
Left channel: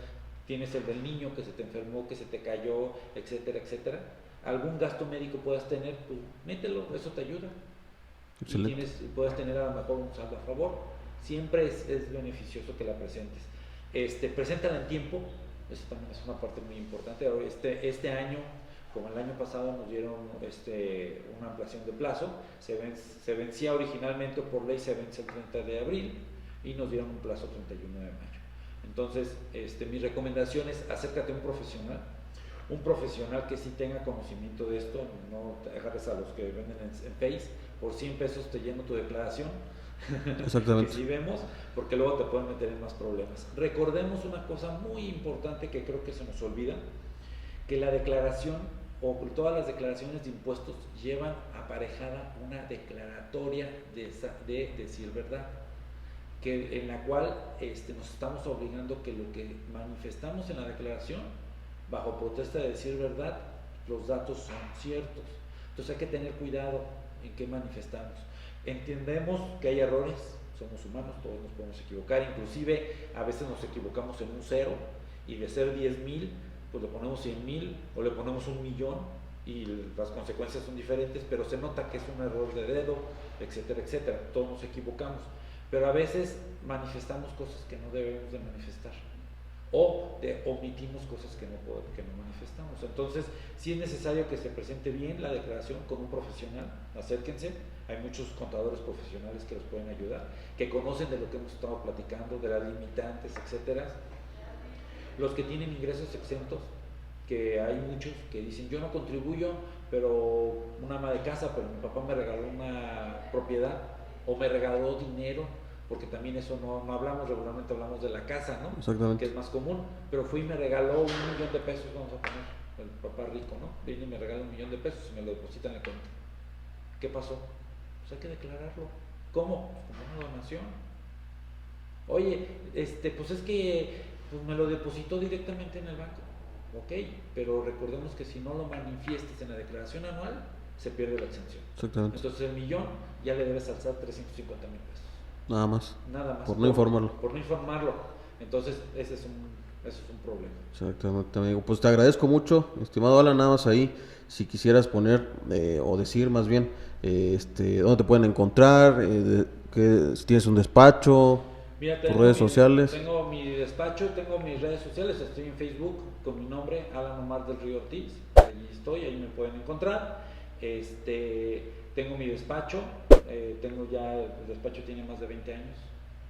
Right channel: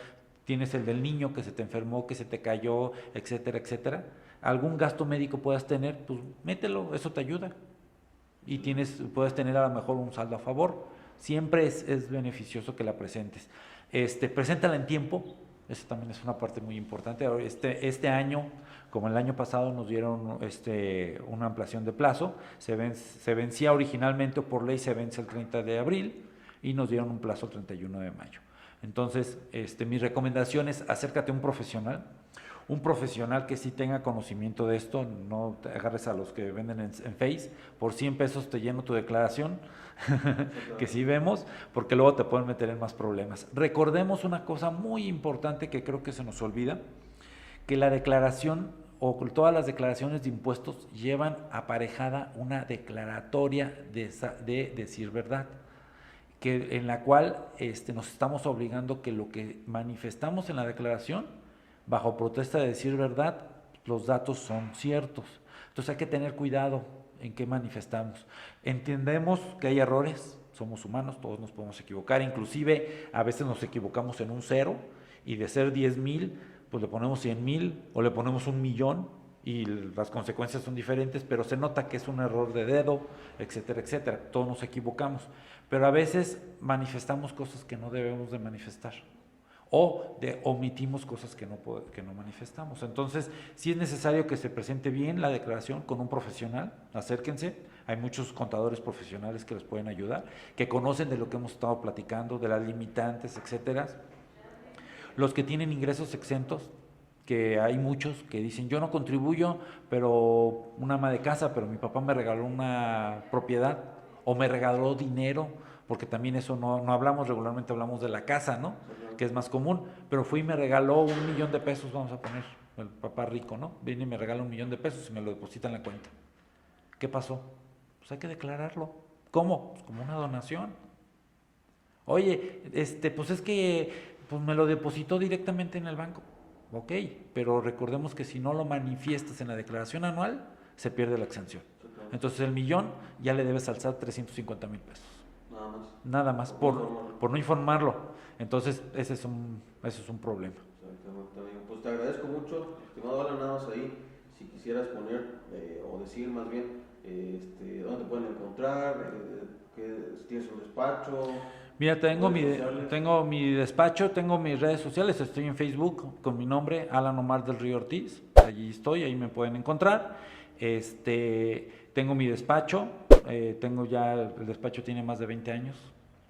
tienes el del niño que se te enfermó, que se te cayó, etcétera, etcétera, algún gasto médico puedas tener, pues mételo, eso te ayuda. Excelente. Y puedes tener a lo mejor un saldo a favor. Siempre es beneficioso que la presentes. Preséntala en tiempo, eso también es una parte muy importante. Este año, como el año pasado, nos dieron una ampliación de plazo. Se vencía originalmente, o por ley se vence el 30 de abril, y nos dieron un plazo 31 de mayo. Entonces, mi recomendación es acércate a un profesional que sí tenga conocimiento de esto. No te agarres a los que venden en Face. Por 100 pesos te lleno tu declaración, que sí vemos, porque luego te pueden meter en más problemas. Recordemos una cosa muy importante que creo que se nos olvida, que la declaración o todas las declaraciones de impuestos llevan aparejada una declaratoria de decir verdad, en la cual nos estamos obligando que lo que manifestamos en la declaración, bajo protesta de decir verdad, los datos son ciertos. Entonces hay que tener cuidado en qué manifestamos. Entendemos que hay errores, somos humanos, todos nos podemos equivocar, inclusive a veces nos equivocamos en un 0, y de ser 10,000, pues le ponemos 100,000 o le ponemos 1,000,000, y las consecuencias son diferentes, pero se nota que es un error de dedo, etcétera, etcétera. Todos nos equivocamos, pero a veces manifestamos cosas que no debemos de manifestar, o omitimos cosas que no manifestamos. Entonces, sí es necesario que se presente bien la declaración con un profesional. Acérquense, hay muchos contadores profesionales que les pueden ayudar, que conocen de lo que hemos estado platicando, de las limitantes, etcétera. Los que tienen ingresos exentos, que hay muchos que dicen, yo no contribuyo, pero una ama de casa, pero mi papá me regaló una propiedad, o me regaló dinero, porque también eso no hablamos, regularmente hablamos de la casa, ¿no? Exactamente. Que es más común, pero fue y me regaló 1,000,000 de pesos, vamos a poner, el papá rico, ¿no? Viene y me regala 1,000,000 de pesos y me lo deposita en la cuenta. ¿Qué pasó? Pues hay que declararlo. ¿Cómo? Pues como una donación. Oye, pues es que pues me lo depositó directamente en el banco. Ok, pero recordemos que si no lo manifiestas en la declaración anual, se pierde la exención. Exactamente. Entonces el 1,000,000 ya le debes alzar 350,000 pesos. Nada más. Nada más. Por no informarlo. Por no informarlo. Entonces ese es un problema. Exactamente, amigo. Pues te agradezco mucho, estimado Alan. Nada más ahí, si quisieras poner o decir más bien dónde te pueden encontrar, si tienes un despacho. Mira, redes sociales. Tengo mi despacho, tengo mis redes sociales, estoy en Facebook con mi nombre, Alan Omar del Río Ortiz, allí estoy, ahí me pueden encontrar. Tengo mi despacho, el despacho tiene más de 20 años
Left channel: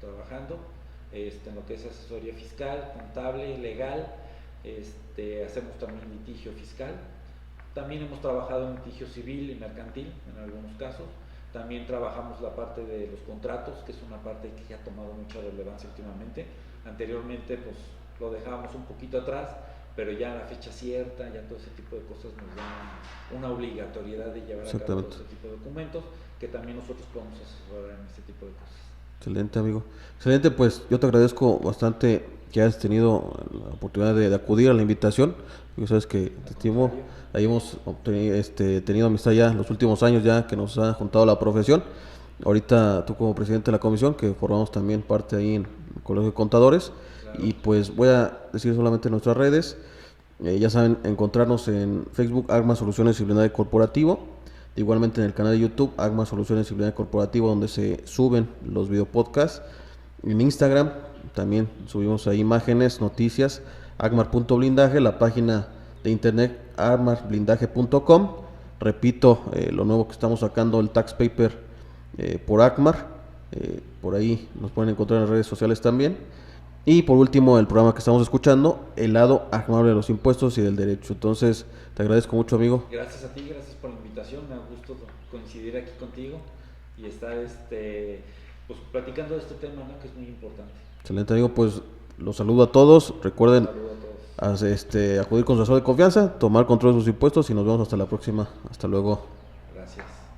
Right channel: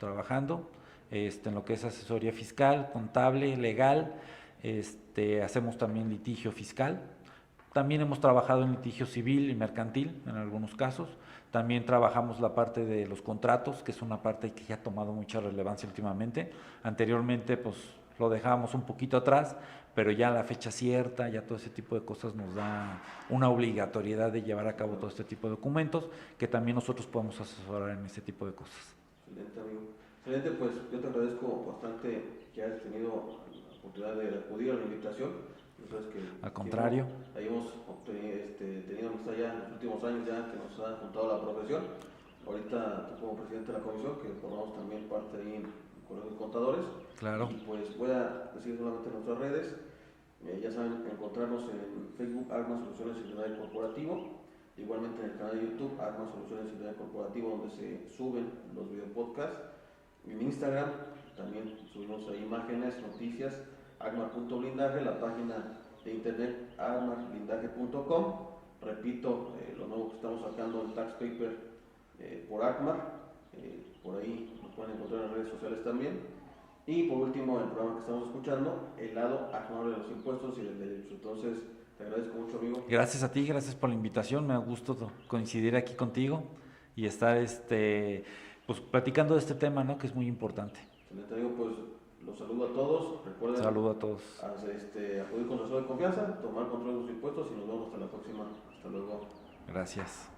trabajando, en lo que es asesoría fiscal, contable, legal, hacemos también litigio fiscal, también hemos trabajado en litigio civil y mercantil en algunos casos. También trabajamos la parte de los contratos, que es una parte que ya ha tomado mucha relevancia últimamente. Anteriormente pues lo dejábamos un poquito atrás, pero ya la fecha cierta, ya todo ese tipo de cosas nos da una obligatoriedad de llevar a cabo todo este tipo de documentos, que también nosotros podemos asesorar en este tipo de cosas. Excelente, amigo. Excelente, pues yo te agradezco bastante que hayas tenido la oportunidad de acudir a la invitación. Yo sabes que te estimo. Ahí hemos tenido amistad ya en los últimos años ya que nos ha juntado la profesión. Ahorita tú como presidente de la comisión, que formamos también parte ahí en el Colegio de Contadores. Claro. Y pues voy a decir solamente nuestras redes. Ya saben, encontrarnos en Facebook, Agma Soluciones y Blindaje Corporativo. Igualmente en el canal de YouTube, Agma Soluciones y Blindaje Corporativo, donde se suben los videopodcasts. En Instagram también subimos ahí imágenes, noticias, agmar.blindaje, la página de internet agmarblindaje.com. Repito, lo nuevo que estamos sacando, el tax paper por Agmar. Por ahí nos pueden encontrar en las redes sociales también. Y por último, el programa que estamos escuchando, el lado amable de los impuestos y del derecho. Entonces, te agradezco mucho, amigo. Gracias a ti, gracias por la invitación. Me da gusto coincidir aquí contigo y estar pues platicando de este tema, ¿no? Que es muy importante. Excelente, amigo. Pues los saludo a todos. Recuerden saludo a todos. Acudir con su asesor de confianza, tomar control de sus impuestos y nos vemos hasta la próxima. Hasta luego. Gracias.